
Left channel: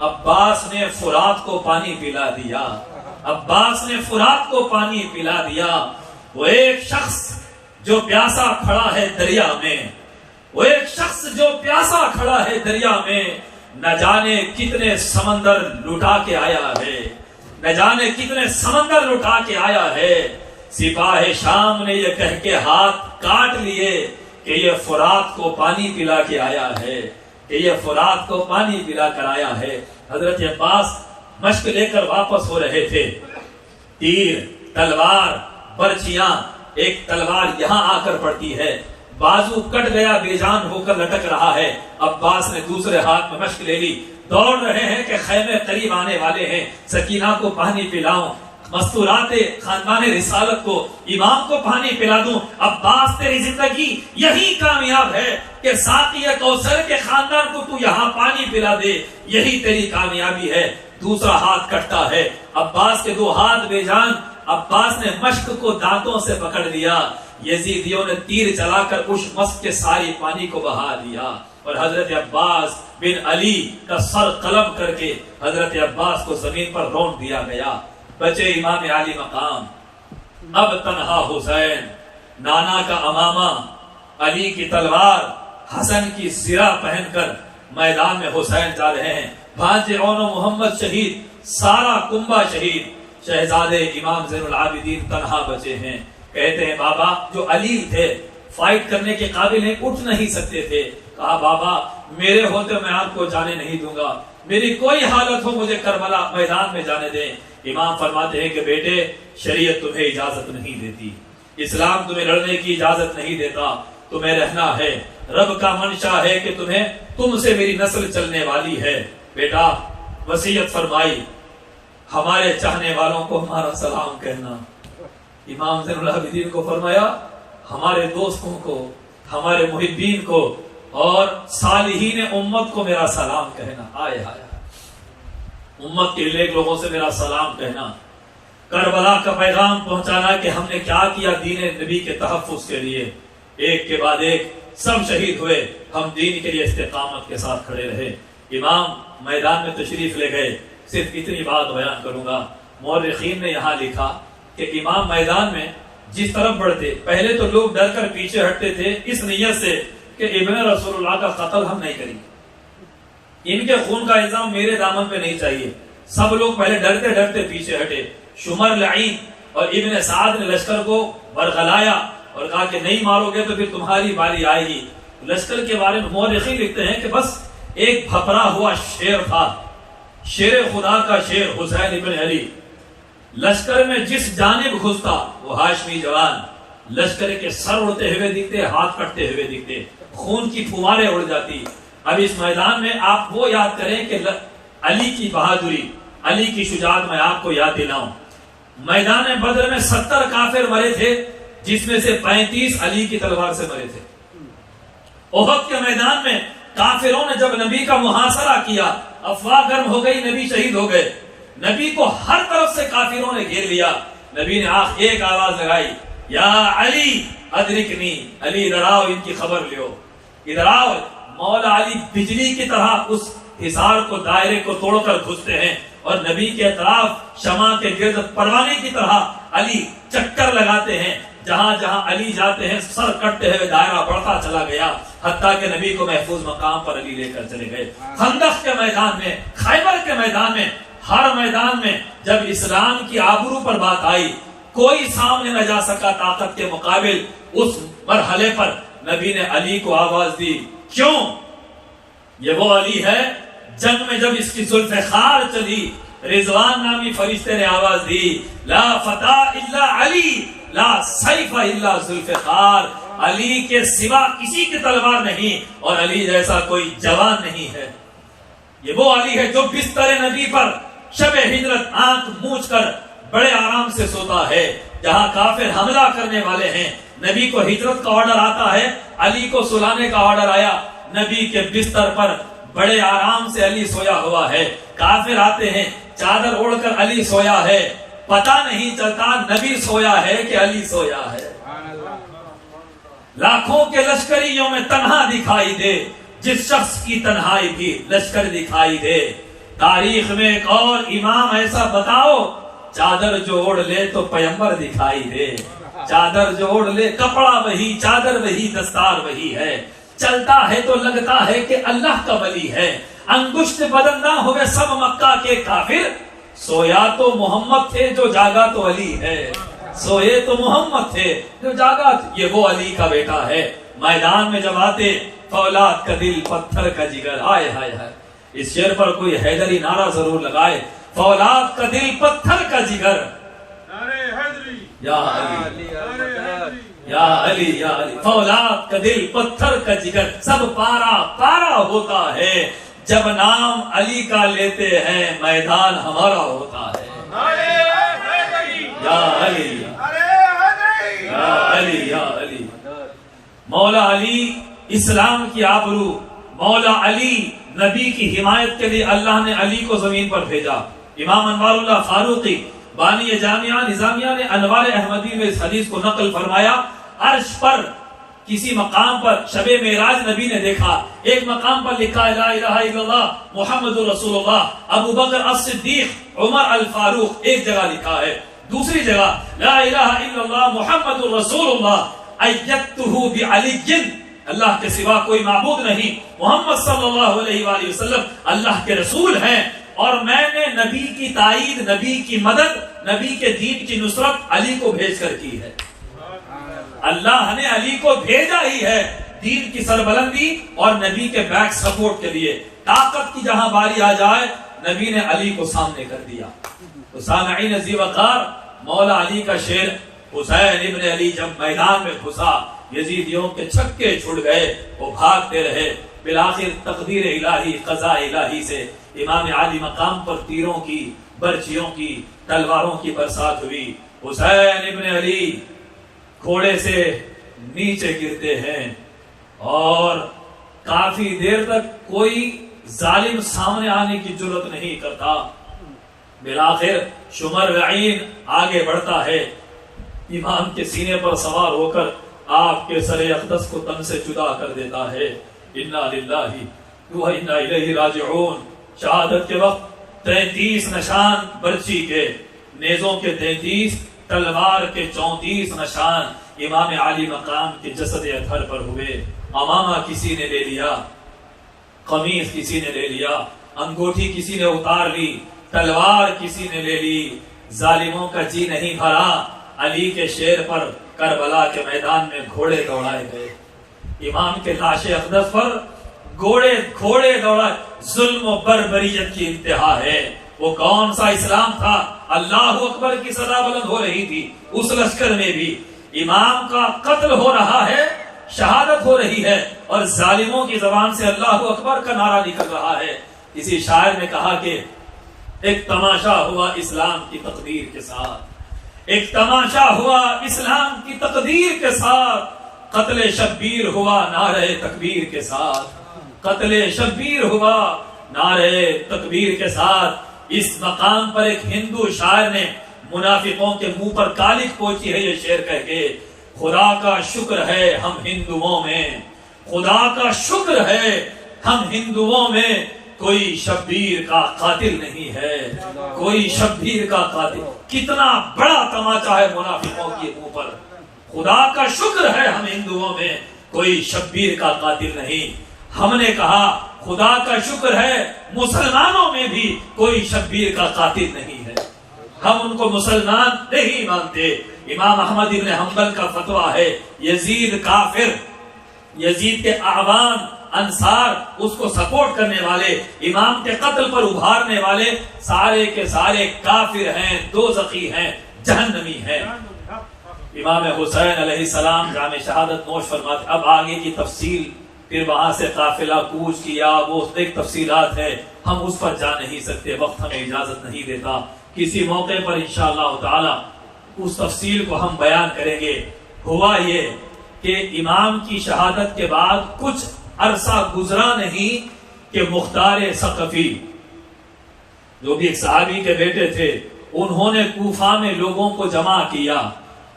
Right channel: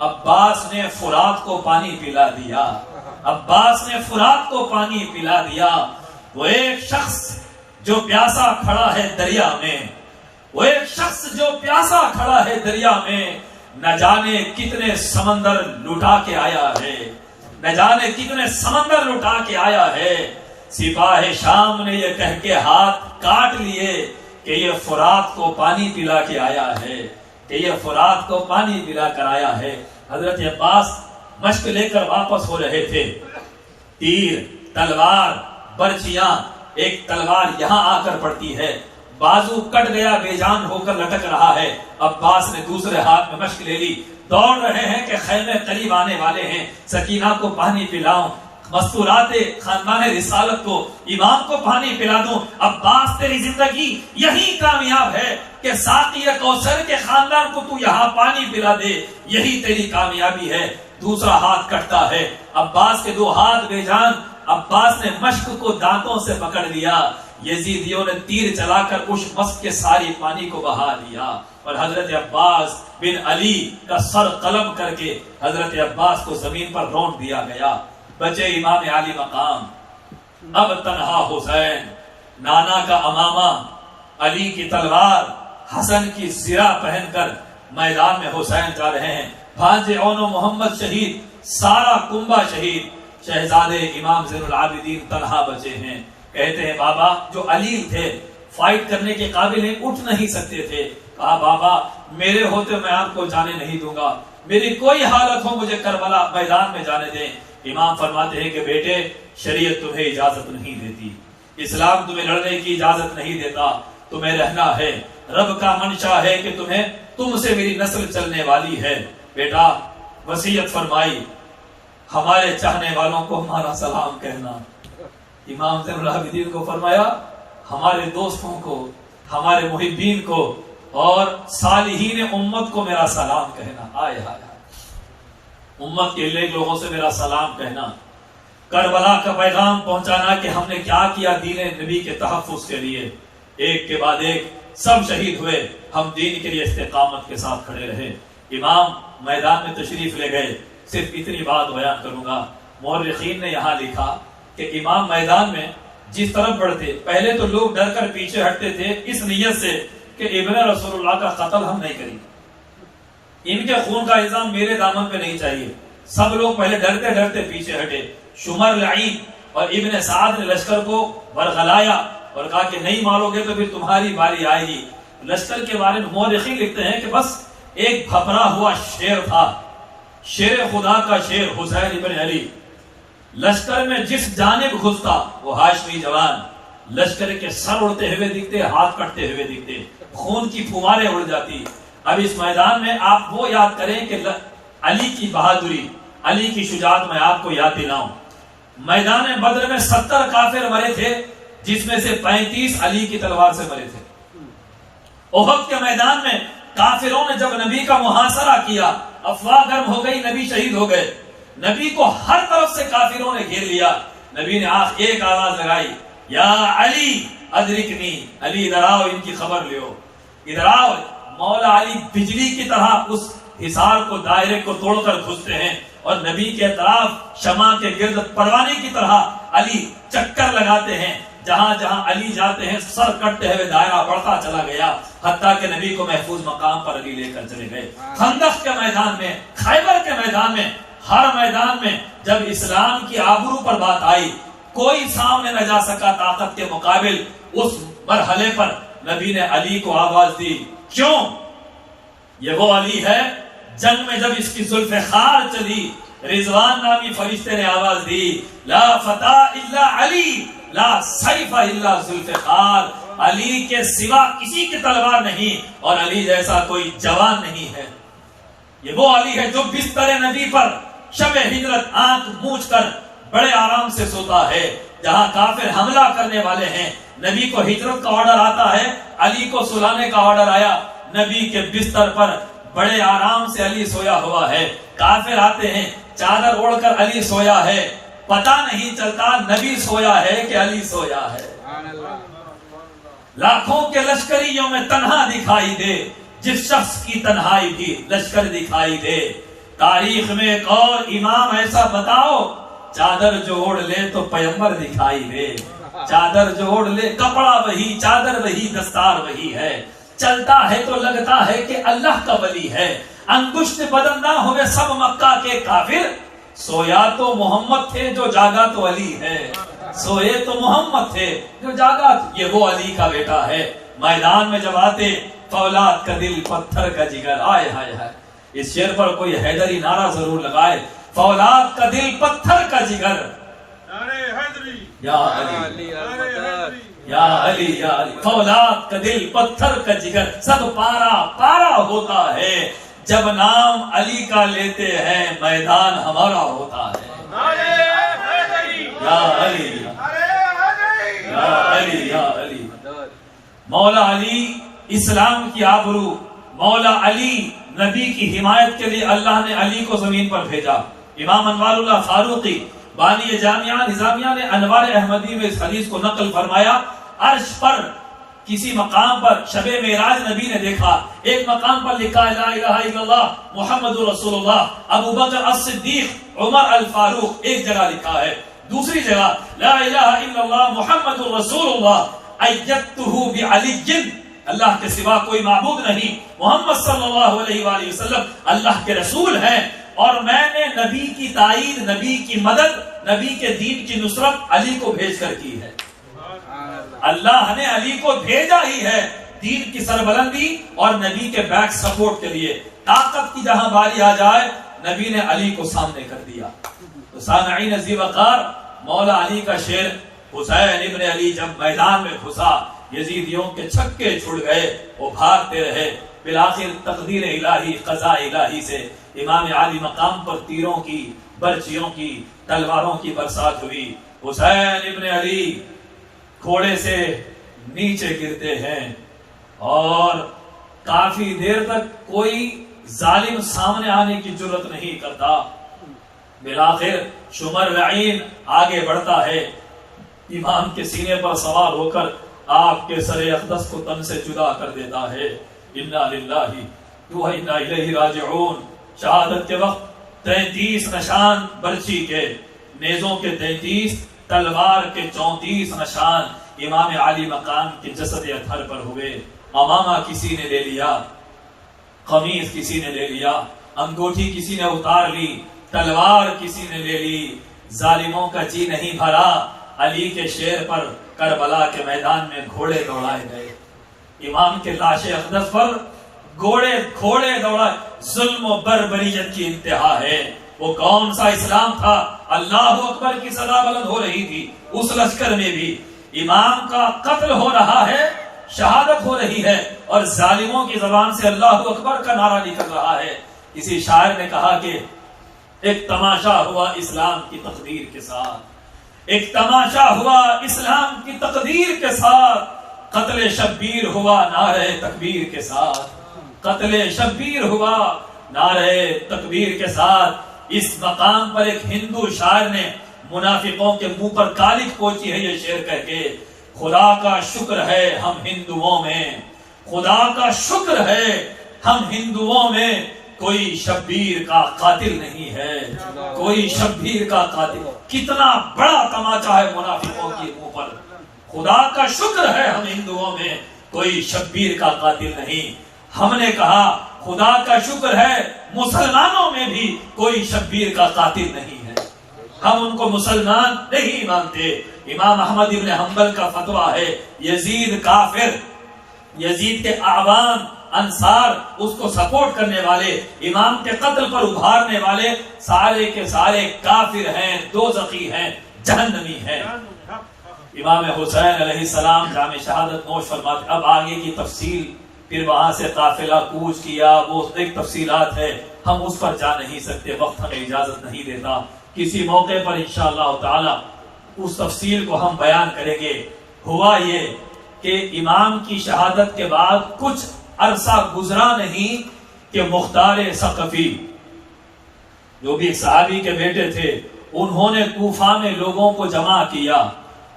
عباس نے فرات کو پانی پلا دیا، عباس نے فرات کو پانی پلا دیا۔ وہ ایک شخص جو پیاسا کھڑا ہے دریا میں، وہ ایک شخص جو پیاسا کھڑا ہے دریا میں، نہ جانے کتنے سمندر لٹا کے آیا ہے، نہ جانے کتنے سمندر لٹا کے آیا ہے۔ سپاہ شام نے یہ کہہ کے ہاتھ کاٹ لیے کہ یہ فرات کو پانی پلا کے آیا ہے، کہ یہ فرات کو پانی پلا کر آیا ہے۔ حضرت عباس مشق لے کر واپس ہو رہے تھے، تیر، تلوار، برچیاں، ایک تلوار یہاں آ کر پڑتی ہے، بازو کٹ گیا، بے جان ہو کر لٹک رہا ہے۔ عباس نے دوسرے ہاتھ میں مشق لے لی، دوڑ رہے ہیں کہ خیمے قریب آنے والے ہیں، سکینہ کو پانی پلاؤں، مستورات خاندان رسالت کو، امام کو پانی پلا دوں۔ عباس تیری زندگی یہی کامیاب ہے کہ ساقی کوثر کے خاندان کو تو یہاں پانی پلا دے، یہی تیری کامیابی ہے۔ دوسرا ہاتھ کٹتا ہے، عباس کے دو ہاتھ بے جان۔ عباس نے مشق کو دانتوں سے پکڑ لیا، یزیدیوں نے تیر چلا کر اس مشق کے ساری پانی کو بہا دیا، اور حضرت عباس بن علی کا سر قلم کر کے حضرت عباس کو زمین پر رون دیا گیا۔ بچے امام علی مقام، اب تنہا حسین، نانا کا امامہ، علی کی تلوار، حسن کی زرہ پہن کر میدان میں حسین جا رہے ہیں۔ بھانجے اون و محمد شہید، سارا کنبہ شہید، شہزادے امام زین العابدین تنہا بچے ہیں۔ کہتے ہیں بابا جو علیل تھے، فائٹ کرنے کے قابل نہیں، اٹھ نہیں سکتے تھے، کہا بابا میرے ہوتے میں آپ کو جانے نہیں دوں گا، میری کوئی حالت ہو مجھے کربلا میدان میں جانے دیں۔ امام فرماتے ہیں کہ بیٹے شریعت تمہیں اجازت نہیں دیتی، اسلام تمہیں لڑنے کی اجازت نہیں دیتا، تمہیں رہنا ہے، رب کا منشا ہے کہ تم سے میری نسل چلنے والی ہے۔ بیٹا وصیت فرمائی، ہمارے چاہنے والوں کو ہمارا سلام کہنا۔ امام زین العابدین کو فرمایا ہمارے دوستوں کو، ہمارے محبین کو اور صالحین امت کو میرا سلام کہنا۔ آئے آئے امت کے نیک لوگوں سے میرا سلام کہنا، کربلا کا پیغام پہنچانا کہ ہم نے کیا کیا دین نبی کے تحفظ کے لیے۔ ایک کے بعد ایک سب شہید ہوئے، ہم دین کے لیے استقامت کے ساتھ کھڑے رہے۔ امام میدان میں تشریف لے گئے۔ صرف اتنی بات بیان کروں گا، مورخین نے یہاں لکھا کہ امام میدان میں جس طرف بڑھتے، پہلے تو لوگ ڈر کر پیچھے ہٹتے تھے اس نیت سے کہ ابن رسول اللہ کا قتل ہم نہیں کریں گے، ان کے خون کا الزام میرے دامن پہ نہیں چاہیے۔ سب لوگ پہلے ڈرتے ڈرتے پیچھے ہٹے۔ شمر لعین اور ابن سعد نے لشکر کو ورغلایا اور کہا کہ نہیں مارو گے تو پھر تمہاری باری آئے گی۔ لشکر کے بارے میں مورخین لکھتے ہیں کہ بس ایک بھپرا ہوا شیر تھا، شیر خدا کا شیر حسین ابن علی، لشکر میں جس جانب گھستا وہ ہاشمی جوان، لشکر کے سر اڑتے ہوئے دکھتے، ہاتھ کٹتے ہوئے دکھتے، خون کی پھواریں اڑ جاتی۔ اب اس میدان میں آپ وہ یاد کریں کہ علی کی بہادری، علی کی شجاعت میں آپ کو یاد دلاؤں۔ میدان بدر میں 70 کافر مرے تھے، جس میں سے 35 علی کی تلوار سے مرے تھے۔ احد کے میدان میں کافروں نے جب نبی کا محاصرہ کیا، افواہ گرم ہو گئی، نبی شہید ہو گئے، نبی کو ہر طرف سے کافروں نے گھیر لیا۔ نبی نے ایک آواز لگائی، یا علی ادرکنی، علی ادھر آؤ، ان کی خبر لیو، ادھر آؤ۔ مولا علی بجلی کی طرح اس حصار کو، دائرے کو توڑ کر گھستے ہیں، اور نبی کے اطراف شمع کے گرد پروانے کی طرح علی چکر لگاتے ہیں۔ جہاں جہاں علی جاتے ہیں سر کٹتے ہوئے دائرہ بڑھتا چلا گیا، حتیٰ کہ نبی کو محفوظ مقام پر علی لے کر چلے گئے۔ خندق کے میدان میں، خیبر کے میدان میں، ہر میدان میں جب اسلام کی آبرو پر بات آئی، کوئی سامنے نہ جا سکا طاقت کے مقابل۔ اس مرحلے پر نبی نے علی کو آواز دی۔ کیوں؟ یہ وہ علی ہے جنگ میں جب اس کی زلف خار چلی، رضوان نامی فرشتے نے آواز دی، لا فتح الا علی، لا سیف الا ذوالفقار، علی کے سوا کسی کی تلوار نہیں، اور علی جیسا کوئی جوان نہیں ہے۔ یہ وہ علی ہے جو بستر نبی پر شب ہجرت آنکھ موچ کر بڑے آرام سے سوتا ہے۔ جہاں کافر حملہ کرنے والے ہیں، نبی کو ہجرت کا آرڈر آتا ہے، علی کو سلانے کا آرڈر آیا۔ نبی کے بستر پر بڑے آرام سے علی سویا ہوا ہے. کافر آتے ہیں, چادر اوڑھ کر علی سویا ہے, پتہ نہیں چلتا نبی سویا ہے کہ علی سویا ہے. لاکھوں کے لشکریوں میں تنہا دکھائی دے, جس شخص کی تنہائی بھی لشکر دکھائی دے. تاریخ میں ایک اور امام ایسا بتاؤ, چادر جو اوڑھ لے تو پیغمبر دکھائی دے. چادر جو اوڑھ لے, کپڑا وہی, چادر وہی, دستار وہی ہے, چلتا ہے تو لگتا ہے کہ اللہ کا ولی ہے. انگشت بدل نہ ہوئے سب مکہ کے کافر, سویا تو محمد تھے جو جاگا تو علی ہے. سوئے تو محمد تھے جو جاگا, یہ وہ علی کا بیٹا ہے. میدان میں جب آتے, فولاد کا دل پتھر کا جگر. آئے ہائے ہائے, اس شعر پر کوئی حیدری نعرہ ضرور لگائے. فولاد کا دل پتھر کا جگر, یا علی یا علی یا علی. فولاد کا دل پتھر کا جگر, سب پارا پارا ہوتا ہے جب نام علی کا لیتے ہیں, میدان ہمارا ہوتا ہے. یا علی یا علی یا علی. مولا علی اسلام کی آبرو, مولا علی نبی کی حمایت کے لیے اللہ نے علی کو زمین پر بھیجا. امام انوار اللہ فاروقی بانی جامعہ نظامیہ نے انوار احمدی میں اس حدیث کو نقل فرمایا. عرش پر کسی مقام پر شب معراج نبی نے دیکھا, ایک مقام پر لکھا ہے لا الہ الا اللہ محمد رسول اللہ, ابو بکر الصدیق عمر الفاروق, ایک جگہ لکھا ہے. دوسری جگہ لا الہ الا اللہ محمد رسول اللہ ایدتہ بعلی, اللہ کے سوا کوئی معبود نہیں, محمد صلی اللہ علیہ وآلہ وسلم اللہ کے رسول ہیں, اور میں نے نبی کی تائید, نبی کی مدد, نبی کے دین کی نصرت علی کو بھیج کر کی ہے. اللہ نے علی کو بھیجا ہی ہے دین کی سربلندی اور نبی کے بیک سپورٹ کے لیے. طاقت کی جہاں باری آ جائے, نبی نے علی کو سامنے کر دیا. تو سامعین ذی وقار, مولا علی کا شعر, حسین ابن علی جب میدان میں گھسا, یزیدیوں کے چھکے چھڑ گئے, وہ بھاگتے رہے. بالآخر تقدیر الہی, قضاء الہی سے امام علی مقام پر تیروں کی, برچیوں کی, تلواروں کی برسات ہوئی. حسین ابن علی گھوڑے سے نیچے گرتے ہیں اور کافی دیر تک کوئی ظالم سامنے آنے کی جرت نہیں کرتا. بالآخر شمر رعین آگے بڑھتا ہے, امام کے سینے پر سوار ہو کر آپ کے سر اقدس کو تن سے جدا کر دیتا ہے. انا للہ و انا الیہ راجعون. شہادت کے وقت 33 نشان برچی کے, نیزوں کے 33, تلوار کے 34 نشان امام علی مقام کے جسد اطہر پر ہوئے. امامہ کسی نے لے لیا, قمیص کسی نے لے لیا, انگوٹھی کسی نے اتار لی, تلوار کسی نے لے لی. ظالموں کا جی نہیں بھرا, علی کے شیر پر کربلا کے میدان میں گھوڑے دوڑائے گئے. امام کے لاش اقدس پر گھوڑے دوڑائے. ظلم و بربریت کی انتہا ہے. وہ کون سا اسلام تھا؟ اللہ اکبر کی صدا بلند ہو رہی تھی. اس لشکر میں بھی امام کا قتل ہو رہا ہے, شہادت ہو رہی ہے, اور ظالموں کی زبان سے اللہ اکبر کا نعرہ نکل رہا ہے. کسی شاعر نے کہا کہ ایک تماشا ہوا اسلام کی تقدیر کے ساتھ, ایک تماشا ہوا اسلام کی تقدیر کے ساتھ, قتل شبیر ہوا نعرہ تکبیر کے ساتھ, قتل شبیر ہوا نعرہ تکبیر کے ساتھ. اس مقام پر ایک ہندو شاعر نے منافقوں کے منہ پر کالک پوچھی ہے یہ شعر کہہ کے, خدا کا شکر ہے ہم ہندوؤں میں, خدا کا شکر ہے ہم ہندوؤں میں کوئی شبیر کا قاتل نہیں ہے, کوئی شبیر کا قاتل. کتنا بڑا تماچا ہے منافقوں کے منہ پر. خدا کا شکر ہے ہم ہندوؤں میں کوئی شبیر کا قاتل نہیں. ہم نے کہا خدا کا شکر ہے مسلمانوں میں بھی کوئی شبیر کا قاتل نہیں ہے, ہم ان کو مسلمان نہیں مانتے. امام احمد ابن حنبل کا فتویٰ ہے, یزید کافر, یزید کے اعوان انصار, اس کو سپورٹ کرنے والے, امام کے قتل پر ابھارنے والے, سارے کے سارے کافر ہیں, دوزخی ہیں, جہنمی ہیں. امام حسین علیہ السلام جامع شہادت نوش فرماتے. اب آگے کی تفصیل, پھر وہاں سے قافلہ کوچ کیا, وہ ایک تفصیلات ہے, ہم اس پر جا نہیں سکتے, وقت ہمیں اجازت نہیں دیتا. کسی موقع پر انشاءاللہ تعالی اس تفصیل کو ہم بیان کریں گے. ہوا یہ کہ امام کی شہادت کے بعد کچھ عرصہ گزرا نہیں کہ مختار ثقفی جو بھی ایک صحابی کے بیٹے تھے، انہوں نے کوفہ میں لوگوں کو جمع کیا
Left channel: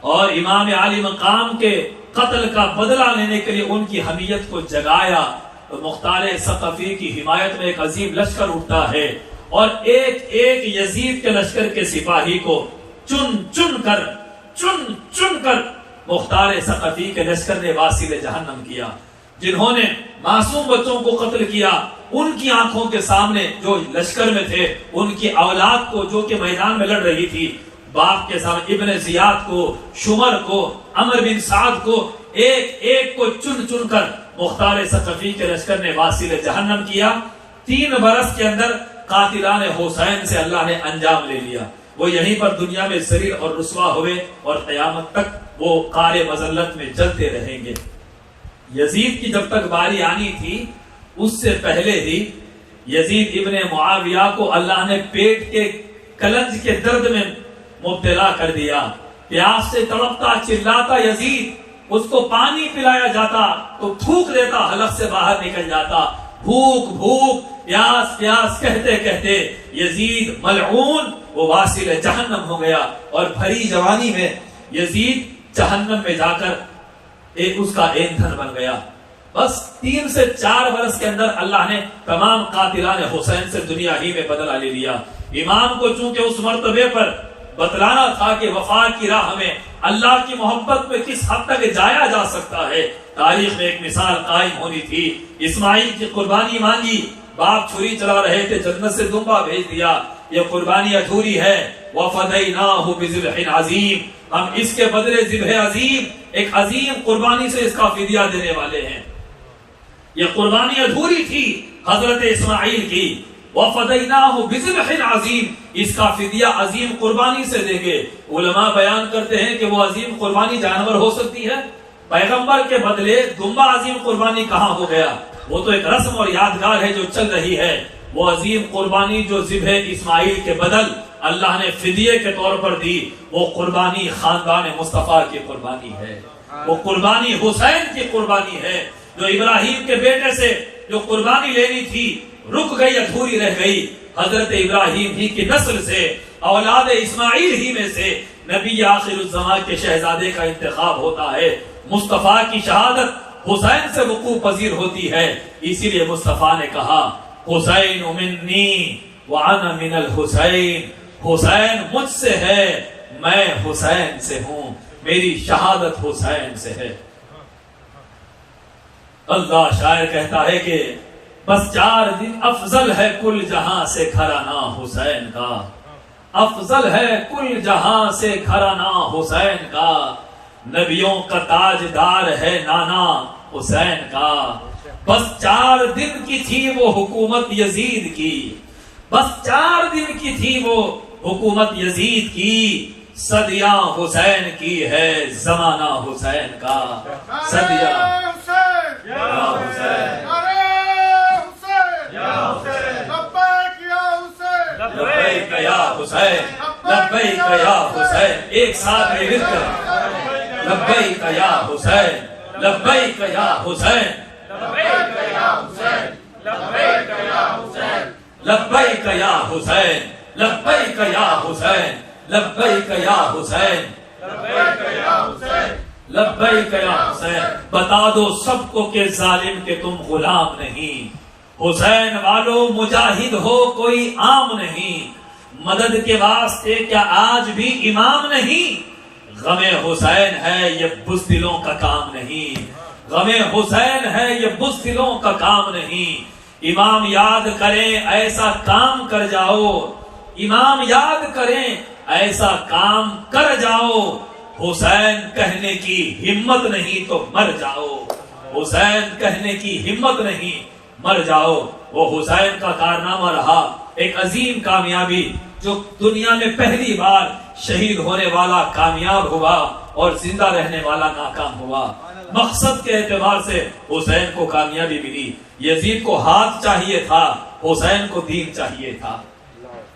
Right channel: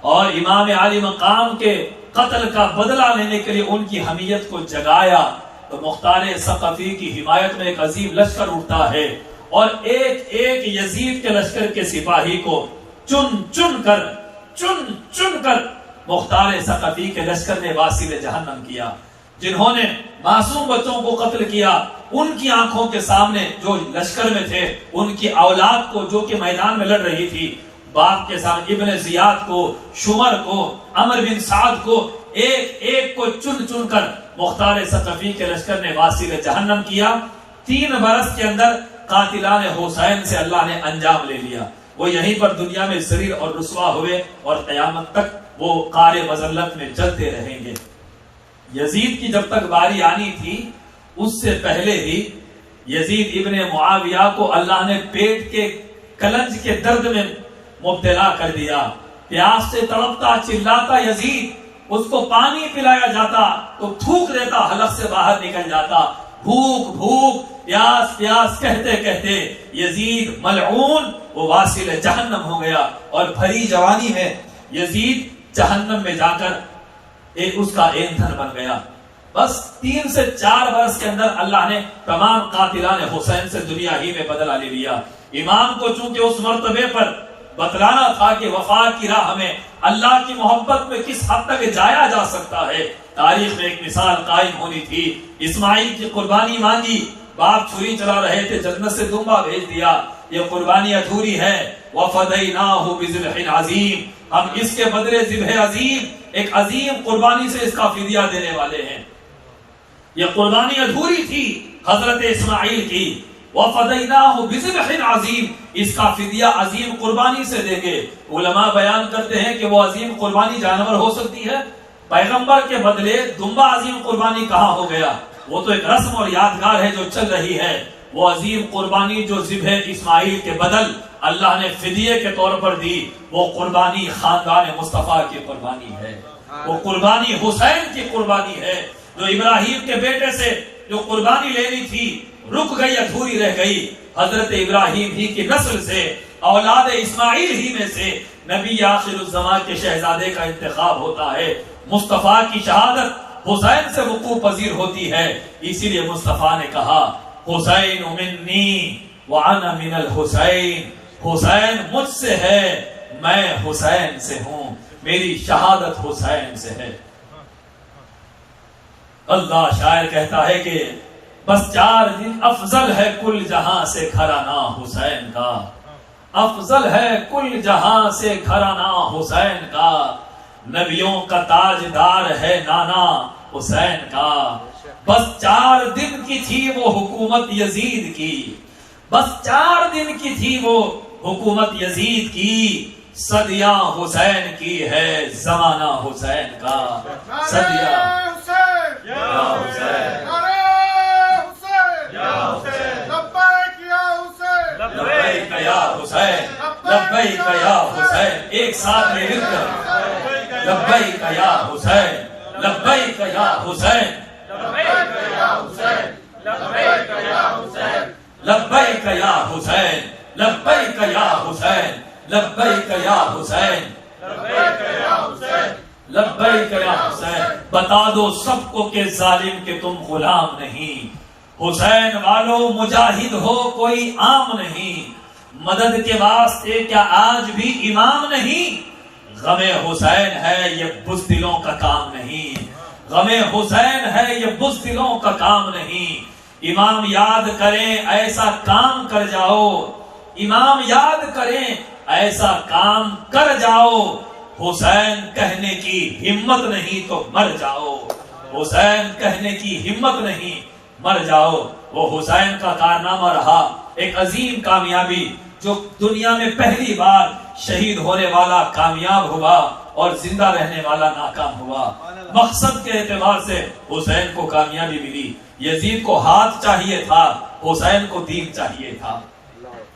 اور امام عالی مقام کے قتل کا بدلہ لینے کے لیے ان کی حمیت کو جگایا۔ تو مختار ثقفی کی حمایت میں ایک عظیم لشکر اٹھتا ہے اور ایک ایک یزید کے لشکر کے سپاہی کو چن چن کر مختار ثقفی کے لشکر نے واسل جہنم کیا۔ جنہوں نے معصوم بچوں کو قتل کیا، ان کی آنکھوں کے سامنے جو لشکر میں تھے، ان کی اولاد کو جو کہ میدان میں لڑ رہی تھی، باپ کے سامنے ابن زیاد کو، شمر کو، عمر بن سعد کو، ایک ایک کو چن کر مختار ثقفی کے لشکر نے واسل جہنم کیا۔ 3 برس کے اندر قاتلان حسین سے اللہ نے انجام لے لیا۔ وہ یہیں پر دنیا میں ذلیل اور رسوا ہوئے اور قیامت تک وہ قار مذلت میں جلتے رہیں گے۔ یزید کی جب تک باری آنی تھی، اس سے پہلے ہی یزید ابن معاویہ کو اللہ نے پیٹ کے کلنج کے درد میں مبتلا کر دیا۔ پیاس سے تڑپتا چلاتا یزید، اس کو پانی پلایا جاتا تو تھوک دیتا، حلق سے باہر نکل جاتا۔ بھوک پیاس کہتے کہتے یزید ملعون وہ واصل جہنم ہو گیا، اور بھری جوانی میں یزید جہنم میں جا کر اس کا ایندھن بن گیا۔ بس 3 سے 4 برس کے اندر اللہ نے تمام قاتلان حسین سے دنیا ہی میں بدلہ لے لیا۔ امام کو چونکہ اس مرتبے پر بتلانا تھا کہ وفا کی راہ میں اللہ کی محبت میں کس حد تک جایا جا سکتا ہے، تاریخ میں ایک مثال قائم ہونی تھی۔ اسماعیل کی قربانی مانگی، باپ چھری چلا رہے تھے، جنت سے دمبا بھیج دیا، یہ قربانی ادھوری ہے۔ وَفَدَيْنَاهُ بِذِبْحٍ عَظِيمٍ، ہم اس کے بدلے ذبح عظیم، ایک عظیم قربانی سے اس کا فدیہ دینے والے ہیں۔ یہ قربانی ادھوری تھی حضرت اسماعیل کی۔ وَفَدَيْنَاهُ بِذِبْحٍ عَظِيمٍ، اس کا فدیہ عظیم قربانی سے دیں گے۔ علماء بیان کرتے ہیں کہ وہ عظیم قربانی جانور ہو سکتی ہے، پیغمبر کے بدلے دمبا عظیم قربانی کہاں ہو گیا؟ وہ تو ایک رسم اور یادگار ہے جو چل رہی ہے۔ وہ عظیم قربانی جو ذبح اسماعیل کے بدل اللہ نے فدیے کے طور پر دی، وہ قربانی خاندان مصطفیٰ کی قربانی ہے، وہ قربانی حسین کی قربانی ہے۔ جو ابراہیم کے بیٹے سے جو قربانی لینی تھی رک گئی، ادھوری رہ گئی۔ حضرت ابراہیم ہی کی نسل سے، اولاد اسماعیل ہی میں سے نبی آخر الزمان کے شہزادے کا انتخاب ہوتا ہے۔ مصطفیٰ کی شہادت حسین سے وقوع پذیر ہوتی ہے، اسی لیے مصطفیٰ نے کہا حسین منی وانا من الحسین، حسین مجھ سے ہے، میں حسین سے ہوں، میری شہادت حسین سے ہے۔ اللہ شاعر کہتا ہے کہ بس 4 دن افضل ہے کل جہاں سے گھرانہ حسین کا، افضل ہے کل جہاں سے گھرانہ حسین کا، نبیوں کا تاجدار ہے نانا حسین کا۔ بس 4 دن کی تھی وہ حکومت یزید کی، بس 4 دن کی تھی وہ حکومت یزید کی، صدیاں حسین کی ہے زمانہ حسین کا، صدیاں یا حسین لبیک یا حسین، لبیک یا حسین، ایک ساتھ میں مل کر لبیک یا حسین، لبیک یا حسین، لبیک یا حسین، لبیک یا حسین، لبیک یا حسین، لبیک یا حسین، لبیک یا حسین، لبیک یا حسین، لبیک یا حسین۔ بتا دو سب کو کہ ظالم کے تم غلام نہیں، حسین والو مجاہد ہو کوئی عام نہیں، مدد کے واسطے کیا آج بھی امام نہیں؟ غم حسین ہے یہ بزدلوں کا کام نہیں، غم حسین ہے یہ بزدلوں کا کام نہیں۔ امام یاد کریں ایسا کام کر جاؤ، امام یاد کریں ایسا کام کر جاؤ، حسین کہنے کی ہمت نہیں تو مر جاؤ، حسین کہنے کی ہمت نہیں مر جاؤ۔ وہ حسین کا کارنامہ رہا ایک عظیم کامیابی، جو دنیا میں پہلی بار شہید ہونے والا کامیاب ہوا اور زندہ رہنے والا ناکام ہوا۔ مقصد کے اعتبار سے حسین کو کامیابی ملی۔ یزید کو ہاتھ چاہیے تھا، حسین کو دین چاہیے تھا۔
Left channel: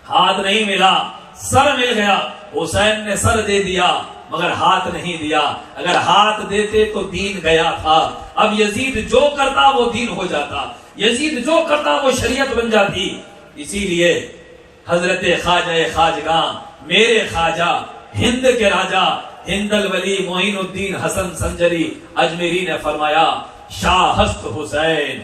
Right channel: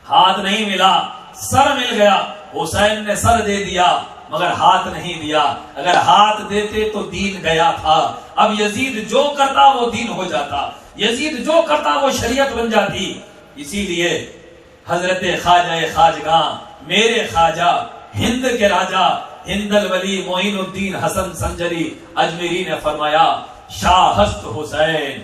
ہاتھ نہیں ملا، سر مل گیا، حسین نے سر دے دیا، مگر ہاتھ نہیں دیا. اگر ہاتھ دیتے تو دین گیا تھا. اب یزید جو کرتا وہ دین ہو جاتا, یزید جو کرتا وہ شریعت بن جاتی. اسی لیے حضرت خواجہ خواجگاں میرے خواجہ ہند کے راجا ہند الولی معین الدین حسن سنجری اجمیری نے فرمایا شاہ ہست حسین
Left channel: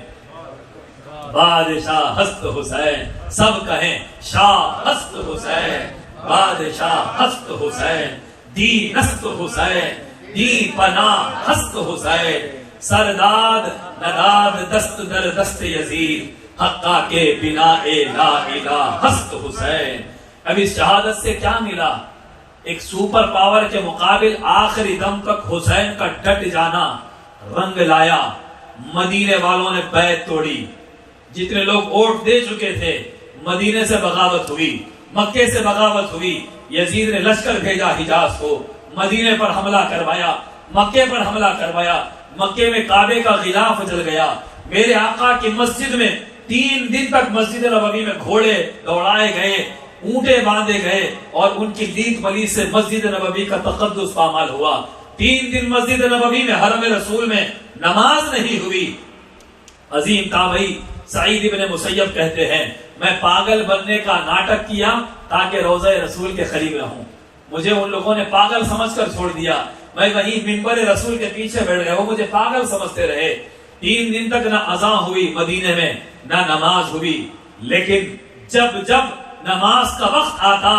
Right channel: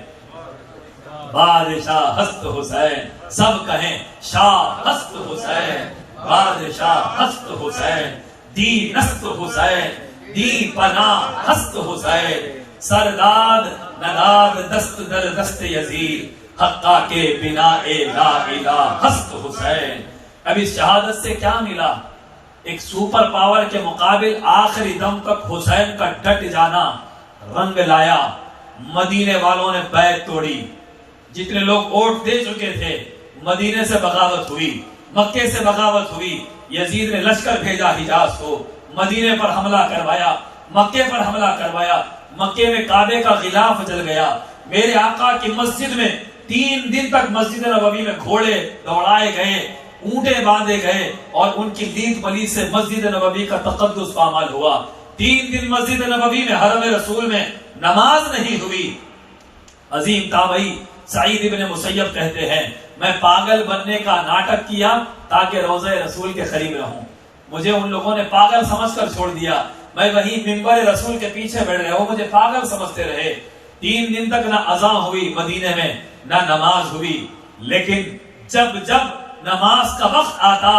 بادشاہ ہست حسین. سب کہیں شاہ ہست حسین بادشاہ ہست حسین. دین است حسین دی پناہ ہست حسین. سرداد نداد دست در دست یزید حقا کے بنا لا الہ ہست حسین. اب اس شہادت سے کیا ملا؟ ایک سپر پاور کے مقابل آخری دم تک حسین کا ڈٹ جانا رنگ لایا. مدینے والوں نے بیعت توڑی. جتنے لوگ ووٹ دے چکے تھے مدینے سے بغاوت ہوئی, مکے سے بغاوت ہوئی. یزید نے لشکر بھیجا حجاز کو, مدینے پر حملہ کروایا, مکے پر حملہ کروایا. مکے میں کعبے کا غلاف جل گیا. میرے آقا کی مسجد میں 3 دن تک مسجد نبوی میں گھوڑے دوڑائے گئے, اونٹیں باندھے گئے اور ان کی لیگ ملی سے مسجد نبوی کا تقدس پامال ہوا. 3 دن مسجد نبوی میں حرم رسول میں نماز نہیں ہوئی. عظیم تابعی سعید ابن مسیب کہتے ہیں میں پاگل بننے کا ناٹک کیا تاکہ روضہ رسول کے قریب رہوں. مجھے ان لوگوں نے پاگل سمجھ کر چھوڑ دیا. میں وہیں منبر رسول کے پیچھے بیٹھ گیا, وہ مجھے پاگل سمجھتے رہے. 3 دن تک نہ اذان ہوئی مدینے میں, نہ نماز ہوئی. لیکن جب نماز کا وقت آتا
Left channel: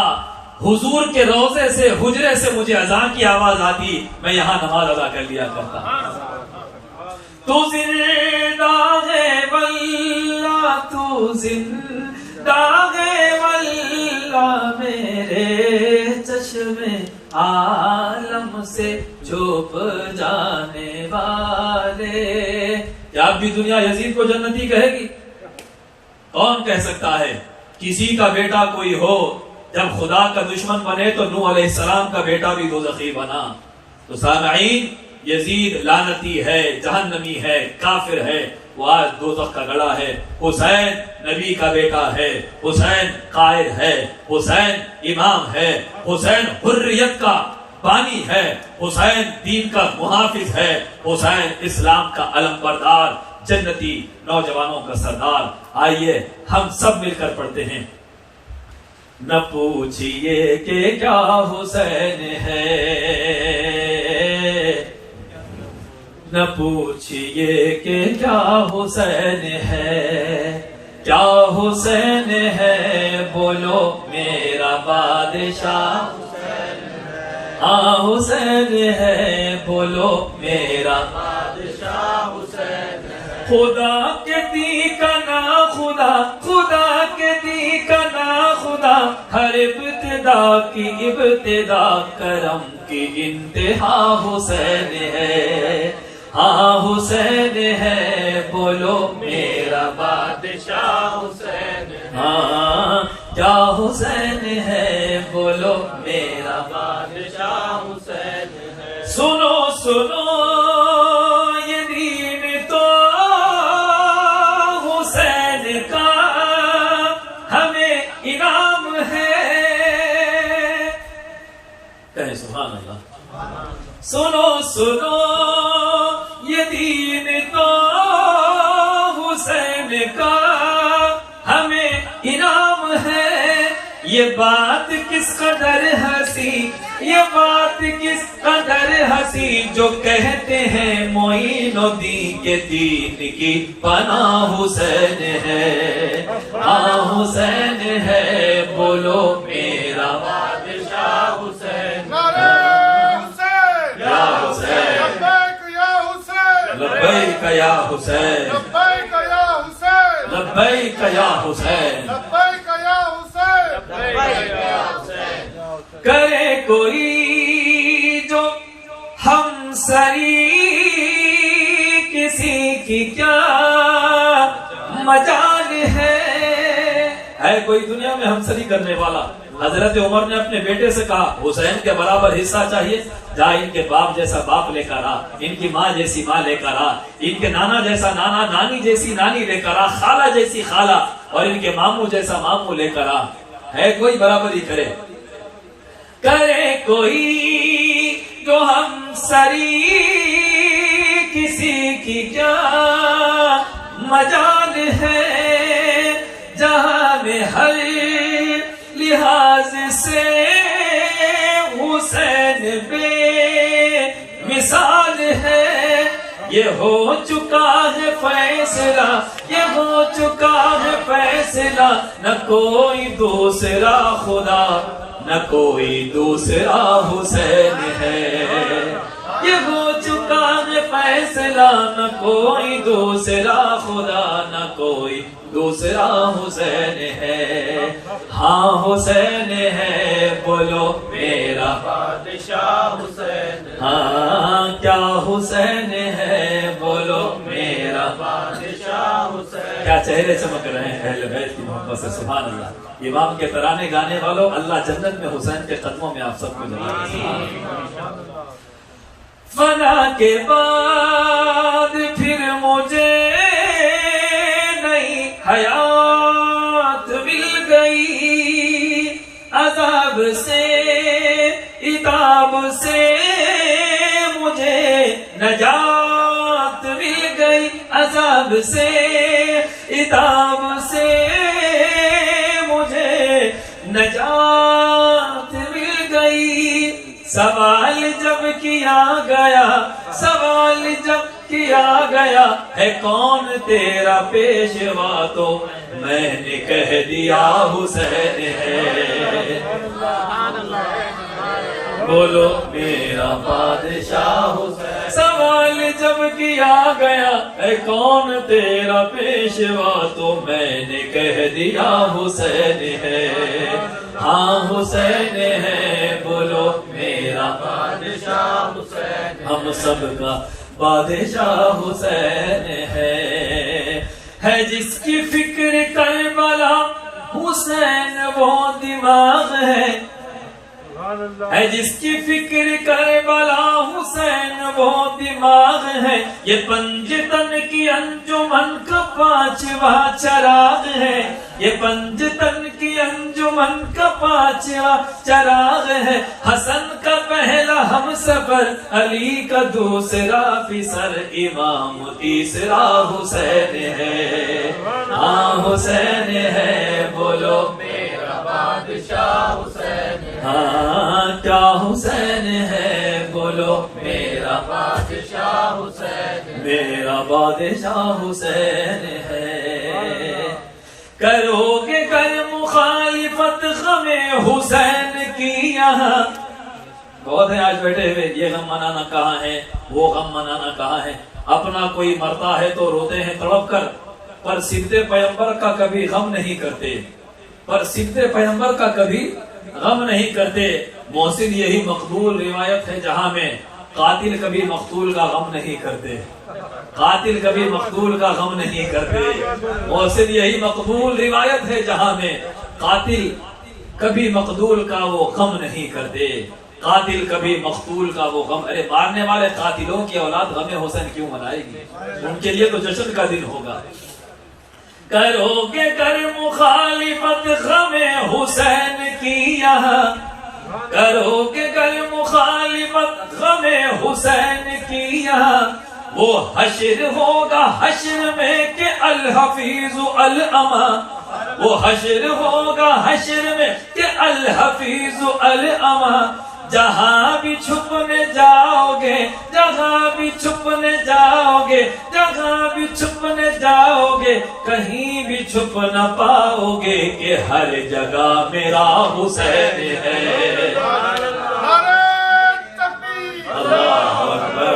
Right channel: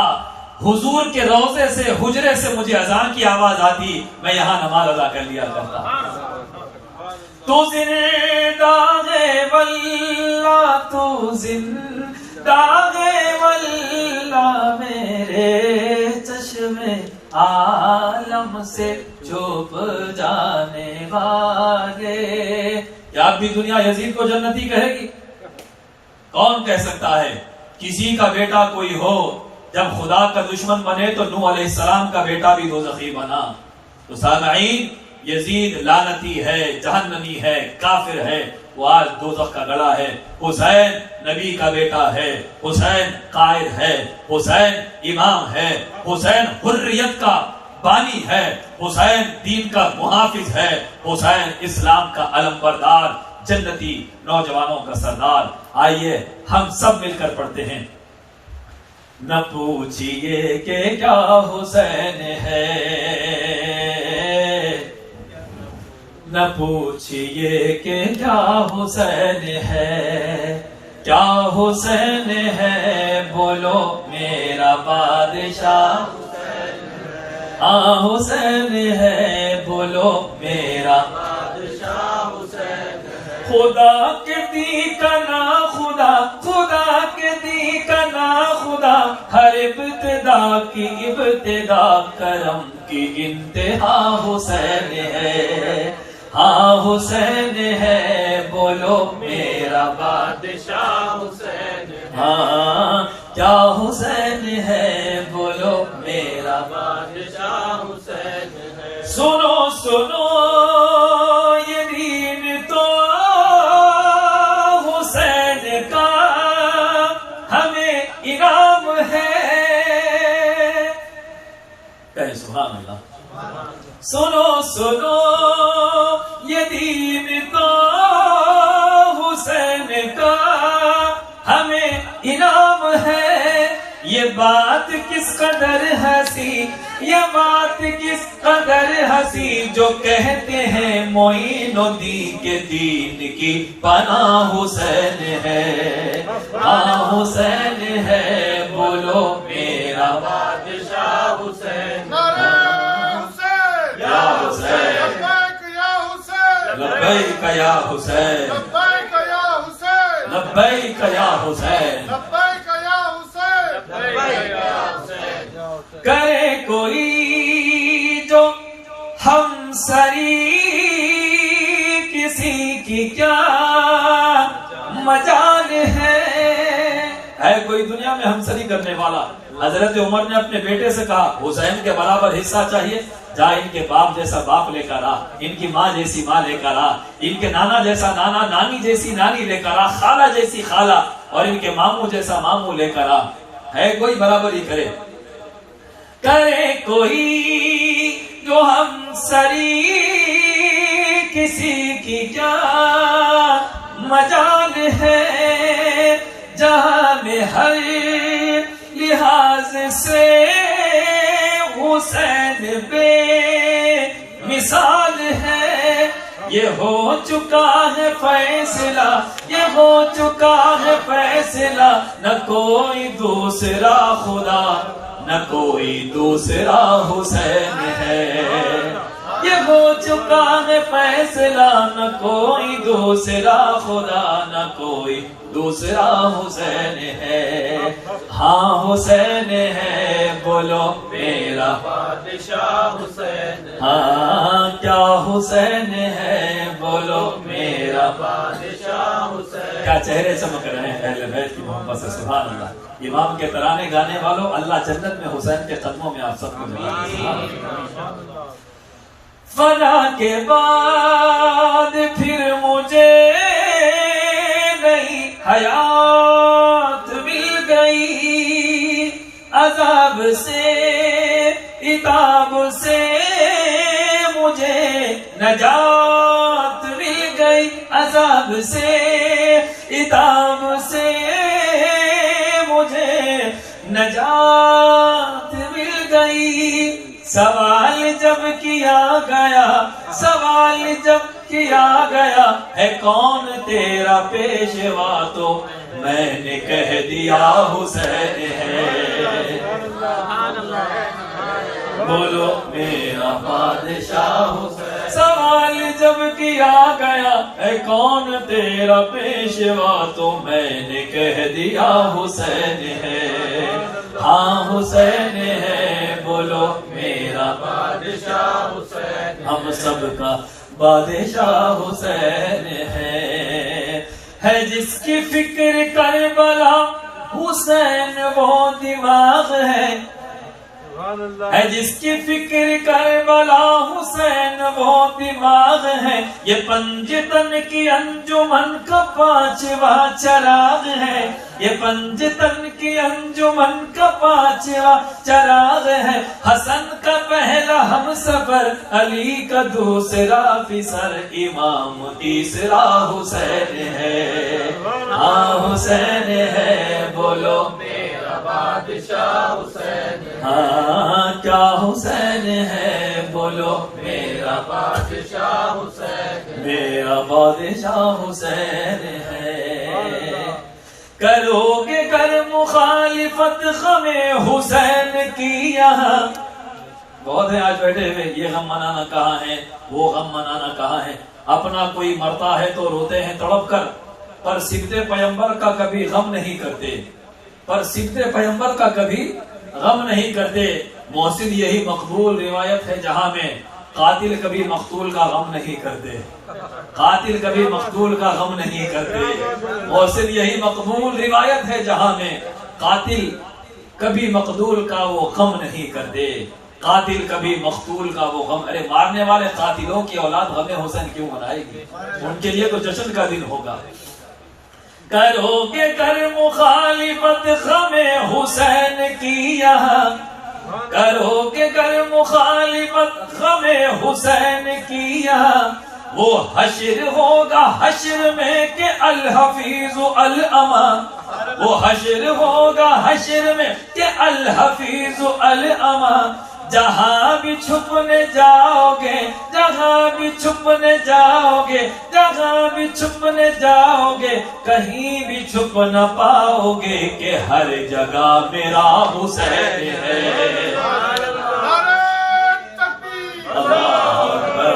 حضور کے روضے سے حجرے سے مجھے اذان کی آواز آتی, میں یہاں نماز ادا کر لیا کرتا. تو زندہ ہے واللہ, تو زندہ ہے واللہ, میرے چشم عالم سے چھپ جانے والے. کیا اب بھی دنیا یزید کو جنتی کہے گی؟ کون کہہ سکتا ہے؟ کسی کا بیٹا کوئی ہو جب خدا کا دشمن بنے تو نوح علیہ السلام کا بیٹا بھی دوزخی بنا. تو سامعین یزید لعنتی ہے, جہنمی ہے, کافر ہے, وہ آج دوزخ کا گڑا ہے. حسین نبی کا بیٹا ہے, حسین قائد ہے, حسین امام ہے, حسین حریت کا بانی ہے, حسین دین کا محافظ ہے, حسین اسلام کا علم بردار, جنتی نوجوانوں کا سردار. آئیے ہم سب مل کر پڑھتے ہیں. نہ پوچھئے کہ کیا حسین ہے, نہ پوچھئے کہ کیا حسین ہے, کیا حسین ہے بولو میرا بادشاہ, ہاں حسین ہے بولو میرا بادشاہ حسین ہے. خدا کے دی کا نا خدا, خدا کے دی کا نا خدا, ہر ابتدا کی ابتدا کرم کی انتہا حسین ہے. ہاں حسین ہے بولو میرا بادشاہ حسین ہے. ہاں کیا حسین ہے بولو میرا بادشاہ حسین ہے. سنو سنو یہ دین تو حسین کا ہمیں انعام ہے. کہیں سبحان اللہ. سنو سنو یہ دین تو حسین کا ہمیں انعام ہے. یہ بات کس قدر ہنسی, یہ بات کس قدر ہنسی, جو کہتے ہیں معین الدین کے دین کی پناہ حسین ہے. ہاں حسین ہے بولو میرا بادشاہ حسین. لبیک یا حسین, لبیک یا حسین, لبیک یا حسین, لبیک یا حسین, لبیک یا حسین. کرے کوئی جو ہم سری کسی کی کیا مجال ہے کوئی دنیا میں ہم سری کرنے والا. حضرت عمر نے اپنے بیٹے سے کہا حسین کے برابر حصہ چاہیے, جا ان کے باپ جیسا باپ لے کر آ, ان کی ماں جیسی ماں لے کر آ, ان کے نانا جیسا نانا, نانی جیسی نانی لے کر آ, خالہ جیسی خالہ, اور ان کے ماموں جیسا ماموں لے کر آ. ہے کوئی برابری کرے؟ کرے کوئی جو ہم سری کسی کی کیا مجال ہے، جہاں میں ہر لحاظ سے حسین بے مثال ہے۔ یہ ہو چکا ہے فیصلہ، یہ ہو چکا ہے فیصلہ، نہ کوئی دوسرا خدا، نہ کوئی دوسرا حسین ہے۔ یہ ہو چکا ہے فیصلہ، نہ کوئی دوسرا خدا، نہ کوئی دوسرا حسین ہے۔ ہاں حسین ہے، بولو میرا بادشاہ حسین، ہاں کیا حسین ہے، بولو میرا بادشاہ حسین۔ کیا چہرے چمک رہے ہیں اہل بیت کی محبت سے، سبحان اللہ۔ امام کے ترانے گانے والوں، اللہ جنت میں حسین کے قدموں میں آپ سب کو جگہ۔ فنا کے بعد پھر مجھے نئی حیات مل گئی، عذاب سے عتاب سے مجھے نجات مل گئی، عذاب سے عتاب سے مجھے نجات مل گئی۔ سوال جب کیا گیا، سوال جب کیا گیا، ہے کون تیرا پیشوا، تو میں نے کہہ دیا حسین ہے۔ بولو میرا بادشاہ حسین۔ سوال جب کیا گیا، ہے کون تیرا پیشوا، تو میں نے کہہ دیا حسین ہے۔ ہاں حسین ہے، بولو میرا بادشاہ حسین، ہم سب کا بادشاہ حسین ہے جس کی فکر کربلا حسین وہ دماغ ہے جس کی فکر کربلا حسین وہ دماغ ہے، یہ پنجتن کی انجمن کا پانچواں چراغ ہے، یہ پنجتن کی انجمن کا پانچواں چراغ ہے، حسن کا پہلا ہم سفر، علی کا دوسرا فسر، امام تیسرا حسین ہے۔ ہاں حسین ہے، بولو میرا بادشاہ حسین، ہاں کیا حسین ہے، بولو میرا بادشاہ حسین، میرا بادشاہ حسین ہے۔ کرو گے گر مخالفت غم حسین کی یہاں، بہت ہیں آج بیٹھے ہوئے، یہ غم منانا کہاں ہے، وہ غم منانا کہاں ہے، اپنا کوئی مرتا ہے تو روتے ہیں تڑپ کر، پر صدق پیغمبر کا کبھی غم نہیں کرتے، پر صدق پیغمبر کا کبھی غم نہیں کرتے۔ محسن یہی مقبول روایت ہے جہاں میں قاتل کبھی مقتول کا غم نہیں کرتے، قاتل کبھی مقتول کا غم نہیں کرتے۔ محسن یہی مقبول روایت ہے جہاں میں قاتل کبھی مقتول کا وہ غم نہیں کرتے، قاتل کبھی مقتول کا وہ غم۔ ارے مارنے والے قاتلوں کی اولاد غم حسین کیوں منائے گی؟ ان کے لیے تو جشن کا دن ہوگا۔ کرو گے کر مخالفت غم حسین کی یہاں، کرو گے کر مخالفت غم حسین کی یہاں، وہ حشر ہوگا حشر میں کہ الحفیظ الاما، وہ حشر ہوگا حشر میں کہ الحفیظ الاما، جہاں بھی چھپنے جاؤ گے، جہاں بھی چھپنے جاؤ گے، جہاں بھی چھپنے جاؤ گے، کہیں بھی چھپ نہ پاؤ گے کہ ہر جگہ میرا حسین ہے۔ اللہ اکبر،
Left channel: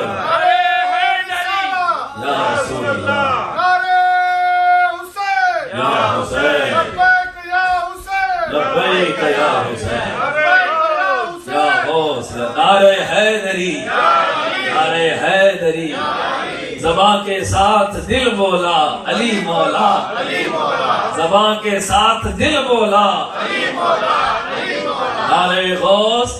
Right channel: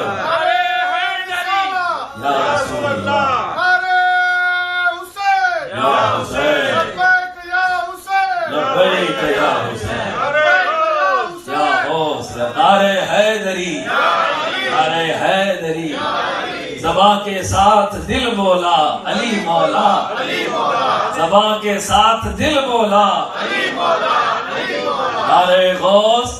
یا رسول اللہ، یا حسین، لبیک یا حسین، نعرے حیدری، نعرے حیدری، زباں کے ساتھ دل بولا علی مولا، زباں کے ساتھ دل بولا نعرے غوث۔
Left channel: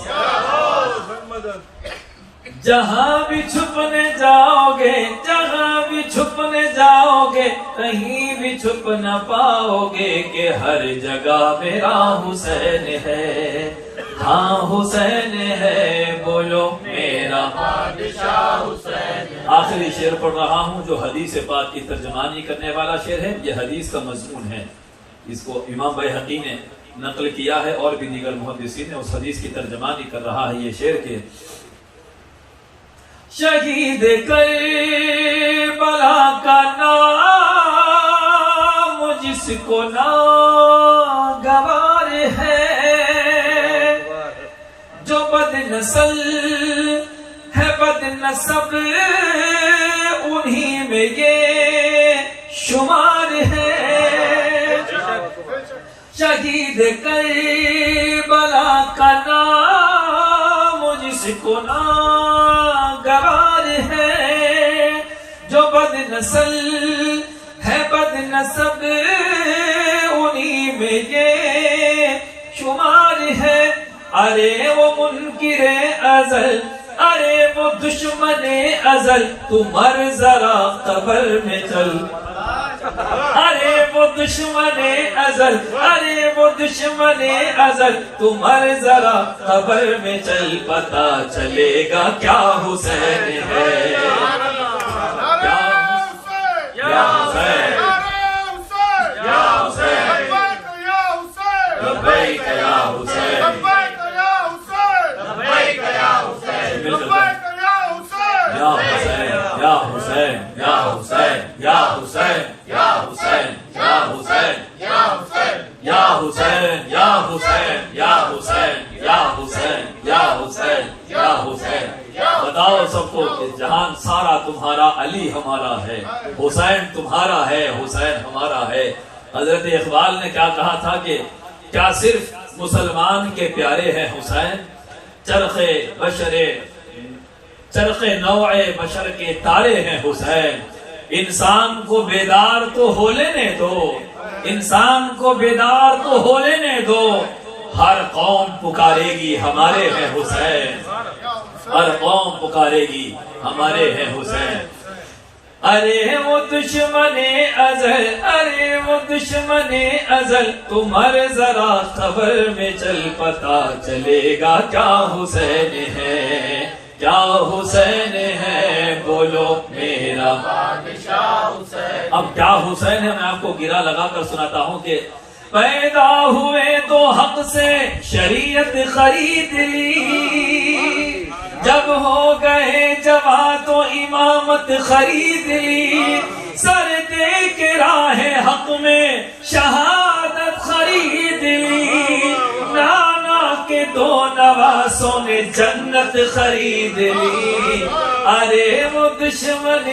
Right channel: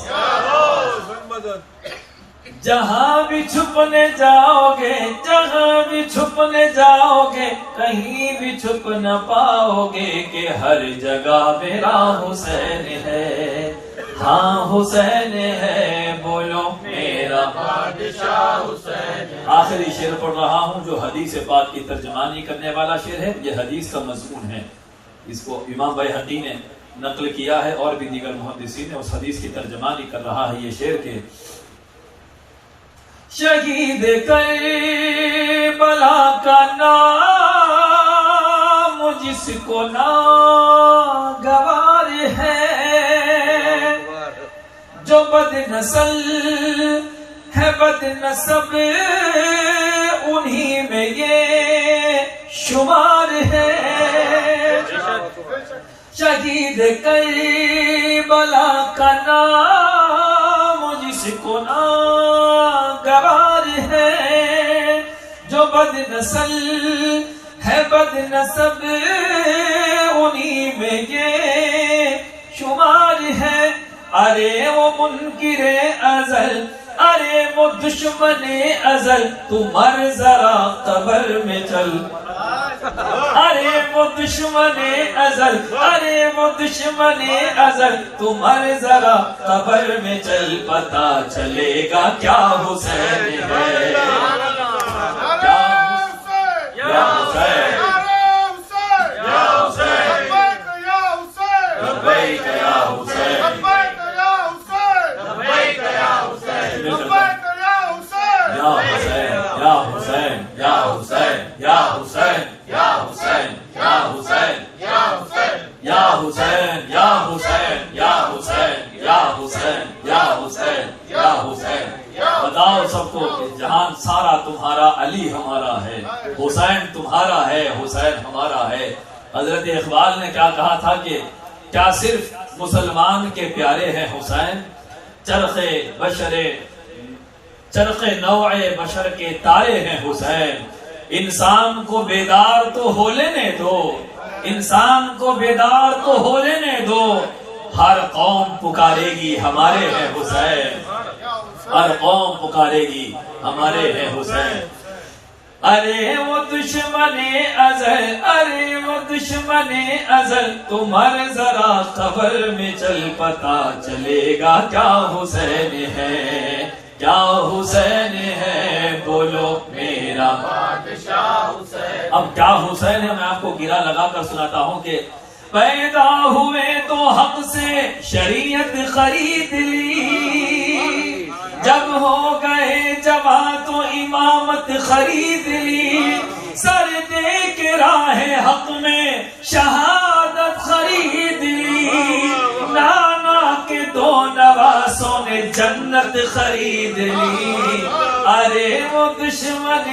جہاں بھی چھپنے جاؤ گے، جہاں بھی چھپنے جاؤ گے، کہیں بھی چھپ نہ پاؤ گے کہ ہر جگہ میرا حسین ہے۔ ہاں حسین ہے، بولو میرا بادشاہ حسین آخری شعر پڑھ رہا ہوں جو حدیث پاک کی ترجمانی کرنے والا شعر ہے. یہ حدیث کا مضمون ہے. اس کو امام بیہقی نے نقل کیا ہے اور بھی دیگر محدثین نے. اس حدیث کی ترجمانی کر رہا ہے یہ شعر کے شہید کربلا کا نام جس کو ناگوار ہے جو بد نسل ہے بد نسب انہی میں یہ شمار ہے. شہید کربلا کا نام جس کو ناگوار ہے جو بد نسل ہے بد نسب انہی میں یہ شمار ہے. ارے وہ منکر ازل ارے وہ دشمن ازل تو مر ذرا قبر میں چل. ارے وہ دشمن ازل ارے وہ دشمن ازل تو مر ذرا قبر میں چل. پتا چلے گا کیا حسین ہے یا حسین یا حسین لبیک یا حسین یا حسین یا حسین یا حسین یا حسین یا حسین یا حسین یا حسین یا حسین یا حسین یا حسین یا حسین یا حسین. بتاؤ سب کو کہ جہان سارا تمہارا علی ہمارا ہے حسین تمہارا ہے حسین ہمارا ہے. حضرت اقبال نے کیا کہا تھا کہ کیا صرف مسلمان کے پیارے ہیں حسین چرخ نوع بشر کے تارے ہیں حسین. انسان کو بیدار تو ہو لینے دو انسان کو بیدار تو ہو لینے دو. ہر قوم پکارے گی ہمارے ہیں حسین ہر قوم پکارے گی ہمارے ہیں حسین. ارے وہ دشمن ازل ارے وہ دشمن ازل تمہر ذرا خبر میں چل. پتا چلے گا کیا حسین ہے کیا حسین ہے بولو میرا بادشاہ حسین. اب کیا حسین ہے میں آپ کو گرا لگا کر سناتا ہوں کہ پیدا ہوئے تو حق سے شریعت خرید لی جب ہو گئے جوان تو امامت خرید لی. سر دے کے راہ حق میں شہادت خرید لی. نانا کے دو نواسوں نے جنت خرید لی. ارے وہ دشمن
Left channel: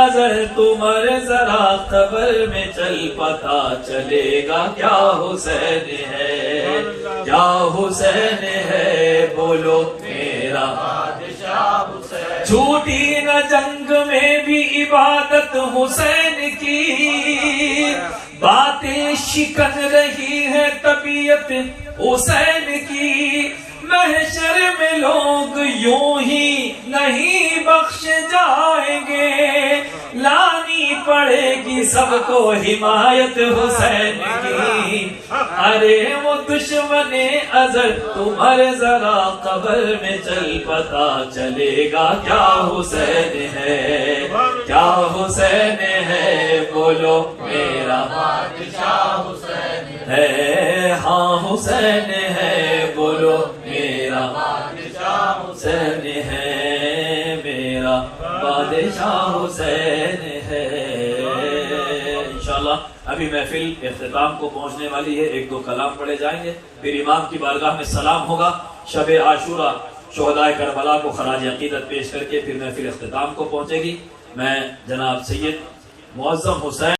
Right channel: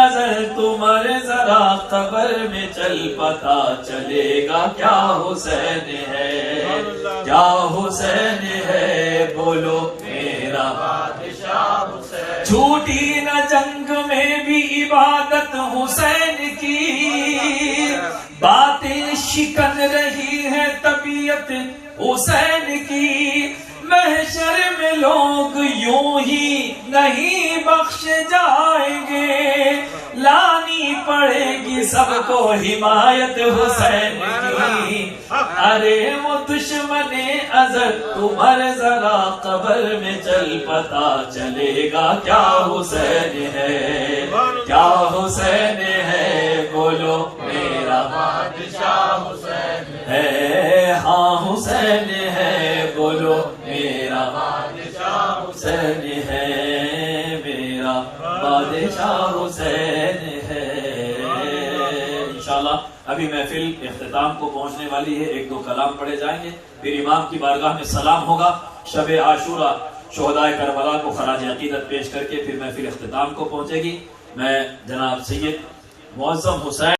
ازل تمہر ذرا قبر میں چل. پتا چلے گا کیا حسین ہے کیا حسین ہے بولو میرا بادشاہ حسین. چھوٹی نہ جنگ میں بھی عبادت حسین کی باطل شکن رہی ہے طبیعت حسین کی. محشر میں لوگ یوں ہی نہیں بخش جائیں گے لانی پڑے گی سب کو حمایت حسین کی. ارے وہ دشمن ازل تمہر ذرا قبر میں چل. پتا چلے گا کیا حسین ہے کیا حسین ہے بولو میرا بادشاہ حسین ہے. ہاں حسین ہے بولو میرا بادشاہ حسین ہے میرا بادشاہ حسین ہے. انشاءاللہ ابھی محفل اختتام کو پہنچنے والی ہے. ایک دو کلام پڑھے جائیں گے پھر امام کی بارگاہ میں سلام ہوگا. شب عاشورہ شہدائے کربلا کو خراج عقیدت پیش کر کے پھر محفل اختتام کو پہنچے گی. میں جناب سید معظم حسین